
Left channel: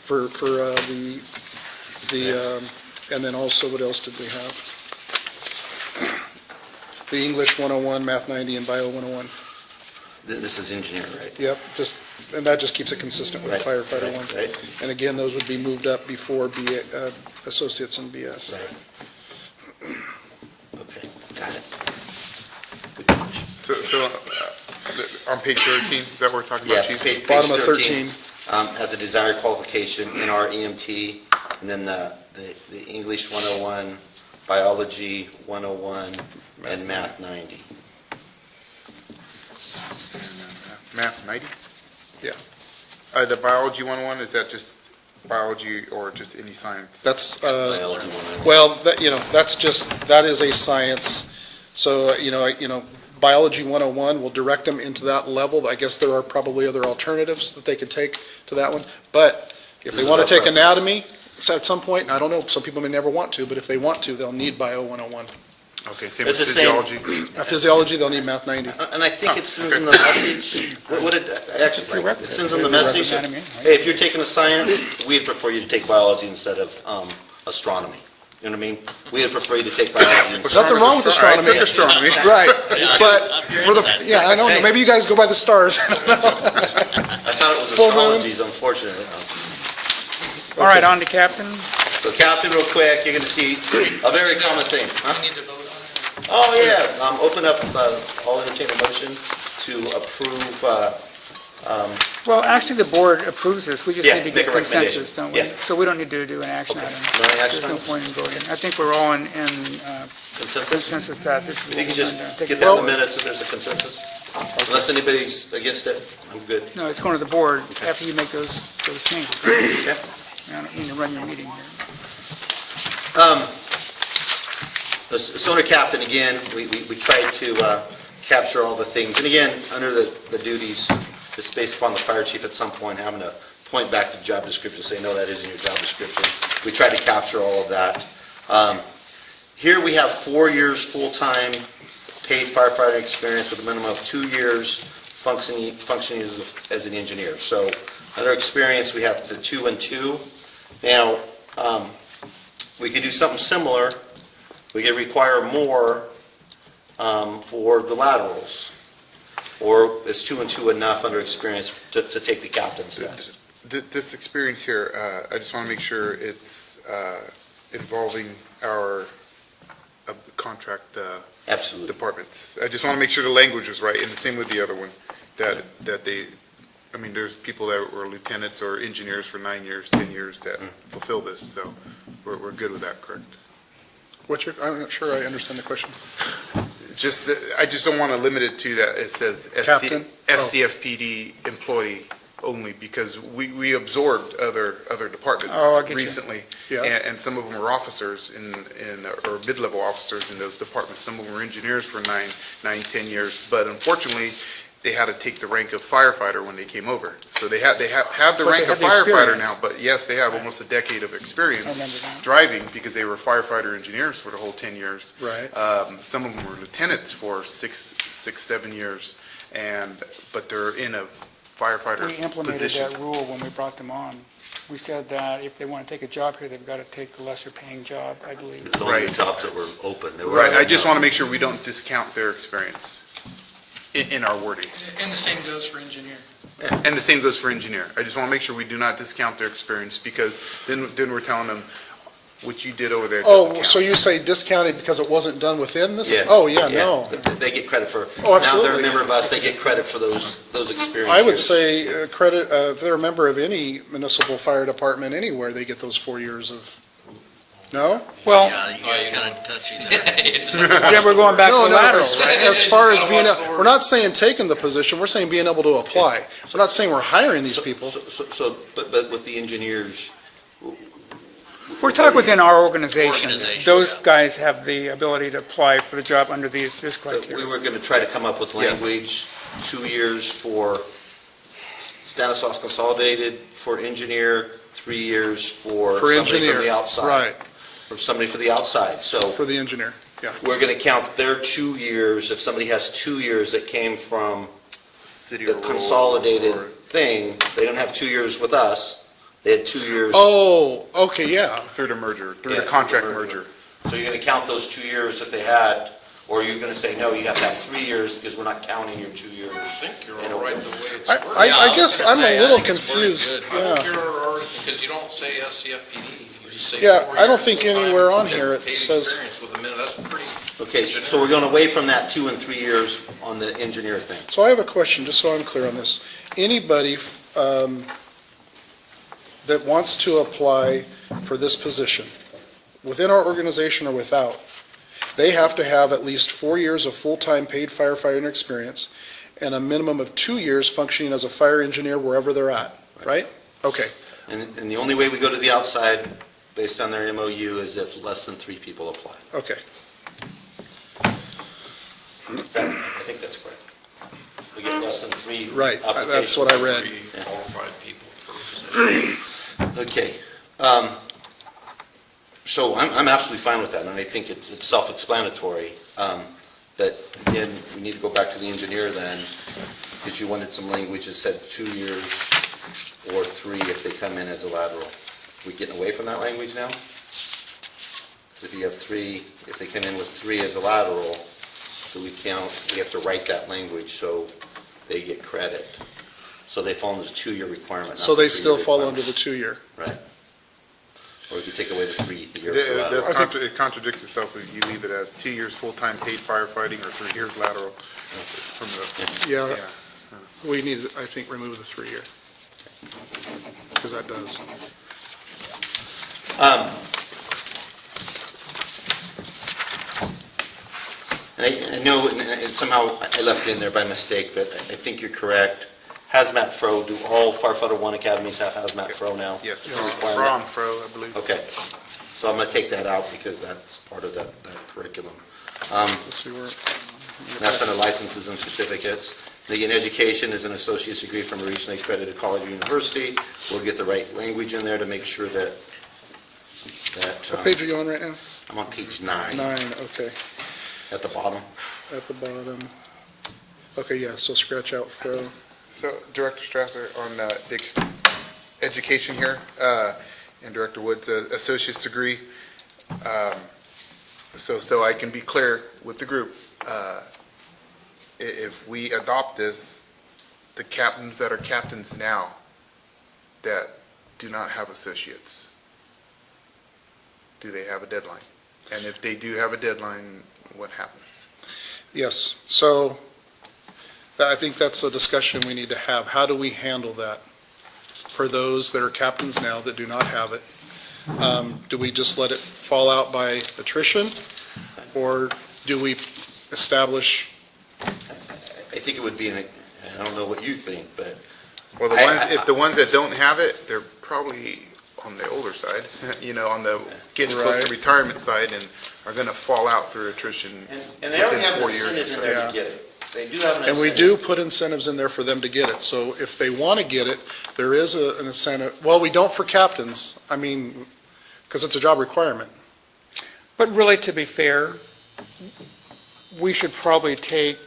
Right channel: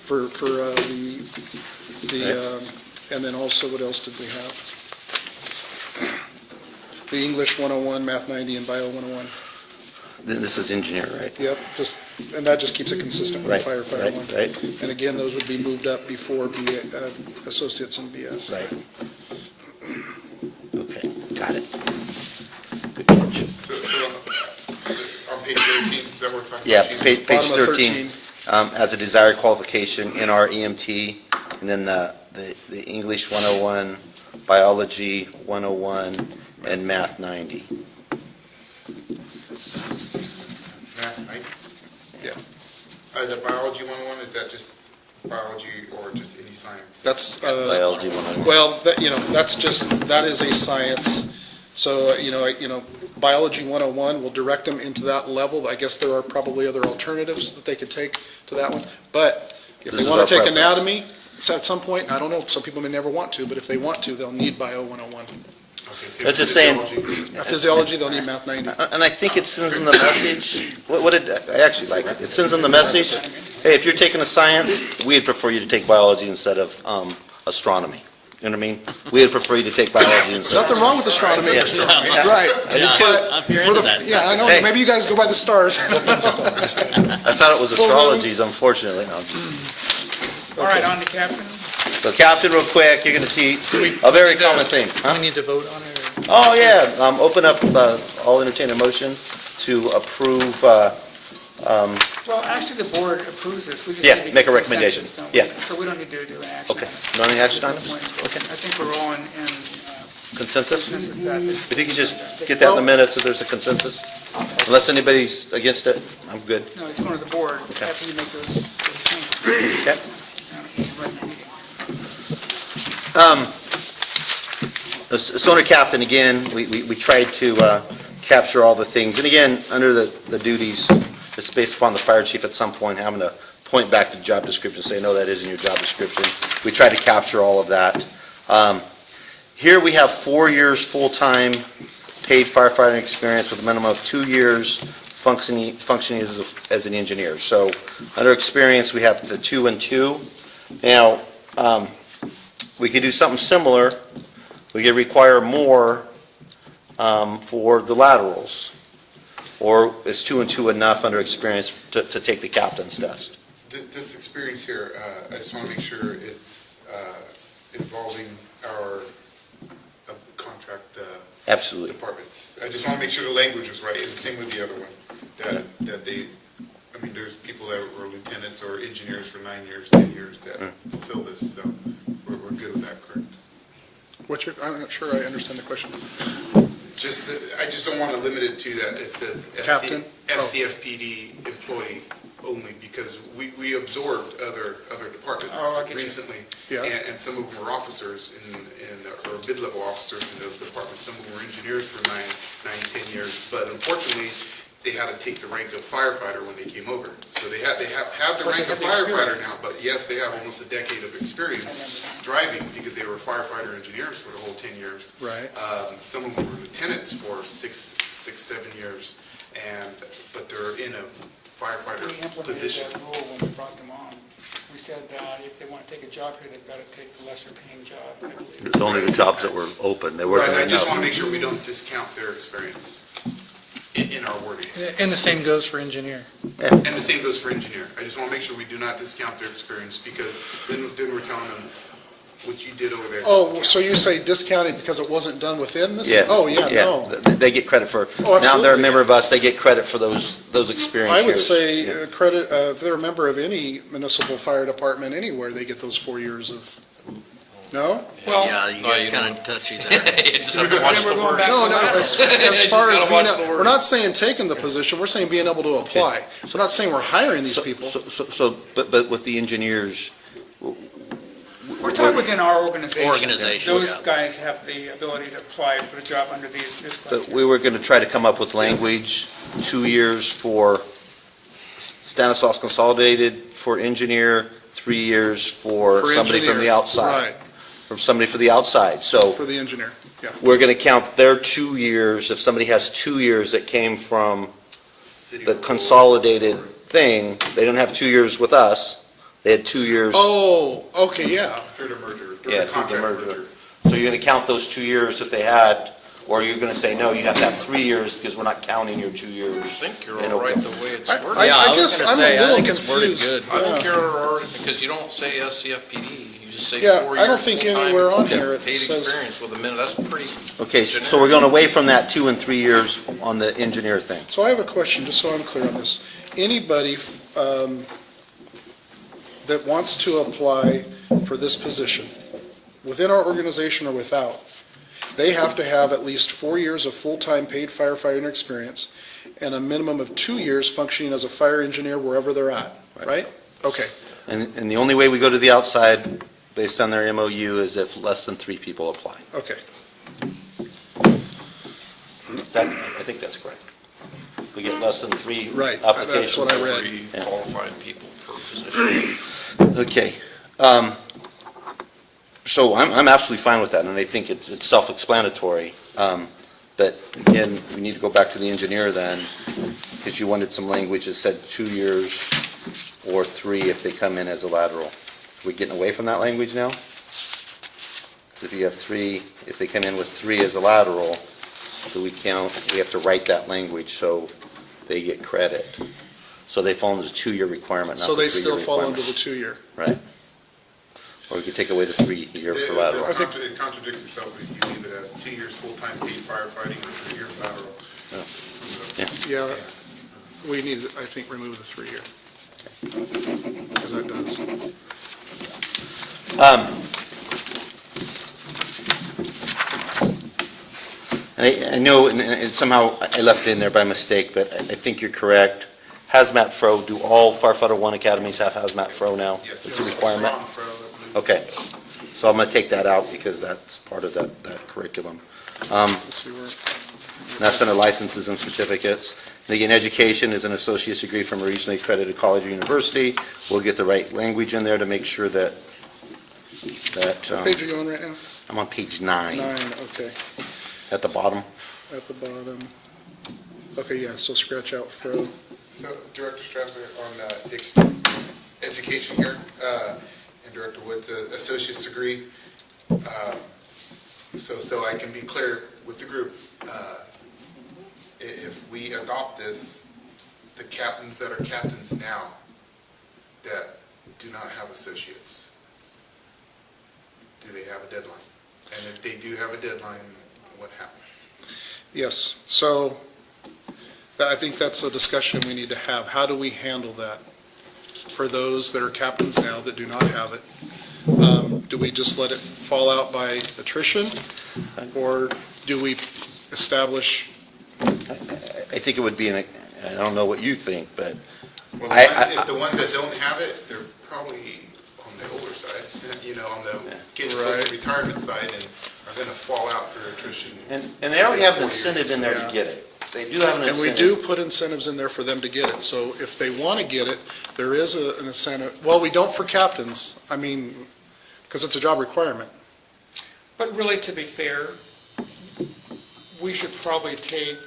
for and then also, what else did we have? The English 101, Math 90, and Bio 101. this is engineer, right? Yep, and that just keeps it consistent with the Right, firefighter right, one. right. And again, those would be moved up before associates in BS. Okay, got it. So on page 13, is that what we're talking Yeah, about, Chief? page Bottom of 13 has a desired qualification in our EMT, and then the English 101, Biology 101, and Math 90. Math 90? Yeah. The biology 101, is that just biology or just any science? That's, Biology 101. well, that is a science. So, Biology 101 will direct them into that level. I guess there are probably other alternatives that they could take to that one. But if they This want is to our take preference. anatomy, at some point, I don't know, some people may never want to, but if they want to, they'll need Bio 101. Okay, same That's with the same. physiology. Physiology, they'll need Math 90. And I think it says in the message, what it, actually, it says in the message, hey, if you're taking a science, we'd prefer you to take biology instead of astronomy. You know what I mean? We'd prefer you to take biology There's instead. nothing wrong with astronomy. Take astronomy. Right, Yeah, but I'm here for the, into that. yeah, I know, Hey. maybe you guys go by the stars. I thought it was Full moon. astrologies, unfortunately. No. All right, on to Captain. So Captain, real quick, you're gonna see a very common thing. We need to vote on it. Oh, yeah, open up, I'll entertain a motion to approve, Well, actually, the board approves this. We just Yeah, need to make get a recommendation. consensus, don't we? Yeah. So we don't need to do an action Okay. item. No need action There's no items? point in voting. I think we're all in consensus. consensus that this is If what you can we're just going to take. get that in the minutes if there's a consensus. Unless anybody's against it, I'm good. No, it's going to the board after you make those changes. Okay. I don't mean to run your meeting here. So under Captain, again, we tried to capture all the things. And again, under the duties, it's based upon the fire chief at some point having to point back to job description, say, no, that isn't your job description. We tried to capture all of that. Here we have 4 years full-time paid firefighting experience with a minimum of 2 years functioning as an engineer. So under experience, we have the 2 and 2. Now, we could do something similar. We could require more for the laterals. Or is 2 and 2 enough under experience to take the captain's test? This experience here, I just want to make sure it's involving our contract Absolutely. departments. I just want to make sure the language was right, and the same with the other one, that they, I mean, there's people that were lieutenants or engineers for 9 years, 10 years that fulfill this, so we're good with that, correct? I'm not sure I understand the question. Just, I just don't want to limit it to that, it says Captain? SCFPD employee only, because we absorbed other departments Oh, I get you. recently. Yeah. And some of them were officers or mid-level officers in those departments. Some of them were engineers for 9, 10 years. But unfortunately, they had to take the rank of firefighter when they came over. So they have the But rank they of have the firefighter experience. now, but yes, they have almost a decade of experience I remember that. driving, because they were firefighter engineers for the whole 10 years. Right. Some of them were lieutenants for 7 years, but they're in a firefighter We implemented position. that rule when we brought them on. We said that if they want to take a job here, they've got to take the lesser paying job, I believe. There's only Right. jobs that were open. They were- Right, I just want to make sure we don't discount their experience in our wording. And the same goes for engineer. And the same goes for engineer. I just want to make sure we do not discount their experience, because then we're telling them what you did over there. Oh, doesn't so count. you say discounted because it wasn't done within this? Yes. Oh, yeah, no. They get credit for, Oh, now absolutely. they're a member of us, they get credit for those experiences. I would say credit, if they're a member of any municipal fire department anywhere, they get those 4 years of, no? Well, Yeah, you Oh, got you kind know. of touchy there. then we're going back to No, no, laterals. as far as Gotta being, watch the word. we're not saying taking the position, we're saying being able to apply. We're not saying we're hiring these people. But with the engineers, We're talking within our organization. Organization, Those yeah. guys have the ability to apply for the job under this we criteria. were going to try to come up with Yes. language, 2 years for Stanislaus Consolidated for engineer, 3 years for For somebody engineer, from the outside. right, From somebody for the outside. So for the engineer, yeah. we're going to count their 2 years, if somebody has 2 years that came from City the or rural consolidated or- thing, they don't have 2 years with us, they had 2 years. Oh, okay, yeah. Through the merger, through Yeah, the contract through the merger. So you're going to count those 2 years that they had, or you're going to say, no, you have to have 3 years because we're not counting your 2 years. I think you're in a all right way. the way it's I, worded. I, Yeah, I I was guess gonna I'm say, a I little think it's worded confused. good. I think Yeah. you're all right, because you don't say SCFPD, you just say Yeah, 4 I don't years think full-time anywhere on here it paid says- experience with a minute, that's pretty. Okay, so we're going away from that 2 and 3 years on the engineer thing. So I have a question, just so I'm clear on this. Anybody that wants to apply for this position within our organization or without, they have to have at least 4 years of full-time paid firefighting experience and a minimum of 2 years functioning as a fire engineer wherever they're at, right? Okay, And the only way we go to the outside, based on their MOU, is if less than 3 people apply. okay. I think that's correct. We get less than 3 Right, applications. that's what I read. Three qualified people per position. Okay. So I'm absolutely fine with that, and I think it's self-explanatory. But again, we need to go back to the engineer then, because you wanted some language that said 2 years or 3 if they come in as a lateral. Are we getting away from that language now? If you have 3, if they come in with 3 as a lateral, do we count, we have to write that language so they get credit. So they fall into the 2-year requirement. So not the they still 3-year fall requirement. under the 2-year. Right. Or we could take away the 3-year for It lateral. does it contradicts itself if you leave it as 2 years full-time paid firefighting or 3 years lateral. From the, Yeah, we need to, I think, remove the 3-year. Because that does. I know, and somehow I left it in there by mistake, but I think you're correct. Hazmat Fro, do all Firefighter One academies have Hazmat Fro now? yes, It's a it's requirement. from, I believe. Okay, so I'm going to take that out because that's part of that curriculum. Let's see where. That's under licenses and certificates. In education is an associate's degree from a regionally accredited college or university. We'll get the right language in there to make sure that. What page are you on right now? I'm on page 9, 9, okay, at the bottom. at the bottom. Okay, yeah, so scratch out Fro. So Director Strasser, on education here, and Director Woods, associate's degree. So I can be clear with the group, if we adopt this, the captains that are captains now that do not have associates, do they have a deadline? And if they do have a deadline, what happens? Yes, so I think that's a discussion we need to have. How do we handle that for those that are captains now that do not have it? Do we just let it fall out by attrition? Or do we establish, I think it would be, I don't know what you think, but Well, if the ones that don't have it, they're probably on the older side, on the getting close Right. to retirement side, and are going to fall out through attrition. and they already have an within 4 years. incentive in there Yeah. to get it. They do have an and we incentive. do put incentives in there for them to get it. So if they want to get it, there is an incentive. Well, we don't for captains, because it's a job requirement. But really, to be fair, we should probably take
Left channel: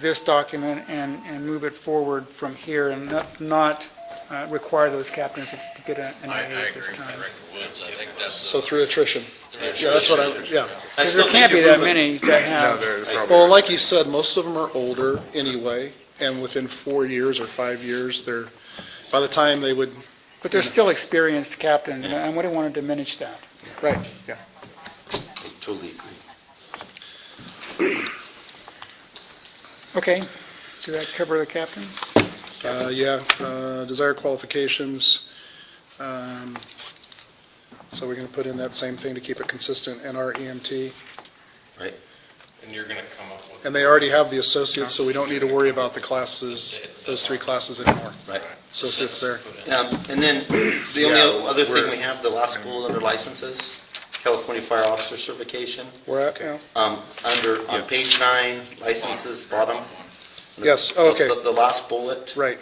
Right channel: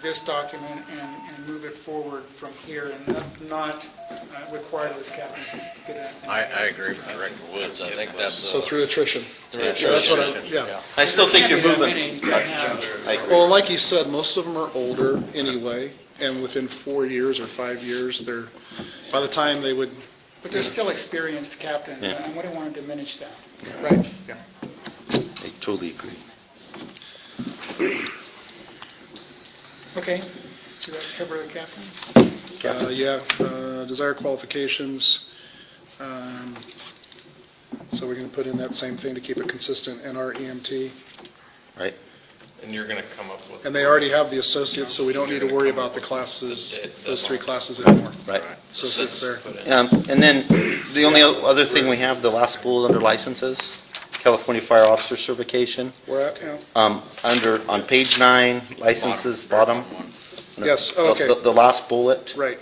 this document and move it forward from here and not require those captains to get an I A at agree this with time. Director Woods. I think that's. So through attrition. through Yeah, that's what I, yeah. I Because still there think can't be you're that moving. many that No, have, they're probably- Well, like you said, most of them are older anyway, and within 4 years or 5 years, by the time they would, but they're still experienced captains, and I wouldn't want to diminish that. right, yeah. I totally agree. Okay, so that cover the captain? Desired qualifications. So we're going to put in that same thing to keep it consistent, NREMT. Right? And you're going to come up with. And they already have the associates, so we don't need to worry about the classes, those 3 classes anymore. Right. Associates there. And then the only other thing we have, the last school under licenses, California Fire Officer Certification. We're at, yeah. On page 9, licenses, bottom. Yes, oh, okay, The last bullet. right.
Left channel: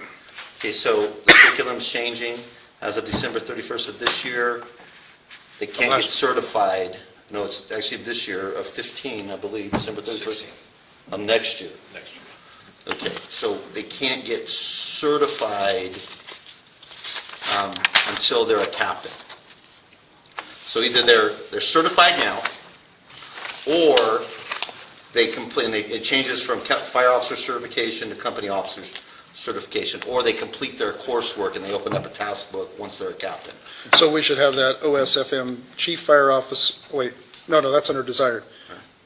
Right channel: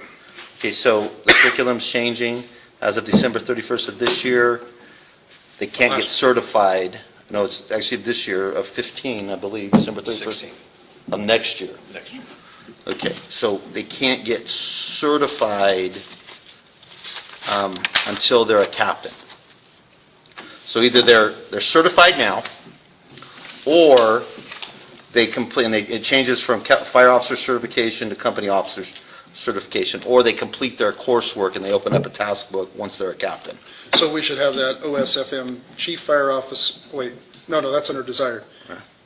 Okay, so the curriculum's changing. As of December 31st of this year, they can't get Last- certified. No, it's actually this year of 15, I believe, December 31st. 16. Of next year. Next year. Okay, so they can't get certified until they're a captain. So either they're certified now, or they complete, and it changes from fire officer certification to company officer certification, or they complete their coursework and they open up a task book once they're a captain. So we should have that OSFM Chief Fire Office, wait, no, that's under desired.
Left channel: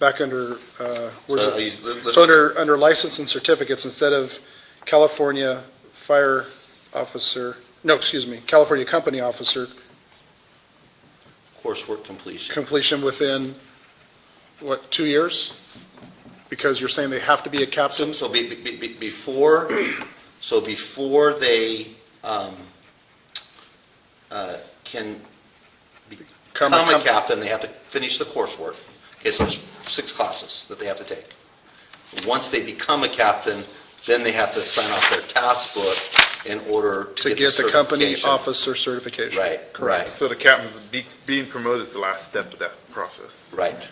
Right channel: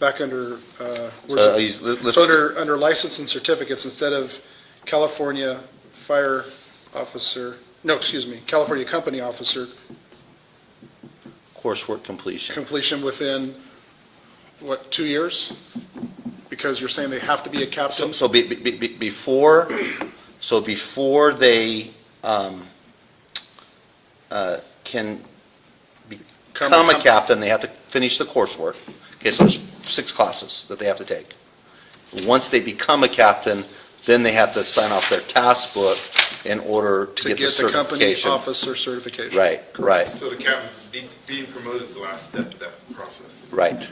Back under, where's So it? let's- So under license and certificates, instead of California Fire Officer, no, excuse me, California Company Officer coursework completion. Completion within, what, 2 years? Because you're saying they have to be a captain? So before they can become a captain, they have to finish the coursework. Okay, so there's 6 classes that they have to take. Once they become a captain, then they have to sign off their task book in order to get the company certification. officer certification. Right, right, So the captain, being promoted is the last step of that process. right.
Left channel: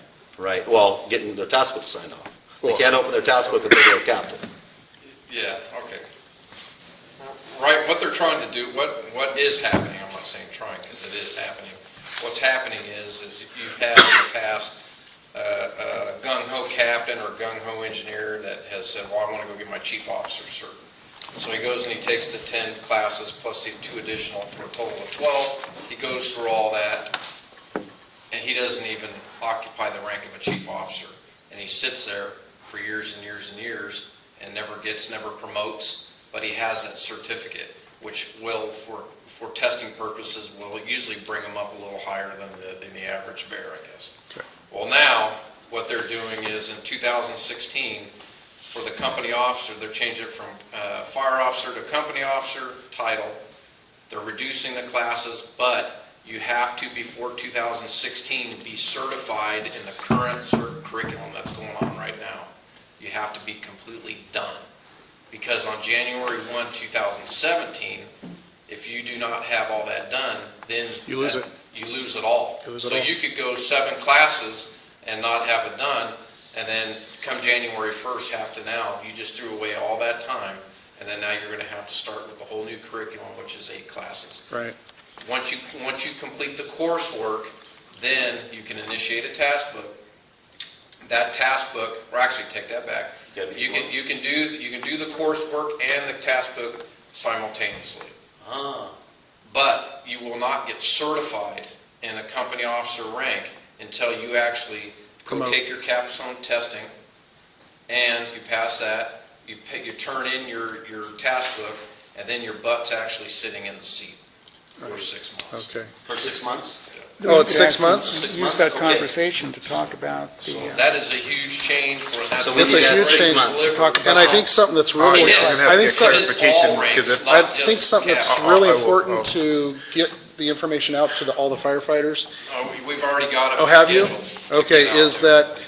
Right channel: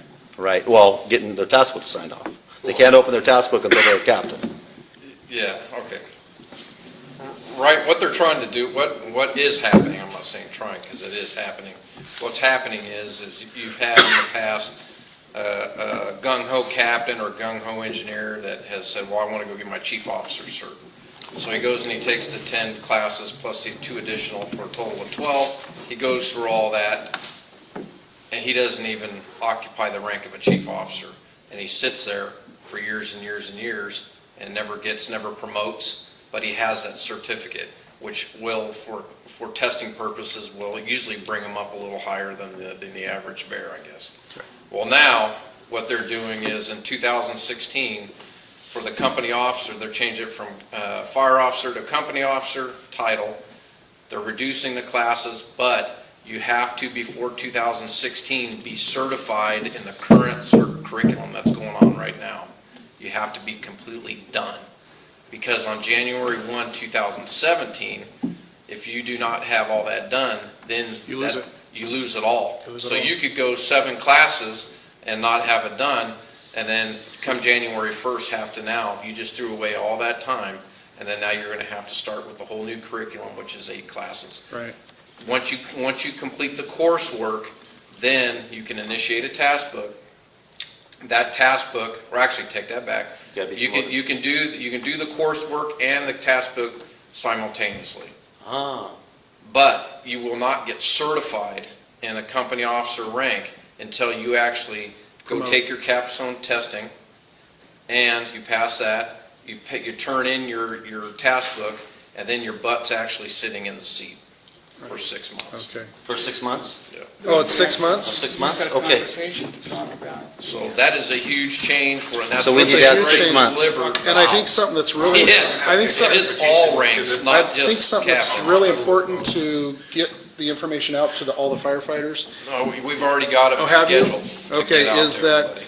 Well, getting their task book signed off. They can't open their task book until they're a captain. Yeah, okay. Right, what they're trying to do, what is happening, I'm not saying trying, because it is happening. What's happening is you've had in the past a gung-ho captain or gung-ho engineer that has said, well, I want to go get my chief officer cert. So he goes and he takes the 10 classes plus the 2 additional for a total of 12. He goes through all that, and he doesn't even occupy the rank of a chief officer. And he sits there for years and years and years and never promotes, but he has that certificate, which will, for testing purposes, will usually bring him up a little higher than the average bear, I guess. Okay. Well, now, what they're doing is in 2016, for the company officer, they're changing it from fire officer to company officer title. They're reducing the classes, but you have to, before 2016, be certified in the current curriculum that's going on right now. You have to be completely done. Because on January 1, 2017, if you do not have all that done, then You lose it. You lose it all. You lose it So all. you could go 7 classes and not have it done, and then come January 1st, have to now, you just threw away all that time, and then now you're going to have to start with the whole new curriculum, which is 8 classes. Right. Once you complete the coursework, then you can initiate a task book. That task book, or actually take that back. You can do the coursework and the task book simultaneously. But you will not get certified in a company officer rank until you actually go take your capstone testing, and you pass that. You turn in your task book, and then your butt's actually sitting in the seat for 6 months. Okay. For 6 months? Oh, it's 6 months? 6 Use months? that Okay. conversation to talk about So the, that is a huge change for that. So we It's a need that huge 6 change. months. And I think something that's really, It is. I think something, It is all ranks, I not just think something that's captain. really important to get the information out to all the firefighters. No, we've already got it Oh, have you? scheduled to Okay, get out is there. that,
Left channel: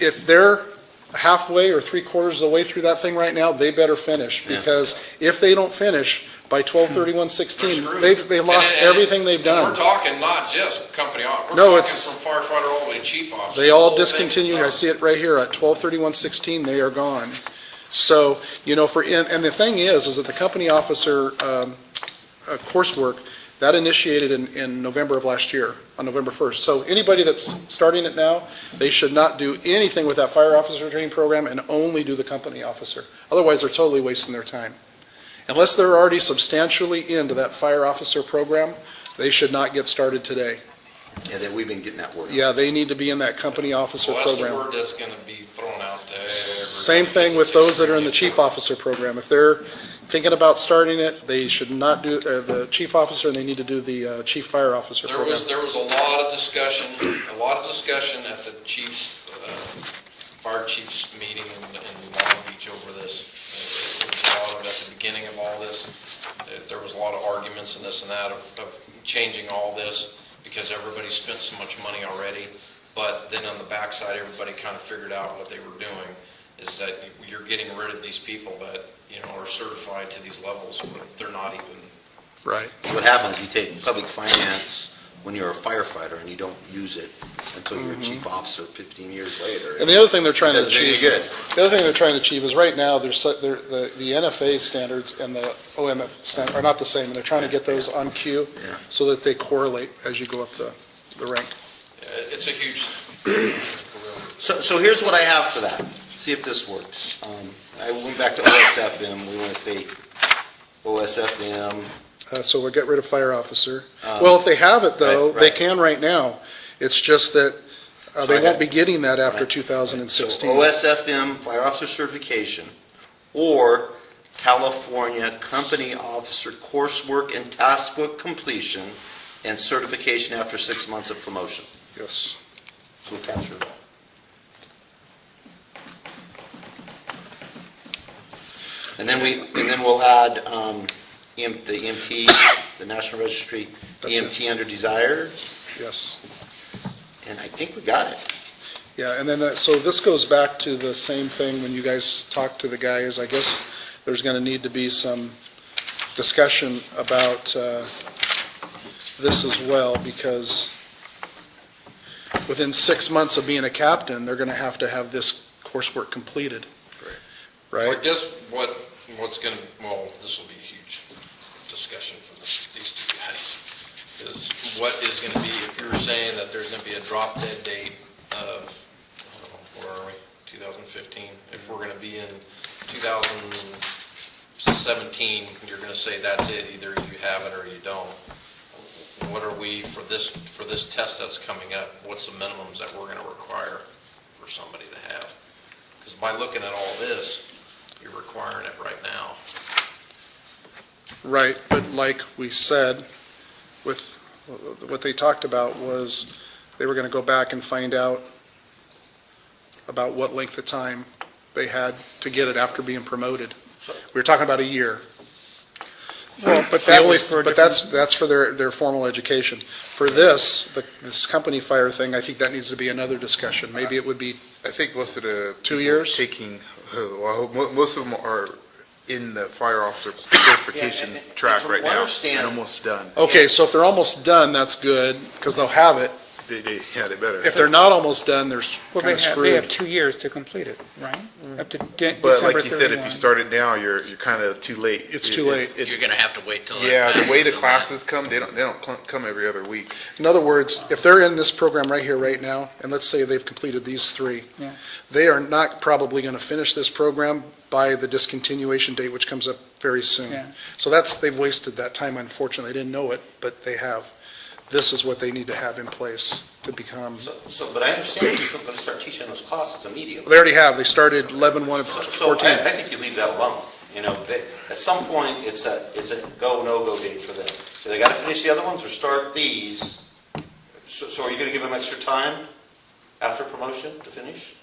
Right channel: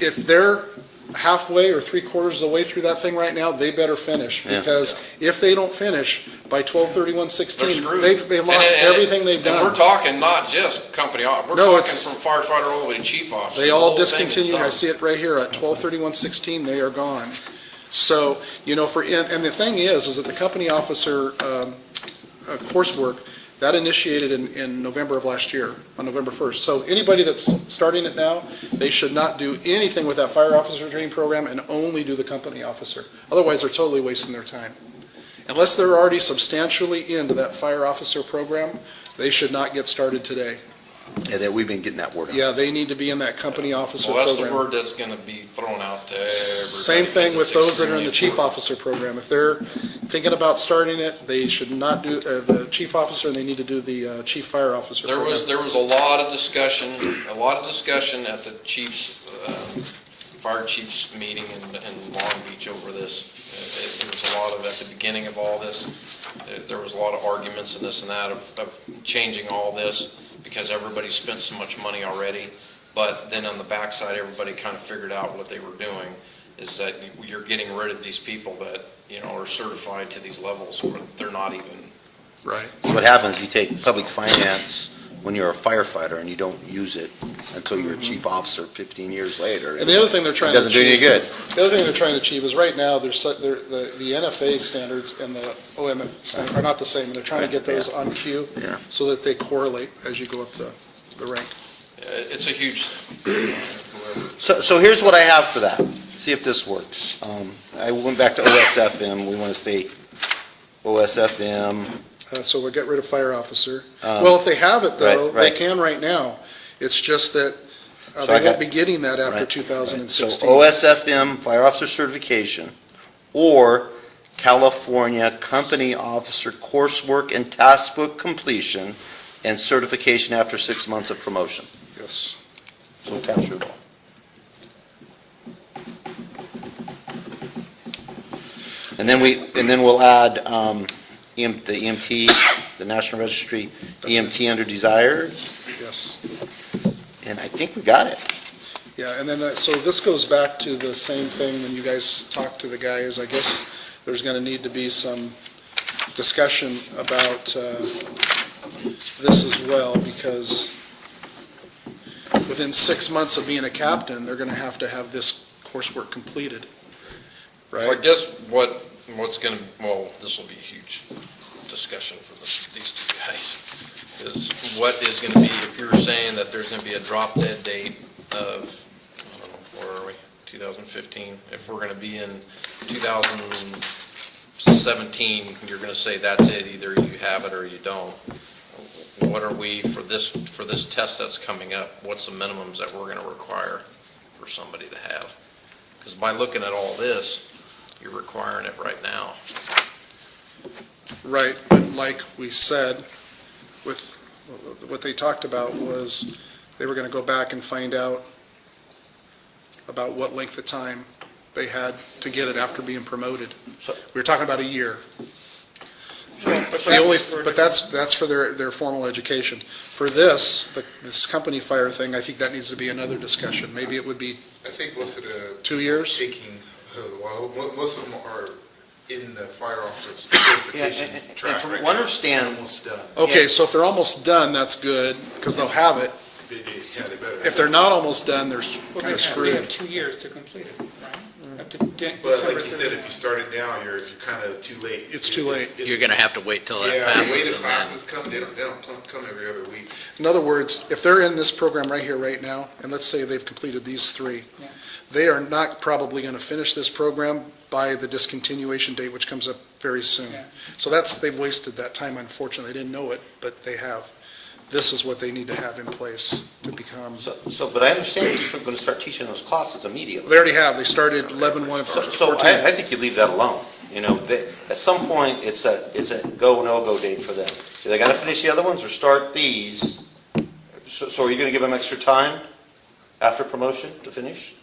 if they're halfway or 3/4 of the way through that thing right now, they better finish. Because if they don't finish by 12/31/16, They're screwed. they've lost And everything they've We're done. talking not just company officer. No, We're it's- talking from firefighter all the way to chief officer. They all The whole thing is discontinued, I done. see it right here, at 12/31/16, they are gone. So, and the thing is that the company officer coursework, that initiated in November of last year, on November 1st. So anybody that's starting it now, they should not do anything with that fire officer training program and only do the company officer. Otherwise, they're totally wasting their time. Unless they're already substantially into that fire officer program, they should not get started today. Yeah, that we've been getting that word. Yeah, they need to be in that company officer Well, that's the program. word that's going to be thrown out to everybody. Same thing with those that are in the chief officer program. If they're thinking about starting it, they should not do the chief officer, and they need to do the chief fire officer There program. was a lot of discussion at the chiefs, fire chiefs meeting in Long Beach over this. There was a lot of, at the beginning of all this, there was a lot of arguments and this and that of changing all this because everybody spent so much money already. But then on the backside, everybody kind of figured out what they were doing, is that you're getting rid of these people that, are certified to these levels where they're not even. Right. What happens, you take public finance when you're a firefighter and you don't use it until you're a chief officer 15 years later. And the other thing they're trying to Doesn't do you achieve, good. the other thing they're trying to achieve is right now, the NFA standards and the OMF standard are not the same, and they're trying to get those on cue Yeah. so that they correlate as you go up the rank. It's a huge. So here's what I have for that. See if this works. I went back to OSFM. We want to stay OSFM. So we'll get rid of fire officer. Well, if they have it, though, right. they can right now. It's just that So they I won't got- be getting that after Right. 2016. So OSFM, fire officer certification, or California company officer coursework and task book completion and certification after 6 months of promotion. Yes. So captured. And then we'll add the EMT, the National Registry, That's it. EMT under desired, Yes. and I think we got it. Yeah, and then, so this goes back to the same thing when you guys talk to the guys. I guess there's going to need to be some discussion about this as well, because within 6 months of being a captain, they're going to have this coursework completed, So right? I guess what's going to, well, this will be a huge discussion for these two guys, is what is going to be, if you're saying that there's going to be a drop dead date of, I don't know, where are we, 2015? If we're going to be in 2017, you're going to say that's it, either you have it or you don't. What are we, for this test that's coming up, what's the minimums that we're going to require for somebody to have? Because by looking at all this, you're requiring it right now. Right, but like we said, with what they talked about was they were going to go back and find out about what length of time they had to get it after being promoted. So- We were talking about a year. Well, but The that only, was for a but that's for their formal education. For this company fire thing, I think that needs to be another discussion. Maybe it would be, I think most of the. 2 years? Taking, most of them are in the fire officer certification And track from right what I now. understand- And almost done. okay, so if they're almost done, that's good, because they'll have it. They better. If they're not almost done, they're Well, kind of they have screwed. 2 years to complete it, right? Up to But December like you said, if 31. you start it now, you're kind of too late. It's too late. You're going to have to wait till it Yeah, passes. the way the and then- classes come, they don't come every other week. In other words, if they're in this program right here, right now, and let's say they've completed these 3, Yeah. they are not probably going to finish this program by the discontinuation date, which comes up very soon. Yeah. So they've wasted that time, unfortunately. They didn't know it, but they have. This is what they need to have in place to become, But I understand you're still going to start teaching those classes immediately. they already have. They started 11/1 of So 14. I think you leave that alone. You know, at some point, it's a go, no-go date for them. Do they got to finish the other ones or start these? So are you going to give them extra time after promotion to finish?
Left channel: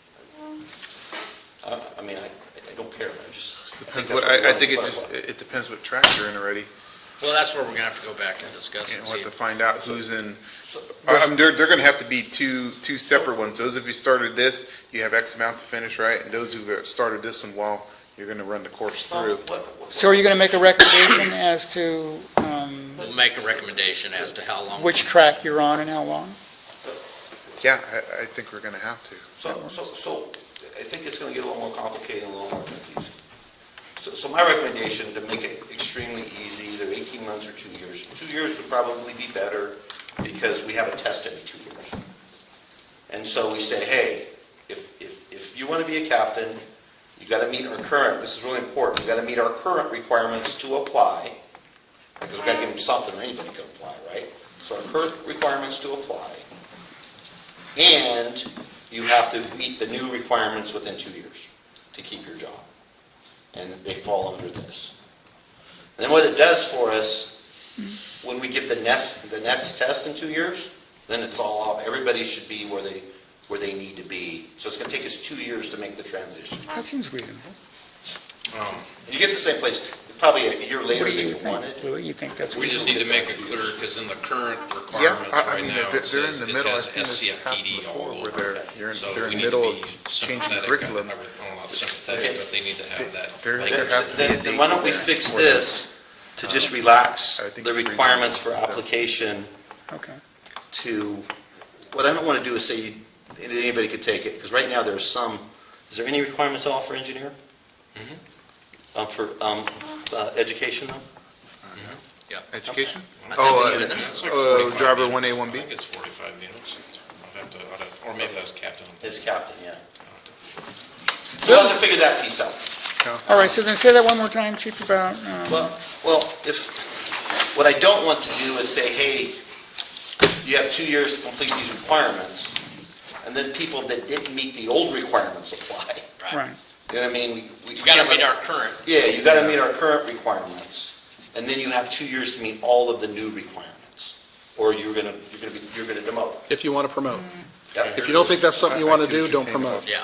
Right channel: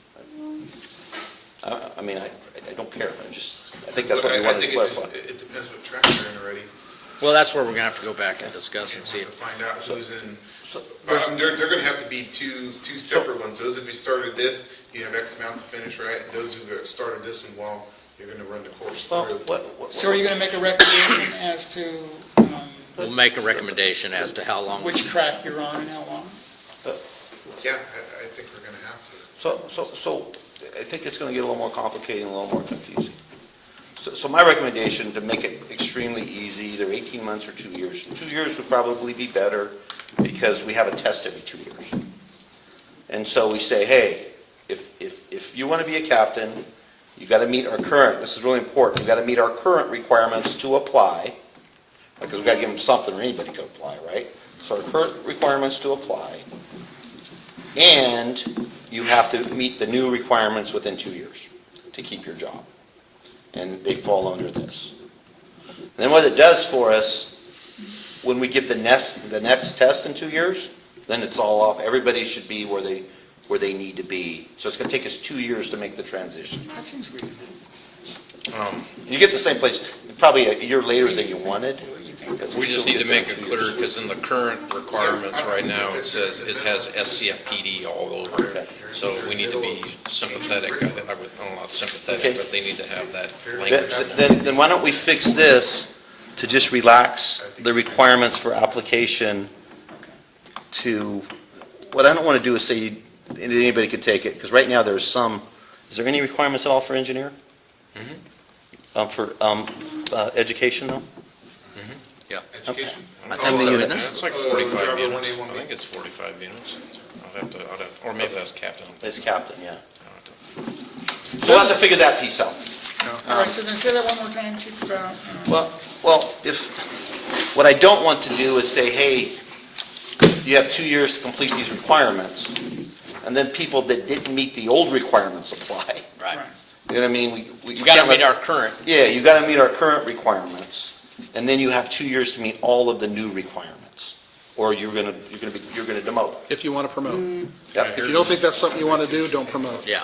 I mean, I don't care. I think that's what I we want think to it just, clarify. it depends what track they're in already. Well, that's where we're going to have to go back and discuss And and see. want to find out who's in. So- They're going to have to be two separate ones. Those of you started this, you have X amount to finish, right? And those who have started this one, well, you're going to run the course Well, through. So are you going to make a recommendation as to We'll make a recommendation as to how long. which track you're on and how long? Yeah, I think we're going to have to. So I think it's going to get a little more complicated, a little more confusing. So my recommendation, to make it extremely easy, either 18 months or 2 years. 2 years would probably be better because we have a test every 2 years. And so we say, hey, if you want to be a captain, you got to meet our current, this is really important, you got to meet our current requirements to apply, because we got to give them something or anybody can apply, right? So our current requirements to apply, and you have to meet the new requirements within 2 years to keep your job. And they fall under this. Then what it does for us, when we give the next test in 2 years, then it's all off. Everybody should be where they need to be. So it's going to take us 2 years to make the transition. That seems reasonable. You get the same place probably a year later What do than you you think, wanted. Louis? You think that's? We just need to make it clear, because in the current requirements I right mean, now, they're it in says the it middle. has I've seen this SCFPD happen all before, over. where they're So in we the need to middle be of changing sympathetic, curriculum. well, not sympathetic, Okay. but they need to have that They're- language. Then why don't we fix this to just relax I think the it's requirements for application Okay. to, what I don't want to do is say anybody could take it, because right now there's some, is there any requirements at all for engineering? For education though? Education? I think so, isn't there? It's like Oh, 45 driver units. 1A, I 1B? think it's 45 units. Or maybe that's captain. It's captain, yeah. We'll have to figure that piece out. All right, so then say that one more time, Chief, about, Well, what I don't want to do is say, hey, you have 2 years to complete these requirements, and then people that didn't meet the old requirements apply. right. You know what I mean? You got to meet our current. Yeah, you got to meet our current requirements, and then you have 2 years to meet all of the new requirements. Or you're gonna demote? if you want to promote. Yeah. If you don't think that's something you want to do, don't promote. Yeah.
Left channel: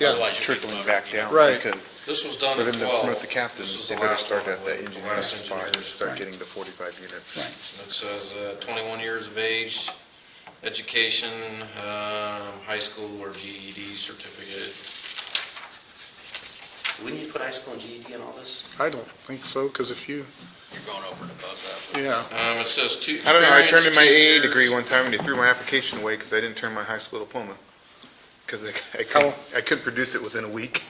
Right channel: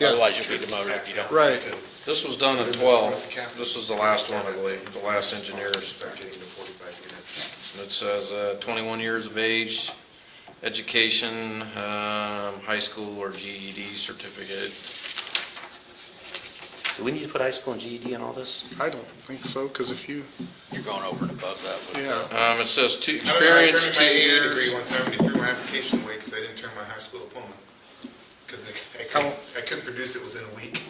Yeah. Otherwise, you'll be demoted if you don't. Right. This was done in 12. This was the last one, I believe, the last engineers. Start getting to 45 units. It says 21 years of age, education, high school or GED certificate. Do we need to put high school and GED in all this? I don't think so, because if you, You're going over and above that. with yeah. It says two I don't know, I experience, turned in my 2 AA years. degree one time and they threw my application away because I didn't turn my high school diploma. Because I couldn't produce it within a week.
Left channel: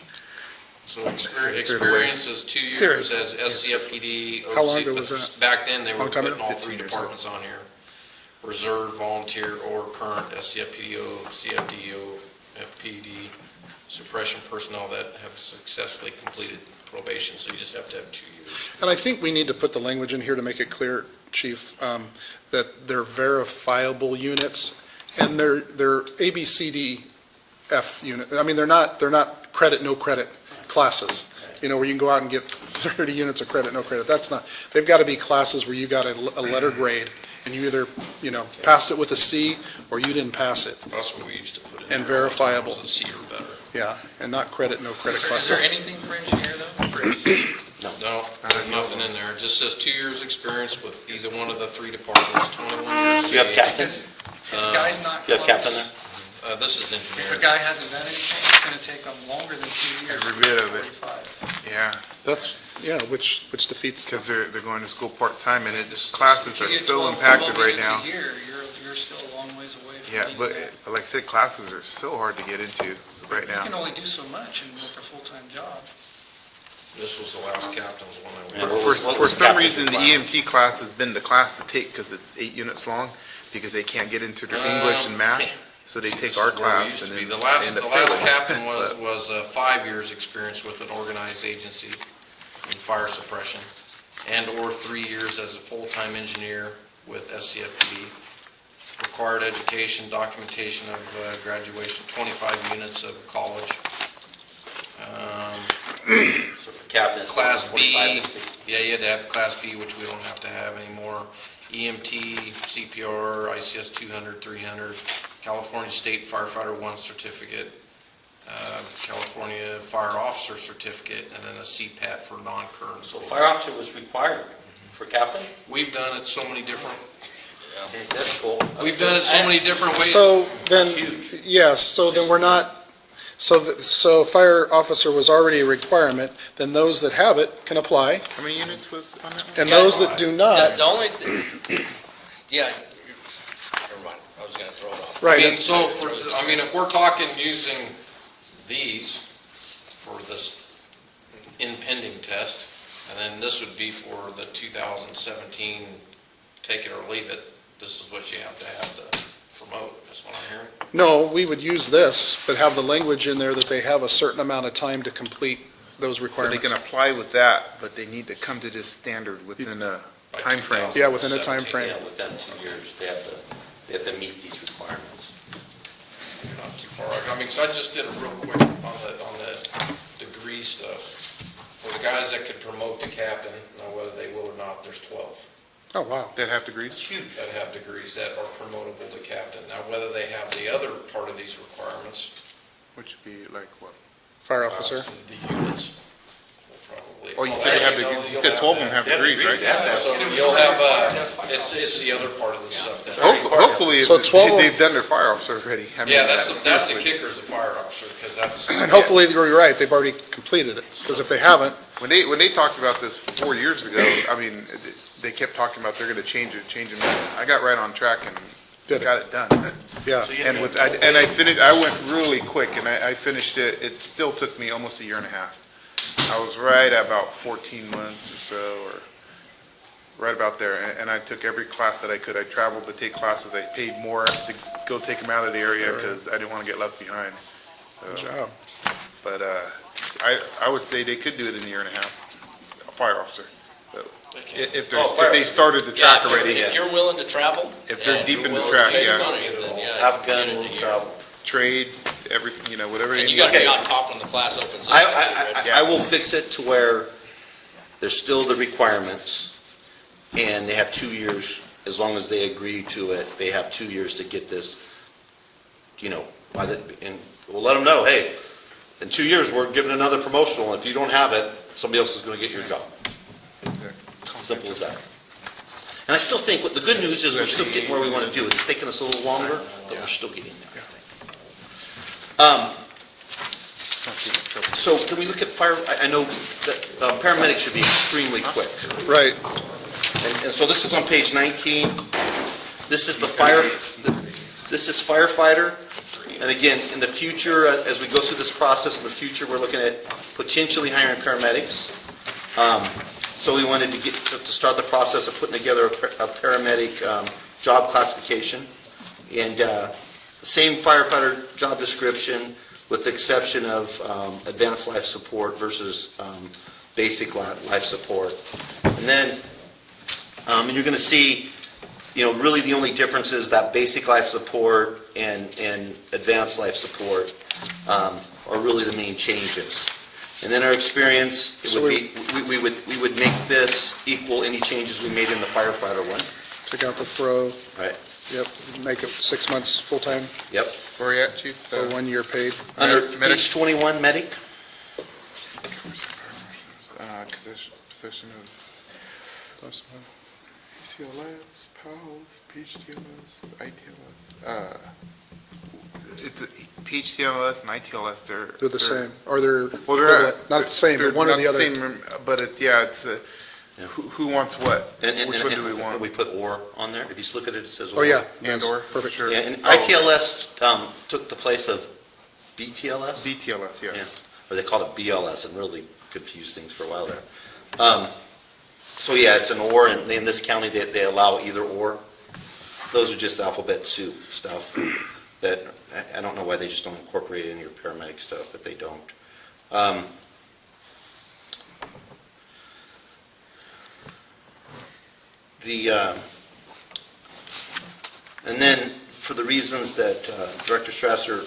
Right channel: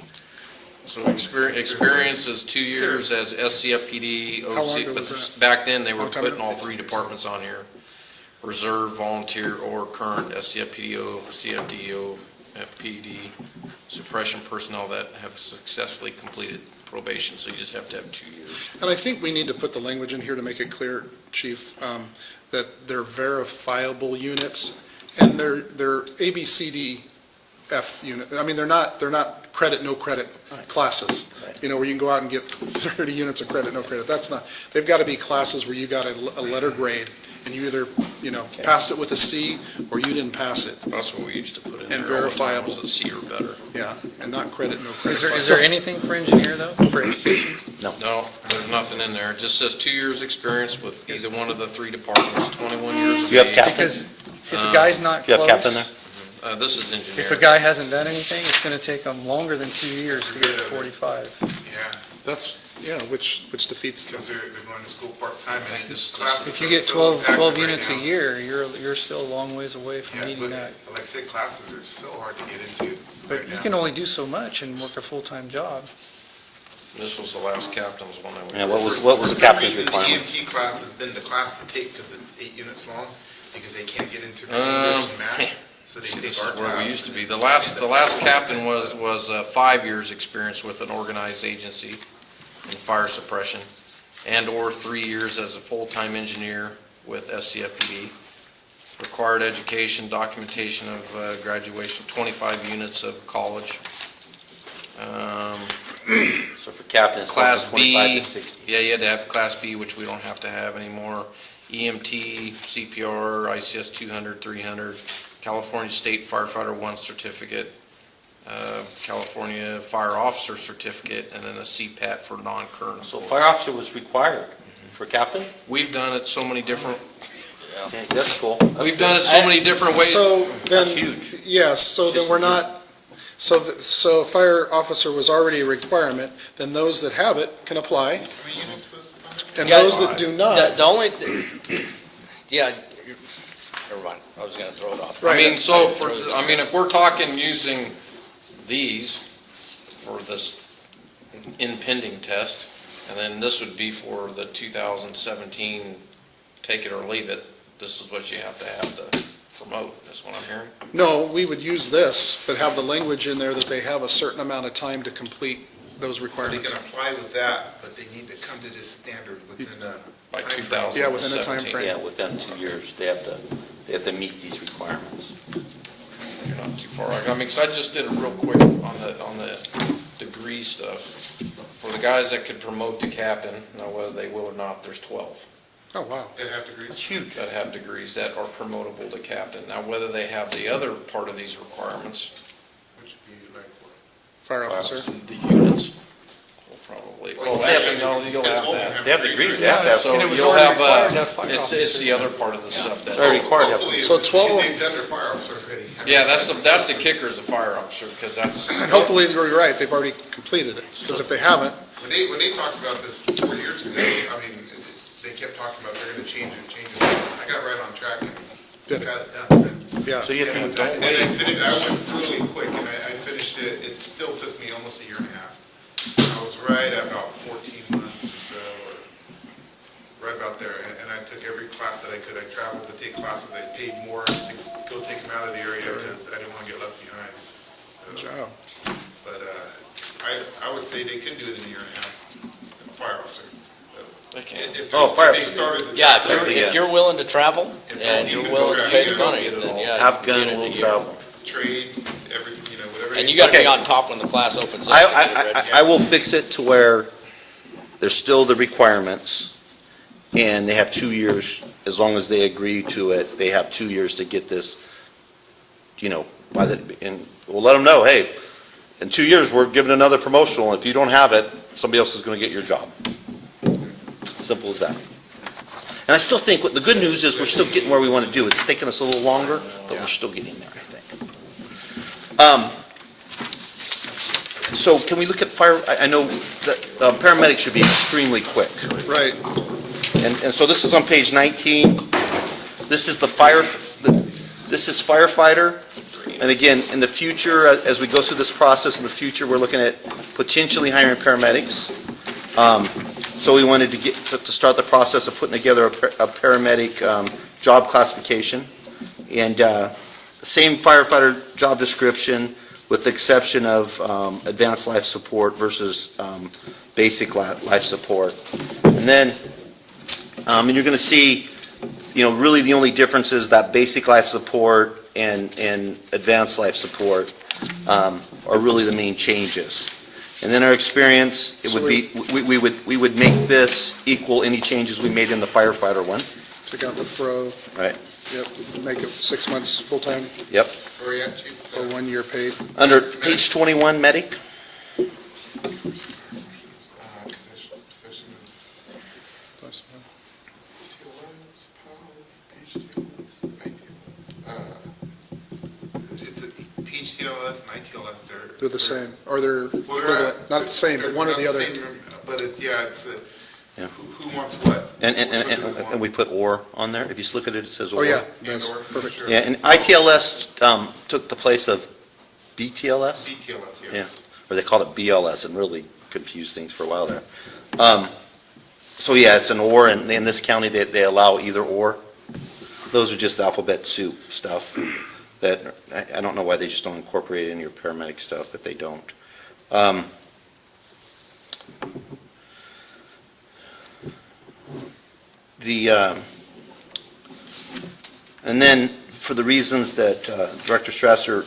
So experience is 2 years as SCFPD. How long OC, ago but was that? Back then, they were Long time putting ago? all 3 departments on here. Reserve, volunteer, or current SCFPD, CFD, FPD, suppression personnel that have successfully completed probation, so you just have to have 2 years. And I think we need to put the language in here to make it clear, Chief, that they're verifiable units, and they're A, B, C, D, F unit. I mean, they're not credit, no credit classes, where you can go out and get 30 units of credit, no credit. That's not, they've got to be classes where you got a letter grade, and you either, passed it with a C, or you didn't pass it. That's what we used to put in And there all the time, verifiable. was a C or better. Yeah, and not credit, no credit Is there classes. anything for engineer though? For- No, there's nothing in there. It just says 2 years' experience with either one of the 3 departments, 21 years of You have age. captain. Because if a guy's not You have captain close, there? This is if a engineer. guy hasn't done anything, it's gonna take him longer than 2 years to Every get bit to of it. 45. Yeah, That's, which defeats the. because they're going to school part-time and it's classes If are you get so 12 impacted right units now. a year, you're still a long ways away from Yeah, meeting but that. like I said, classes are so hard to get into But right you now. can only do so much and work a full-time job. This was the last captain's one I Yeah, went. what For was the some captain's reason, the requirement? EMT class has been the class to take because it's 8 units long, because they can't get into their English and math, so they take our This is where we class. used to and be. then The last they end up failing. captain was 5 years experience with an organized agency in fire suppression, and/or 3 years as a full-time engineer with SCFPD. Required education, documentation of graduation, 25 units of college. So for captain, it's Class 25 B, to 60. yeah, you had to have Class B, which we don't have to have anymore. EMT, CPR, ICS 200, 300, California State Firefighter 1 certificate, California Fire Officer certificate, and then a CPAT for non-current. So fire officer was required for captain? We've done it so many different, Yeah, that's cool. we've done it so many different ways. So then, That's huge. yes, so then we're not, so fire officer was already a requirement, then those that have it can apply, How many units was on that one? and Yeah, those that do The not, the only, yeah, never mind, I was gonna throw it off. right. If we're talking using these for this impending test, and then this would be for the 2017, take it or leave it, this is what you have to promote, that's what I'm hearing. No, we would use this, but have the language in there that they have a certain amount of time to complete those So they requirements. can apply with that, but they need to come to this standard within a By time frame. 2017. Yeah, within a time frame. Yeah, within 2 years, they have to meet these requirements. You're not too far. Because I just did it real quick on the degree stuff. For the guys that could promote to captain, now whether they will or not, there's 12 Oh, wow. That have degrees? It's huge. that have degrees that are promotable to captain. Now, whether they have the other part of these requirements, Which would be like what? Fire officer. the units, will probably. Well, you well, said actually, have no, degrees. You you'll said have 12 of them that. have They have degrees, degrees, right? yeah. So And it was you'll already have, required to have fire it's officers. the other part of the stuff that. Hopefully, So 12 of- they've done their fire officer already. I mean, Yeah, that's the kicker is the fire officer, because that's. And hopefully, you're right, they've already completed it, because if they haven't, When they talked about this 4 years ago, I mean, they kept talking about they're gonna change it. I got right on track and Did it. got it done. yeah. So you And have with, and I finished, I went really quick and I finished it, it still took me almost a year and a half. I was right at about 14 months or so, or right about there. And I took every class that I could. I traveled to take classes. I paid more to go take them out of the area because I didn't want to get left behind. Good job. But I would say they could do it in a year and a half, a fire officer. So, Okay. If fire they officer. started the Yeah, track already, if you're willing to travel, If they're and deep you're in the willing track, to pay the yeah. money, then yeah, Have you can gun, get it will a year. travel. trades, everything, whatever. And you gotta be Okay. on top when the class opens up. to get registered. I will fix it to where there's still the requirements, and they have 2 years as long as they agree to it, they have 2 years to get this, and we'll let them know, hey, in 2 years, we're giving another promotional, and if you don't have it, somebody else is going to get your job. Simple as that. And I still think, the good news is we're still getting where we want to do. It's taking us a little longer, but we're still getting there, I think. So can we look at fire, I know that paramedics should be extremely quick. Right. And so this is on page 19. This is this is firefighter. And again, in the future, as we go through this process in the future, we're looking at potentially hiring paramedics. So we wanted to start the process of putting together a paramedic job classification. And same firefighter job description with the exception of advanced life support versus basic life support. And then and you're going to see, really the only difference is that basic life support and advanced life support are really the main changes. And then our experience, we would make this equal any changes we made in the firefighter one. Take out the fro. Right. Yep. Make it 6 months full-time Yep. Where are you at, Chief? or 1 year paid. Under page 21, medic. Position of CLS, PALS, PHTLS, ITLS. It's PHTLS and ITLS. They're the same, or they're Well, they're equivalent. Not the same, but one or the other. But it's who wants what? And Which one do we want? and we put or on there. If you just look at it, it says or. Oh, yeah, And that's or, perfect. sure. Yeah, and ITLS took the place of BTLS. BTLS, yes. Or they called it BLS and really confused things for a while there. So yeah, it's an or, and in this county, they allow either or. Those are just alphabet soup stuff that, I don't know why they just don't incorporate it in your paramedic stuff, but they don't. And then, for the reasons that Director Strasser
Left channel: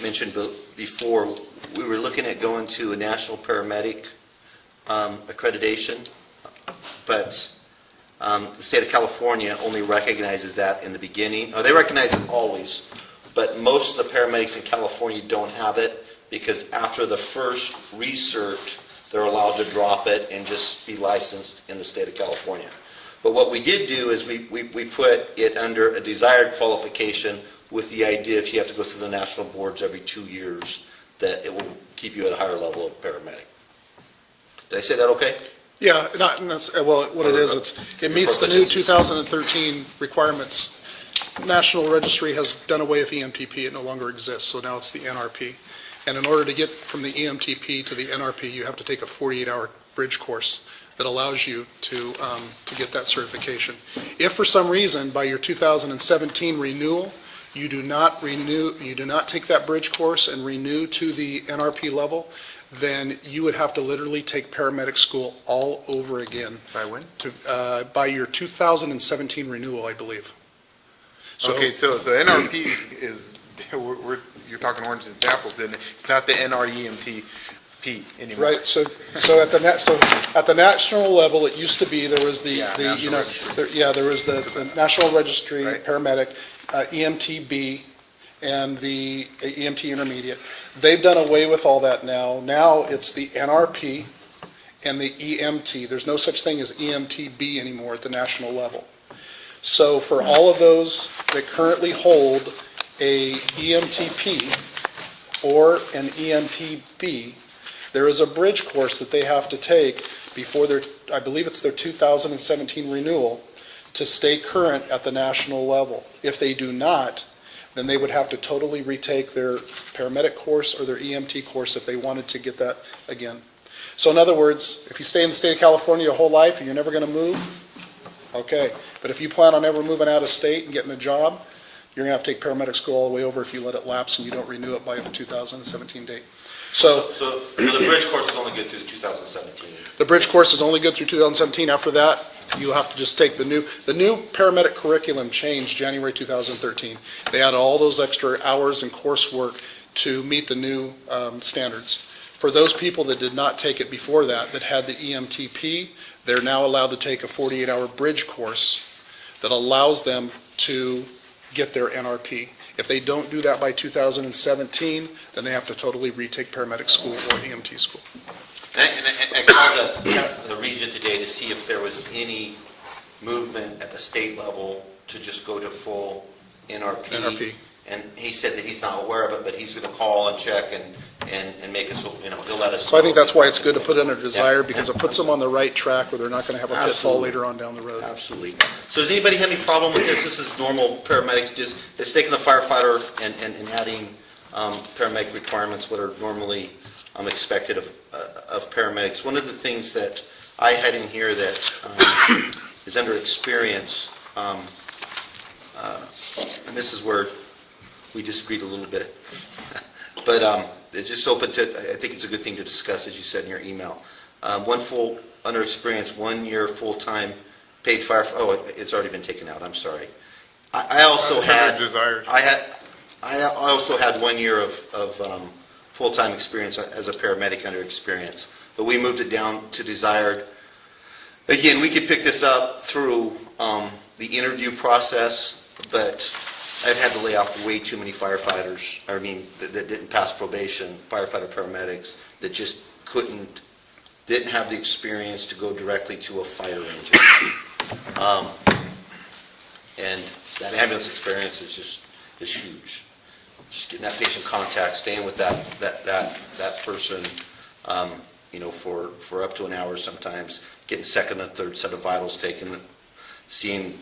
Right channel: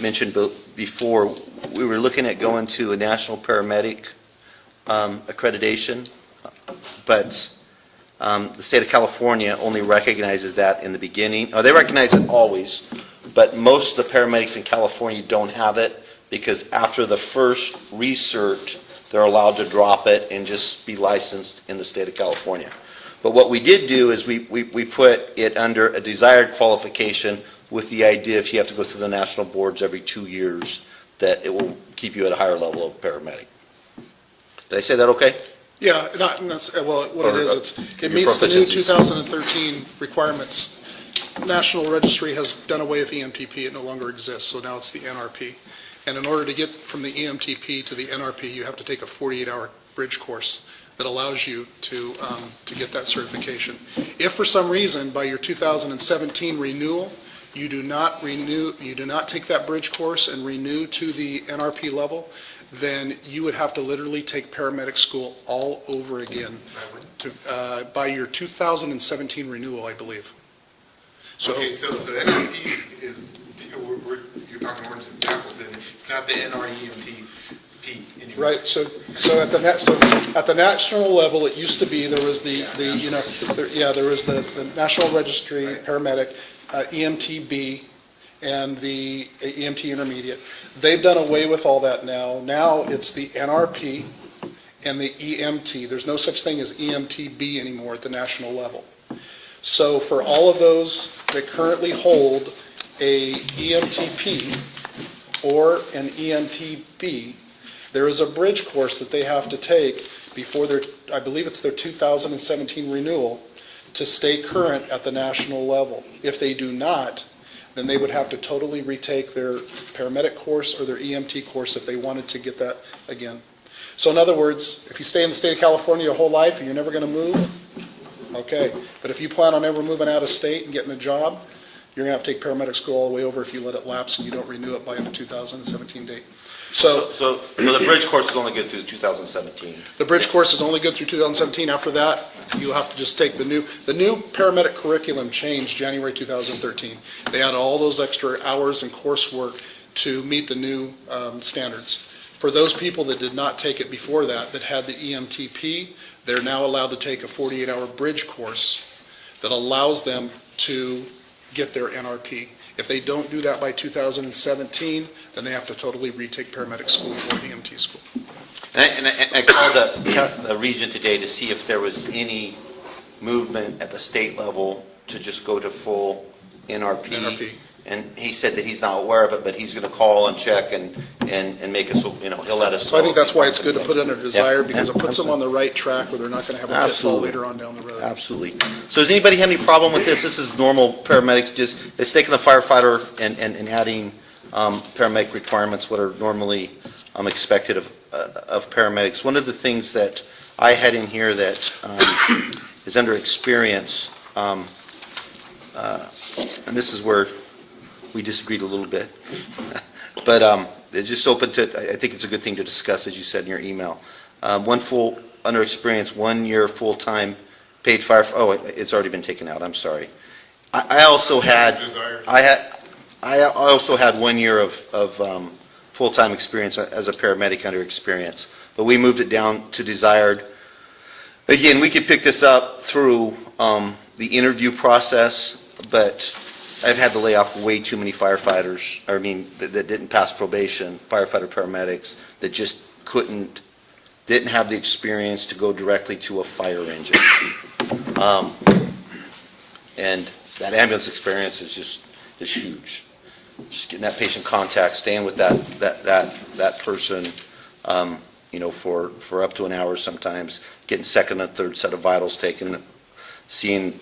mentioned before, we were looking at going to a national paramedic accreditation, but the state of California only recognizes that in the beginning. They recognize it always, but most of the paramedics in California don't have it because after the first recert, they're allowed to drop it and just be licensed in the state of California. But what we did do is we put it under a desired qualification with the idea if you have to go through the national boards every 2 years, that it will keep you at a higher level of paramedic. Did I say that okay? Yeah, what it is, it meets the new 2013 requirements. National Registry has done away with EMTP, it no longer exists, so now it's the NRP. And in order to get from the EMTP to the NRP, you have to take a 48-hour bridge course that allows you to get that certification. If for some reason, by your 2017 renewal, you do not take that bridge course and renew to the NRP level, then you would have to literally take paramedic school all over again. By when? By your 2017 renewal, I believe. Okay, so NRP is you're talking oranges and apples, then it's not the NREMTP anymore. Right, so at the national level, it used to be, there was there was the National Registry Right. paramedic, EMTB, and the EMT intermediate. They've done away with all that now. Now it's the NRP and the EMT. There's no such thing as EMTB anymore at the national level. So for all of those that currently hold a EMTP or an EMTB, there is a bridge course that they have to take before I believe it's their 2017 renewal, to stay current at the national level. If they do not, then they would have to totally retake their paramedic course or their EMT course if they wanted to get that again. So in other words, if you stay in the state of California your whole life and you're never going to move, okay. But if you plan on ever moving out of state and getting a job, you're going to have to take paramedic school all the way over if you let it lapse and you don't renew it by the 2017 date. So the bridge course is only good through 2017. the bridge course is only good through 2017. After that, you'll have to just take the new paramedic curriculum changed January 2013. They added all those extra hours and coursework to meet the new standards. For those people that did not take it before that had the EMTP, they're now allowed to take a 48-hour bridge course that allows them to get their NRP. If they don't do that by 2017, then they have to totally retake paramedic school or EMT school. And I called the region today to see if there was any movement at the state level to just go to full NRP. NRP. And he said that he's not aware of it, but he's going to call and check and make us, he'll let us. So I think that's why it's good to put it under desire, Yeah. because it puts them on the right track where they're not going to have a pitfall Absolutely. later on down the road. Absolutely. So does anybody have any problem with this? This is normal paramedics, just, it's taking the firefighter and adding paramedic requirements, what are normally expected of paramedics. One of the things that I had in here that is under experience, and this is where we disagreed a little bit, but it's just open to, I think it's a good thing to discuss, as you said in your email. Under experience, 1 year full-time paid fire, it's already been taken out, I'm sorry. I also had, Desired. I also had 1 year of full-time experience as a paramedic under experience, but we moved it down to desired. Again, we could pick this up through the interview process, but I've had to lay off way too many firefighters, that didn't pass probation, firefighter paramedics, that just didn't have the experience to go directly to a fire engine. And that ambulance experience is huge. Just getting that patient contact, staying with that person, for up to an hour sometimes, getting second and third set of vitals taken, seeing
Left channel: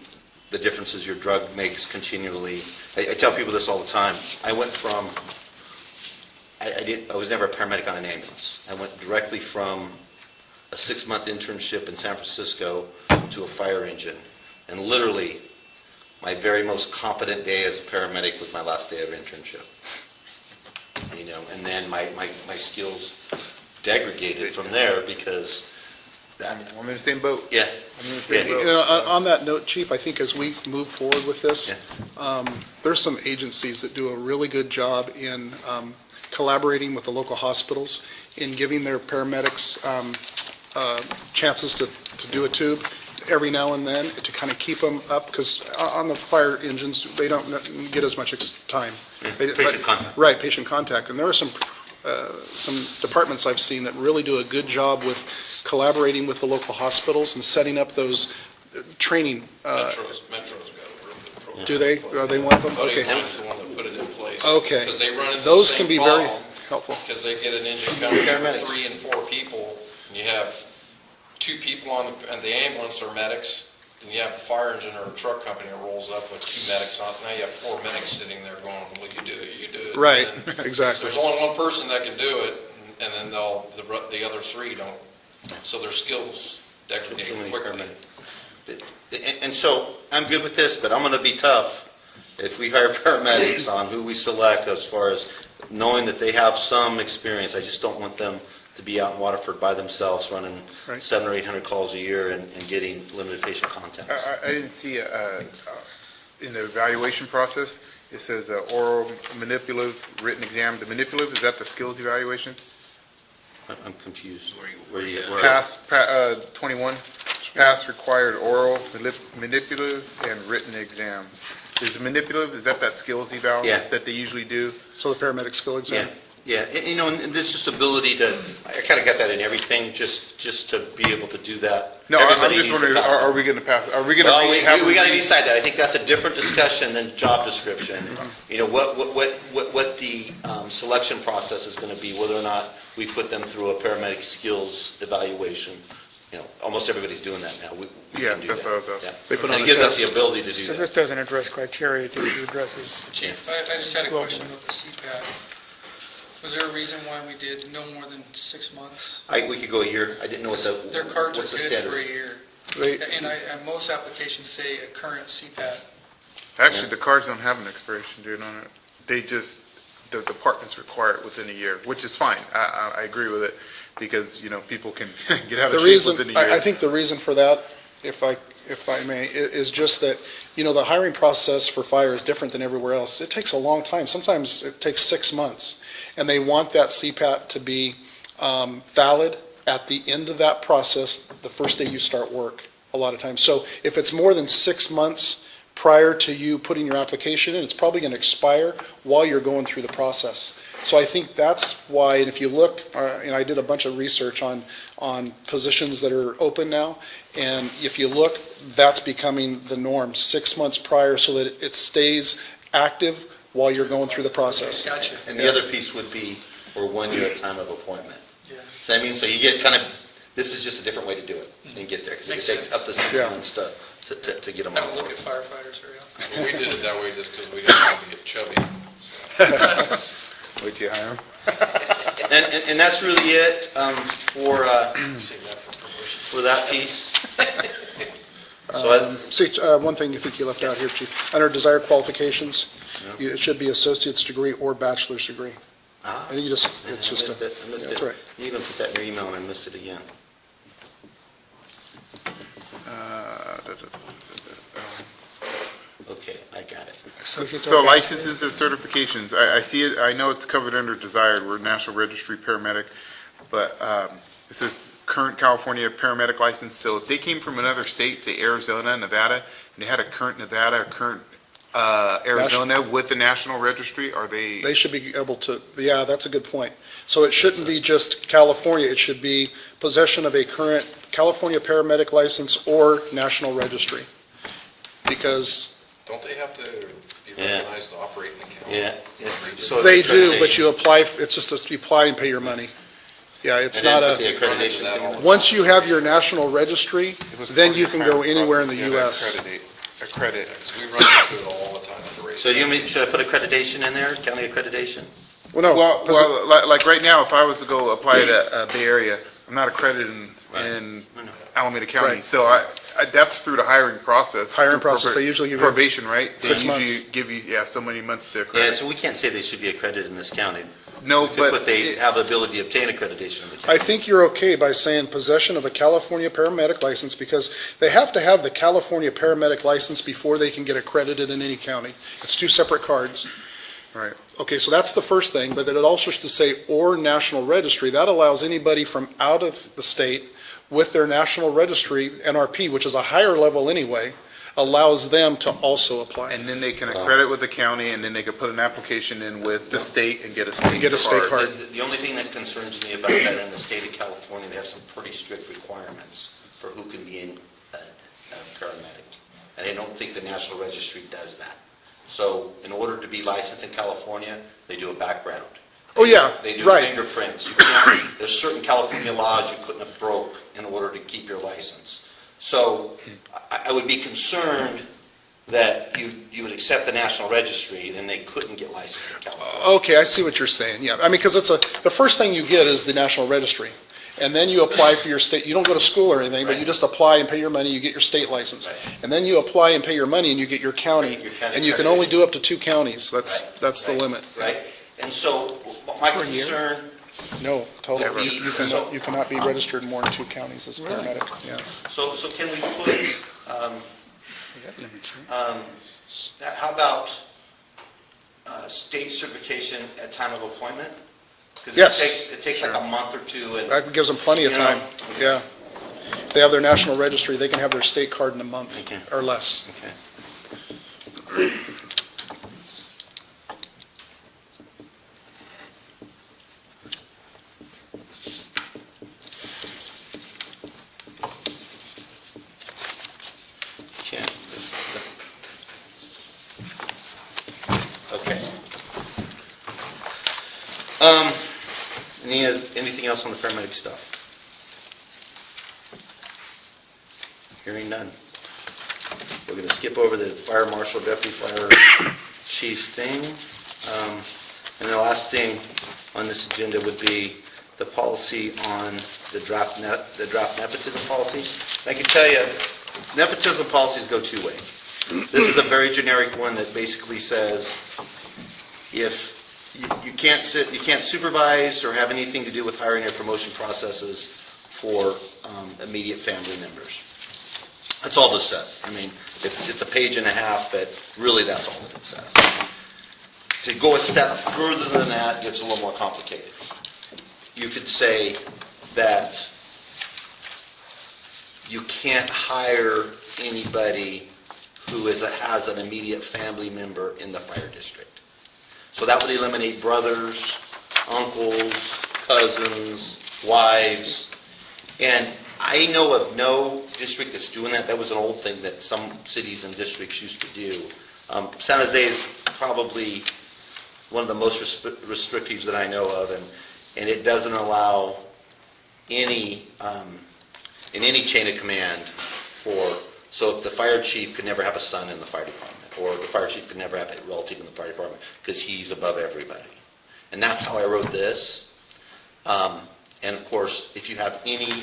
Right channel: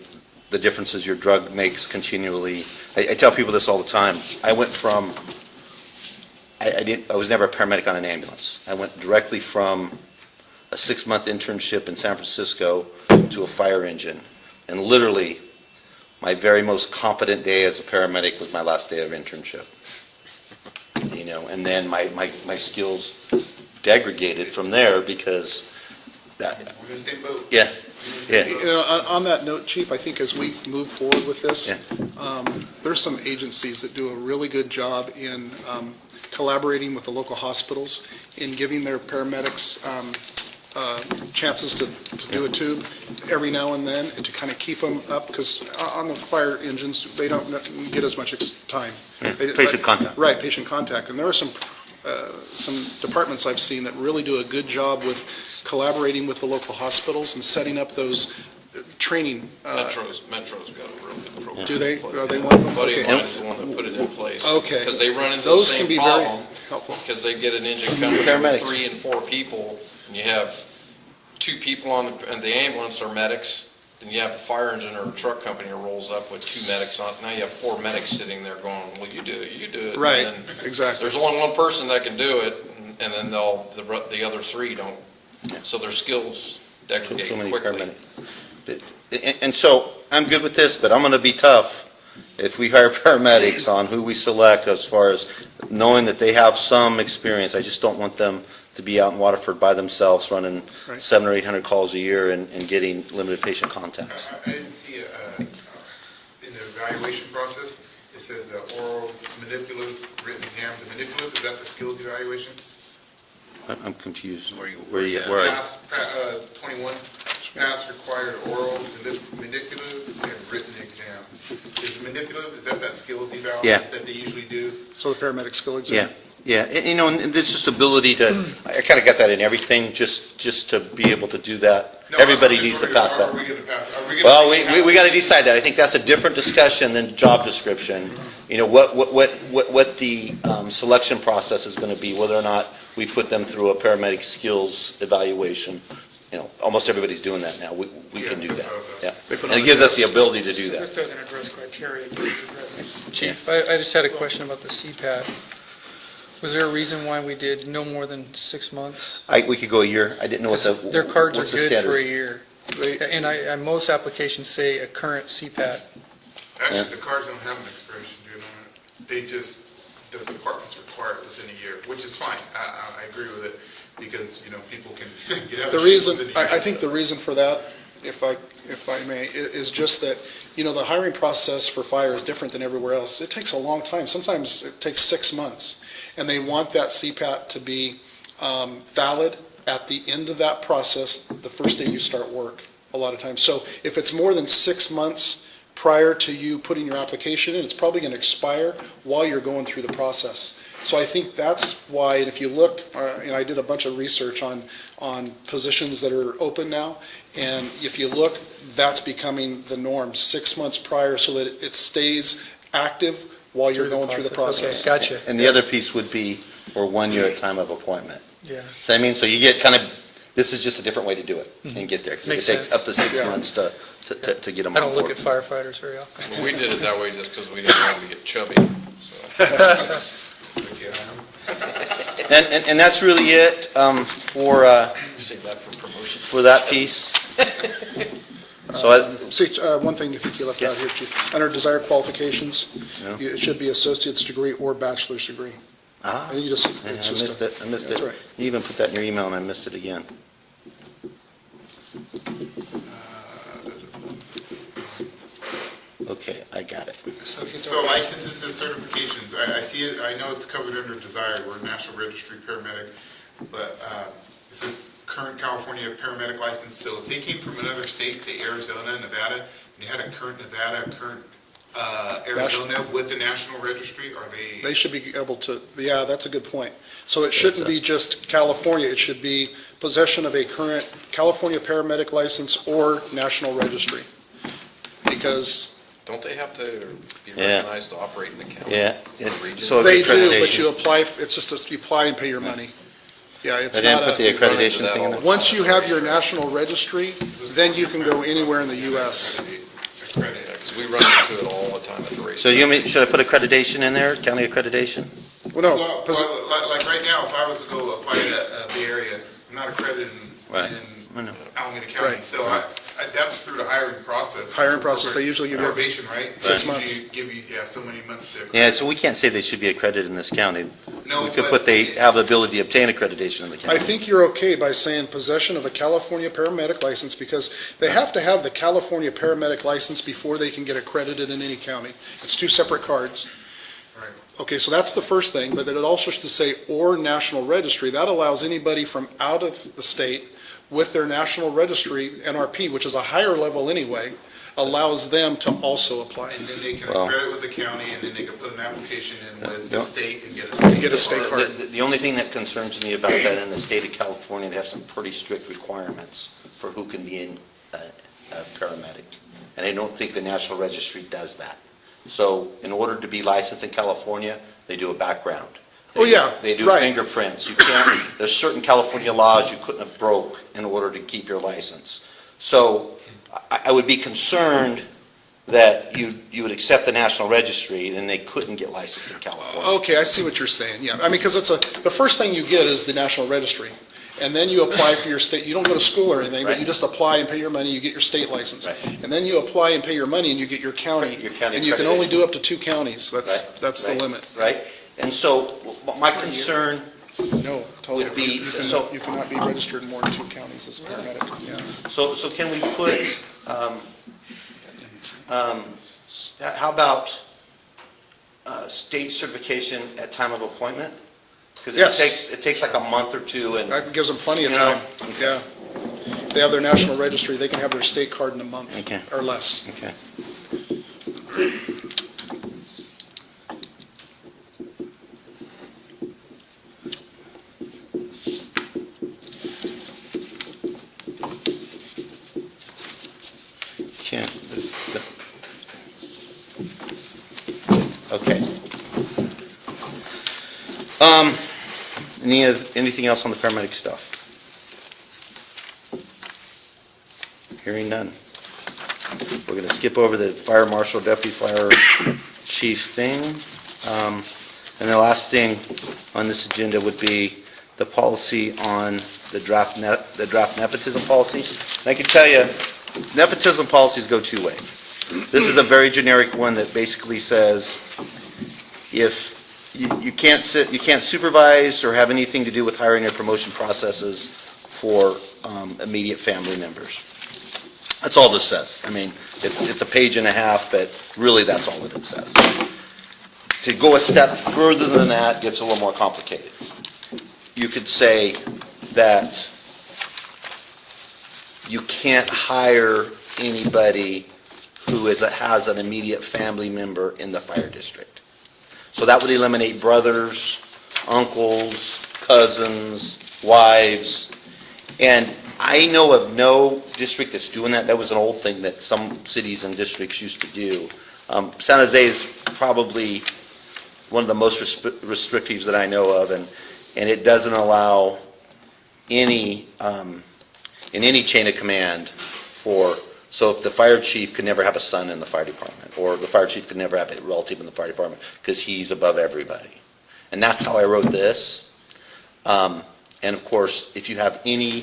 the differences your drug makes continually. I tell people this all the time. I went from, I was never a paramedic on an ambulance. I went directly from a 6-month internship in San Francisco to a fire engine. And literally, my very most competent day as a paramedic was my last day of internship. And then my skills degraded from there because I'm in the same boat. Yeah. I'm in the same You boat. know, on that note, Chief, I think as we move forward with this, there's some agencies that do a really good job in collaborating with the local hospitals in giving their paramedics chances to do a tube every now and then, and to kind of keep them up, because on the fire engines, they don't get as much time. Patient contact. Right, patient contact. And there are some departments I've seen that really do a good job with collaborating with the local hospitals and setting up those training. Metro's got a real good program. Do they? Are they one of them? Buddy of Okay. mine is the one that put it in place. Okay. Because they run into the Those same can be very problem, helpful. because they get an engine coming with Paramedics. 3 and 4 people, and you have 2 people and the ambulance are medics, and you have a fire engine or a truck company that rolls up with 2 medics on it. Now you have 4 medics sitting there going, well, you do it. Right, And then exactly. there's only one person that can do it, and then the other 3 don't. So their skills degrade So many quickly. And so, I'm good with this, but I'm going to be tough if we hire paramedics on who we select, as far as knowing that they have some experience. I just don't want them to be out in Waterford by themselves running Right. 700 or 800 calls a year and getting limited patient contacts. I didn't see, in the evaluation process, it says oral, manipulative, written exam. The manipulative, is that the skills evaluation? I'm confused. Where you at? Pass, 21, pass required oral, manipulative, and written exam. Is the manipulative, is that skills eval Yeah. that they usually do? So the paramedic skill exam. Yeah, and there's just ability to, I kind of got that in everything, just to be able to do that. No, I'm Everybody just needs to wondering, pass that. are we going to pass, are we going to? Well, we got to decide that. I think that's a different discussion than job description. What the selection process is going to be, whether or not we put them through a paramedic skills evaluation. Almost everybody's doing that now. We Yeah, can do that's that. what I was asking. Yeah. They put And on it a gives us the test. ability to do So that. this doesn't address criteria to address it. Chief, I just had a question about the CPAT. Was there a reason why we did no more than 6 months? We could go a year. I didn't know what the. Their cards are what's the good standard? for a year. They, And most applications say a current CPAT. Actually, the cards don't have an expiration date on it. They just, the departments require it within a year, which is fine. I agree with it, because, people can get out the of reason, shape within a year. I think the reason for that, if I may, is just that, the hiring process for fire is different than everywhere else. It takes a long time. Sometimes it takes 6 months. And they want that CPAT to be valid at the end of that process, the first day you start work, a lot of times. So if it's more than 6 months prior to you putting your application in, it's probably going to expire while you're going through the process. So I think that's why, and if you look, and I did a bunch of research on positions that are open now, and if you look, that's becoming the norm, 6 months prior, so that it stays active while you're going through the process. Okay, gotcha. And the other piece would be for 1 year time of appointment. Yeah. So I mean, so you get kind of, this is just a different way to do it and get there. 'Cause Makes it takes sense. up to 6 Yeah. months to get them. I don't look at firefighters very often. Well, we did it that way just because we didn't want to get chubby. So. Wait till you hire them. And that's really it for that piece. So One thing I think you left out here, Chief, under desired qualifications, it should be associate's degree or bachelor's degree. And you just, it's just, I missed yeah, it. that's right. You even put that in your email and I missed it again. Okay, I got it. So licenses and certifications, I see it, I know it's covered under desired, we're National Registry Paramedic, but it says current California paramedic license, so if they came from another state, say Arizona, Nevada, and they had a current Nevada, a current Arizona with the National Registry, are they? They should be able to, yeah, that's a good point. So it shouldn't be just California, it should be possession of a current California paramedic license or national registry. Because Don't they have to be Yeah. recognized to operate in the county? Yeah. So they do, but accreditation. you apply, it's just you apply and pay your money. Yeah, it's I didn't not put the a, accreditation that thing all in. the once you have your national registry, then you can go anywhere in the US. Accredit. Because we run into it all the time at the race. So should I put accreditation in there, county accreditation? Well, no, Well, like right now, if I was to go apply to Bay Area, I'm not accredited in I know. Alameda County, Right. so that's through the hiring process. Hiring Through process, they usually give you probation, right? They 6 usually months. Give you, so many months to Yeah, accredit. so we can't say they should be accredited in this county. No, We could but put they have the ability to obtain accreditation in the I county. think you're okay by saying possession of a California paramedic license, because they have to have the California paramedic license before they can get accredited in any county. It's 2 separate cards. Right. Okay, so that's the first thing, but then it also should say or national registry. That allows anybody from out of the state with their national registry, NRP, which is a higher level anyway, allows them to also apply. And then they can accredit with the county, and then they can put an application in with the state and get a state. Get a state card. card. The only thing that concerns me about that in the state of California, they have some pretty strict requirements for who can be a paramedic. And I don't think the National Registry does that. So in order to be licensed in California, they do a background. Oh, yeah, They do right. fingerprints. There's certain California laws you couldn't have broke in order to keep your license. So I would be concerned that you would accept the National Registry, then they couldn't get licensed in California. Okay, I see what you're saying, yeah. I mean, because the first thing you get is the national registry. And then you apply for your state, you don't go to school or anything, but you just apply and pay your money, you get your state license. Right. And then you apply and pay your money and you get your county. Your county And you can only accreditation. do up to 2 counties, Right, that's the right, limit. Right? And so my concern, No, totally. Would be- You cannot be registered in more than 2 counties as a paramedic, yeah. so can we put, how about state certification at time of appointment? Because Yes. it takes like a month or two, and That gives them plenty of You know. time, yeah. If they have their national registry, they can have their state card in a month Okay. or less. okay. Okay. Okay. Anything else on the paramedic stuff? Hearing none. We're going to skip over the fire marshal, deputy fire chief thing. And the last thing on this agenda would be the policy on the draft nepotism policy. And I can tell you, nepotism policies go 2 ways. This is a very generic one that basically says if you can't supervise or have anything to do with hiring and promotion processes for immediate family members. That's all this says. I mean, it's a page and a half, but really that's all that it says. To go a step further than that gets a little more complicated. You could say that you can't hire anybody who has an immediate family member in the fire district. So that would eliminate brothers, uncles, cousins, wives. And I know of no district that's doing that. That was an old thing that some cities and districts used to do. San Jose is probably one of the most restrictives that I know of, and it doesn't allow any, in any chain of command so if the fire chief could never have a son in the fire department, or the fire chief could never have a relative in the fire department, because he's above everybody. And that's how I wrote this. And of course, if you have any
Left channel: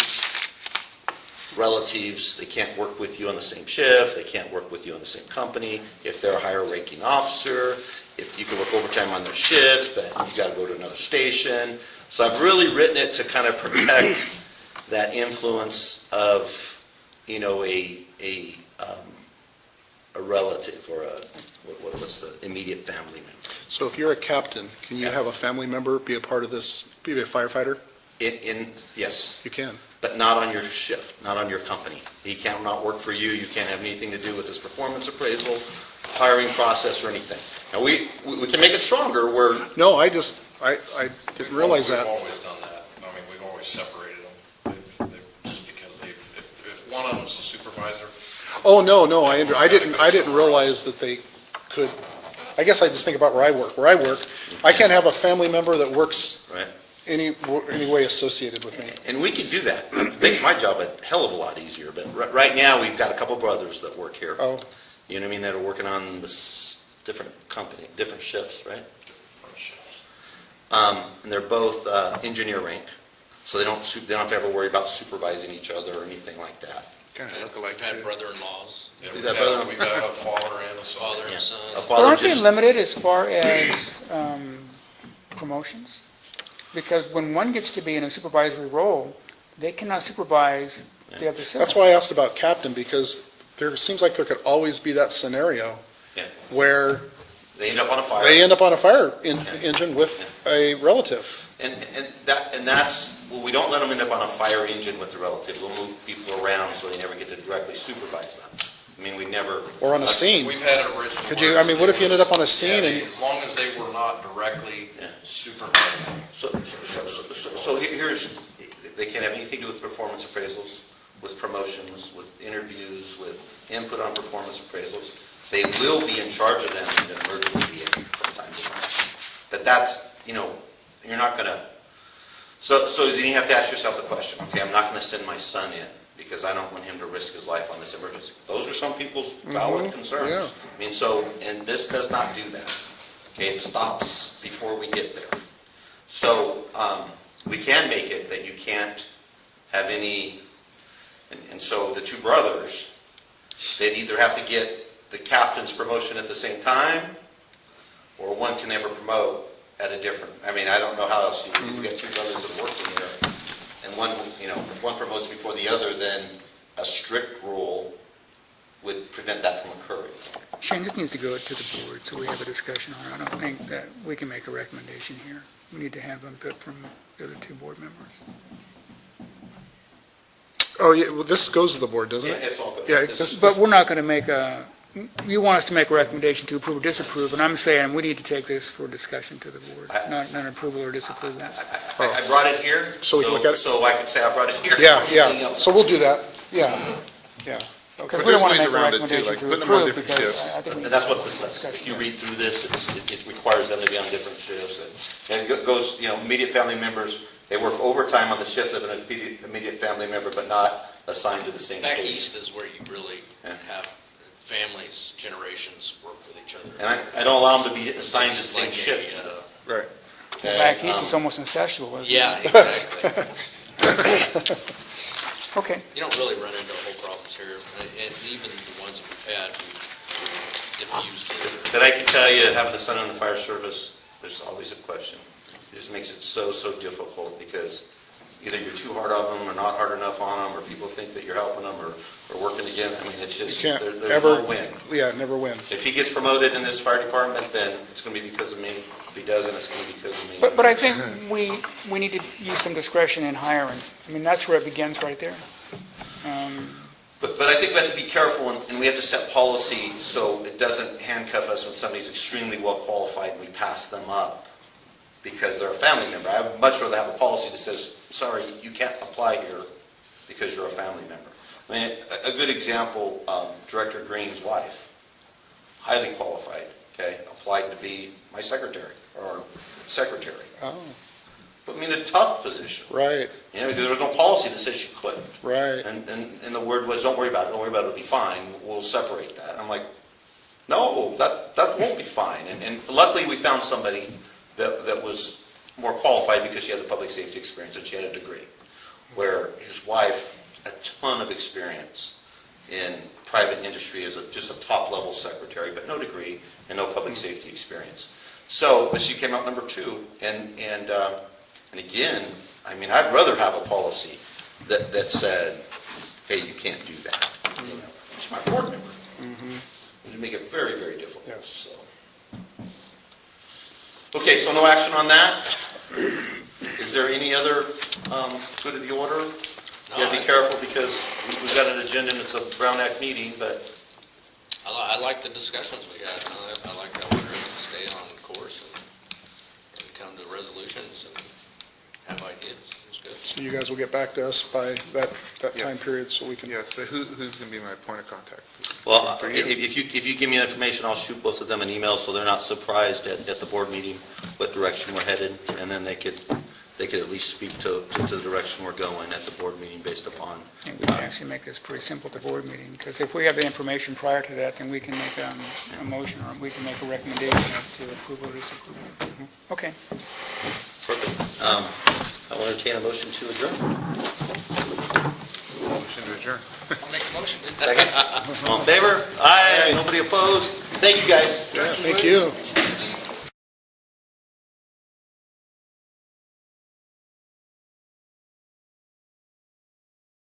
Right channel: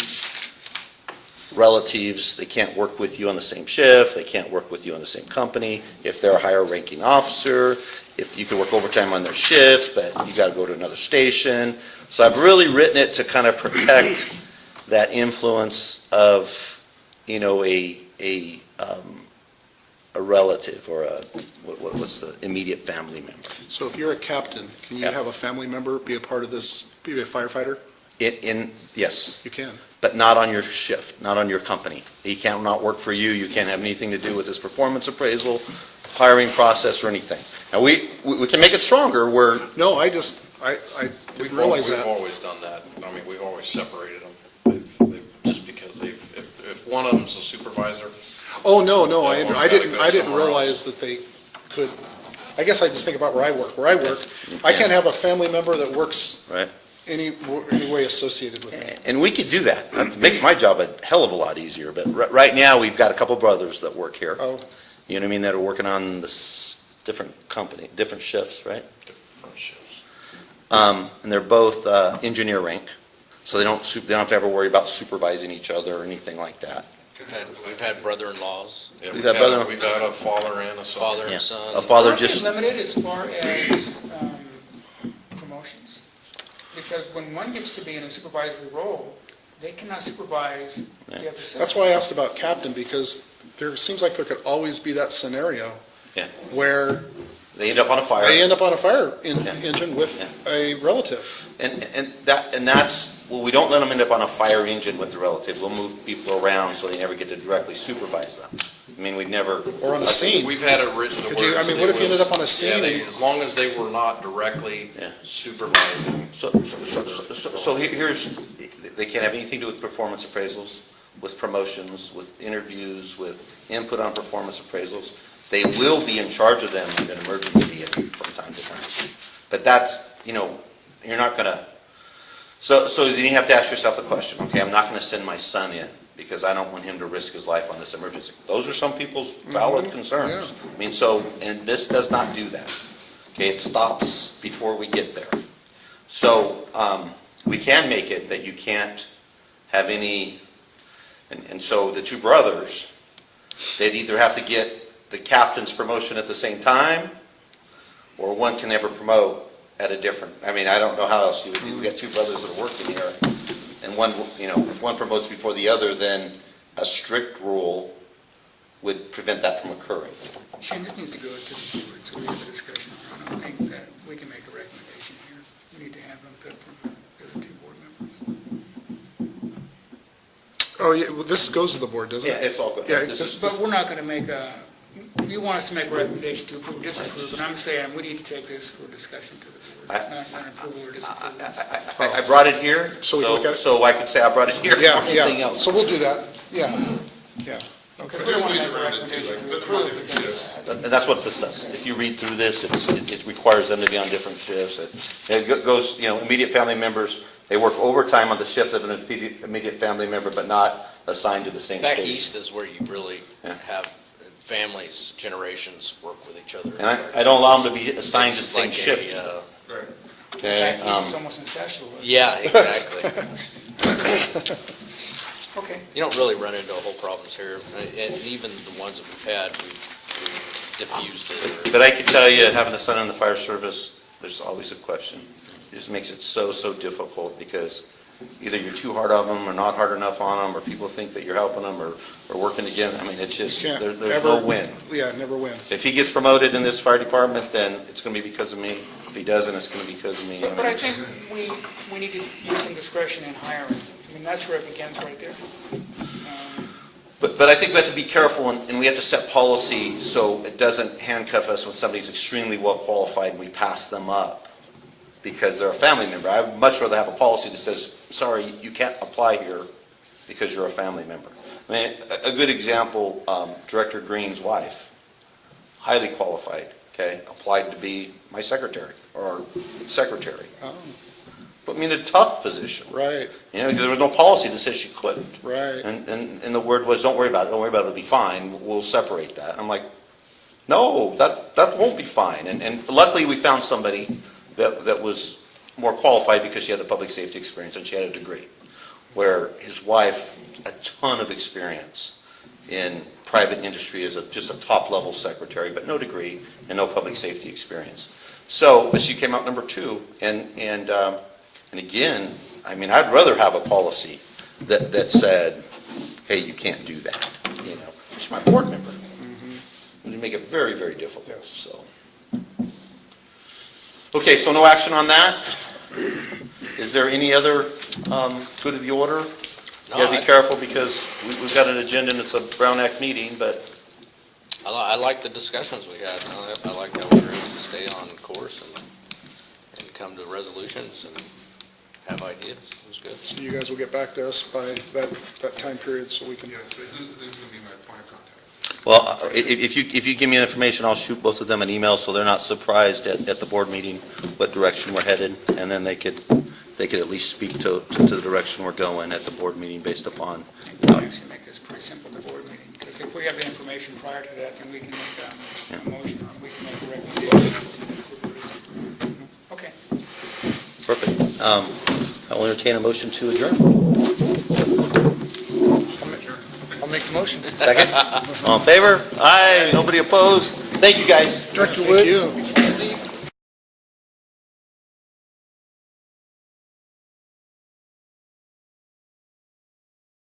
relatives, they can't work with you on the same shift, they can't work with you on the same company, if they're a higher ranking officer, if you can work overtime on their shift, but you gotta go to another station. So I've really written it to kind of protect that influence of, a relative or what's the immediate family member. So if you're a captain, can you have a family member be a part of this, be a firefighter? Yes, You can. but not on your shift, not on your company. He cannot work for you, you can't have anything to do with his performance appraisal, hiring process, or anything. Now, we can make it stronger where, No, I didn't realize that. We've always done that. I mean, we've always separated them, just because if one of them's a supervisor. Oh, no, I didn't realize that they could, I guess I just think about where I work. Where I work, I can't have a family member that works right? any way associated with me. And we could do that. It makes my job a hell of a lot easier, but right now, we've got a couple brothers that work here. Oh, You know what I mean, that are working on this different company, different shifts, right? Different shifts. And they're both engineer rank, so they don't have to ever worry about supervising each other or anything like that. We've had brother-in-laws, Yeah, We've we've got got a father and a son. father Yeah. and son. A father Aren't they just, limited as far as promotions? Because when one gets to be in a supervisory role, they cannot supervise the other six. that's why I asked about captain, because there seems like there could always be that scenario Yeah. where they end up on a fire. they end up on a fire engine with a relative. And that's, well, we don't let them end up on a fire engine with the relative. We'll move people around so they never get to directly supervise them. I mean, we never. Or on a scene. We've had it written. Could you, I mean, what if you ended up on a scene and, As long as they were not directly Yeah. supervising. So here's, they can't have anything to do with performance appraisals, with promotions, with interviews, with input on performance appraisals. They will be in charge of them in an emergency from time to time. But that's, you're not gonna, so then you have to ask yourself the question, okay, I'm not gonna send my son in because I don't want him to risk his life on this emergency. Those are some people's valid concerns. yeah. I mean, and this does not do that. Okay, it stops before we get there. So, we can make it that you can't have any, and so the two brothers, they'd either have to get the captain's promotion at the same time, or one can never promote at a different, I mean, I don't know how else you get two brothers that work together, and one, if one promotes before the other, then a strict rule would prevent that from occurring. Shane, this needs to go to the board, so we have a discussion on it. I don't think that we can make a recommendation here. We need to have input from the other two board members. oh, yeah, well, this goes to the board, doesn't Yeah, it? it's all good. Yeah, This is- But we're not going to make you want us to make a recommendation to approve or disapprove, and I'm saying we need to take this for discussion to the board, not an approval or disapproval. I brought it here. So we can look at it? So I could say I brought it here. Yeah, Anything yeah, else? so we'll do that, yeah. Because But we don't there's want to ways make a around it, too, recommendation like to putting them on approve, different because shifts. I think. And that's what this does. If you read through this, it requires them to be on different shifts. And it goes, immediate family members, they work overtime on the shift of an immediate family member, but not assigned to the same shift. Back east is where you really Yeah. have families, generations work with each other. And I don't allow them to be assigned to the It's same like shift. Right. Back east, And, it's almost incestual, isn't it? Yeah, exactly. Okay. You don't really run into whole problems here, and even the ones that we've had, we've diffused it. But I can tell you, having a son in the fire service, there's always a question. It just makes it so difficult because either you're too hard on them or not hard enough on them, or people think that you're helping them or working together. I mean, it's You just, can't there's ever no win. Yeah, never win. If he gets promoted in this fire department, then it's going to be because of me. If he doesn't, it's going to be because of me. But I think we need to use some discretion in hiring. I mean, that's where it begins right there. But I think we have to be careful, and we have to set policy so it doesn't handcuff us when somebody's extremely well qualified and we pass them up because they're a family member. I would much rather have a policy that says, sorry, you can't apply here because you're a family member. I mean, a good example, Director Green's wife, highly qualified, okay, applied to be my secretary or secretary. Oh, Put me in a tough position. right, You know, because there was no policy that says she couldn't. right. And the word was, don't worry about it, it'll be fine, we'll separate that. I'm like, no, that won't be fine. And luckily, we found somebody that was more qualified because she had the public safety experience and she had a degree. Where his wife, a ton of experience in private industry as just a top-level secretary, but no degree and no public safety experience. So, but she came out number 2, and again, I mean, I'd rather have a policy that said, hey, you can't do that. You know, she's my board member. It'd make it very, very difficult. Yes. So. Okay, so no action on that? Is there any other good of the order? No, Gotta be careful because we've got an agenda and it's a Brown Act meeting, but I like the discussions we had. I like how we were able to stay on course and come to resolutions and have ideas. It was good. So you guys will get back to us by that time period so we can. Yes, so who's going to be my point of contact? well, if you give me information, I'll shoot both of them an email so they're not surprised at the board meeting what direction we're headed, and then they could at least speak to the direction we're going at the board meeting based upon. And we can actually make this pretty simple at the board meeting, because if we have the information prior to that, then we can make a motion, or we can make a recommendation as to approve or disapprove. Okay. Perfect. I'll entertain a motion to adjourn. Motion to adjourn. I'll make the motion. Second. All in favor? Aye. Nobody opposed? Thank you, guys. Yeah, thank you.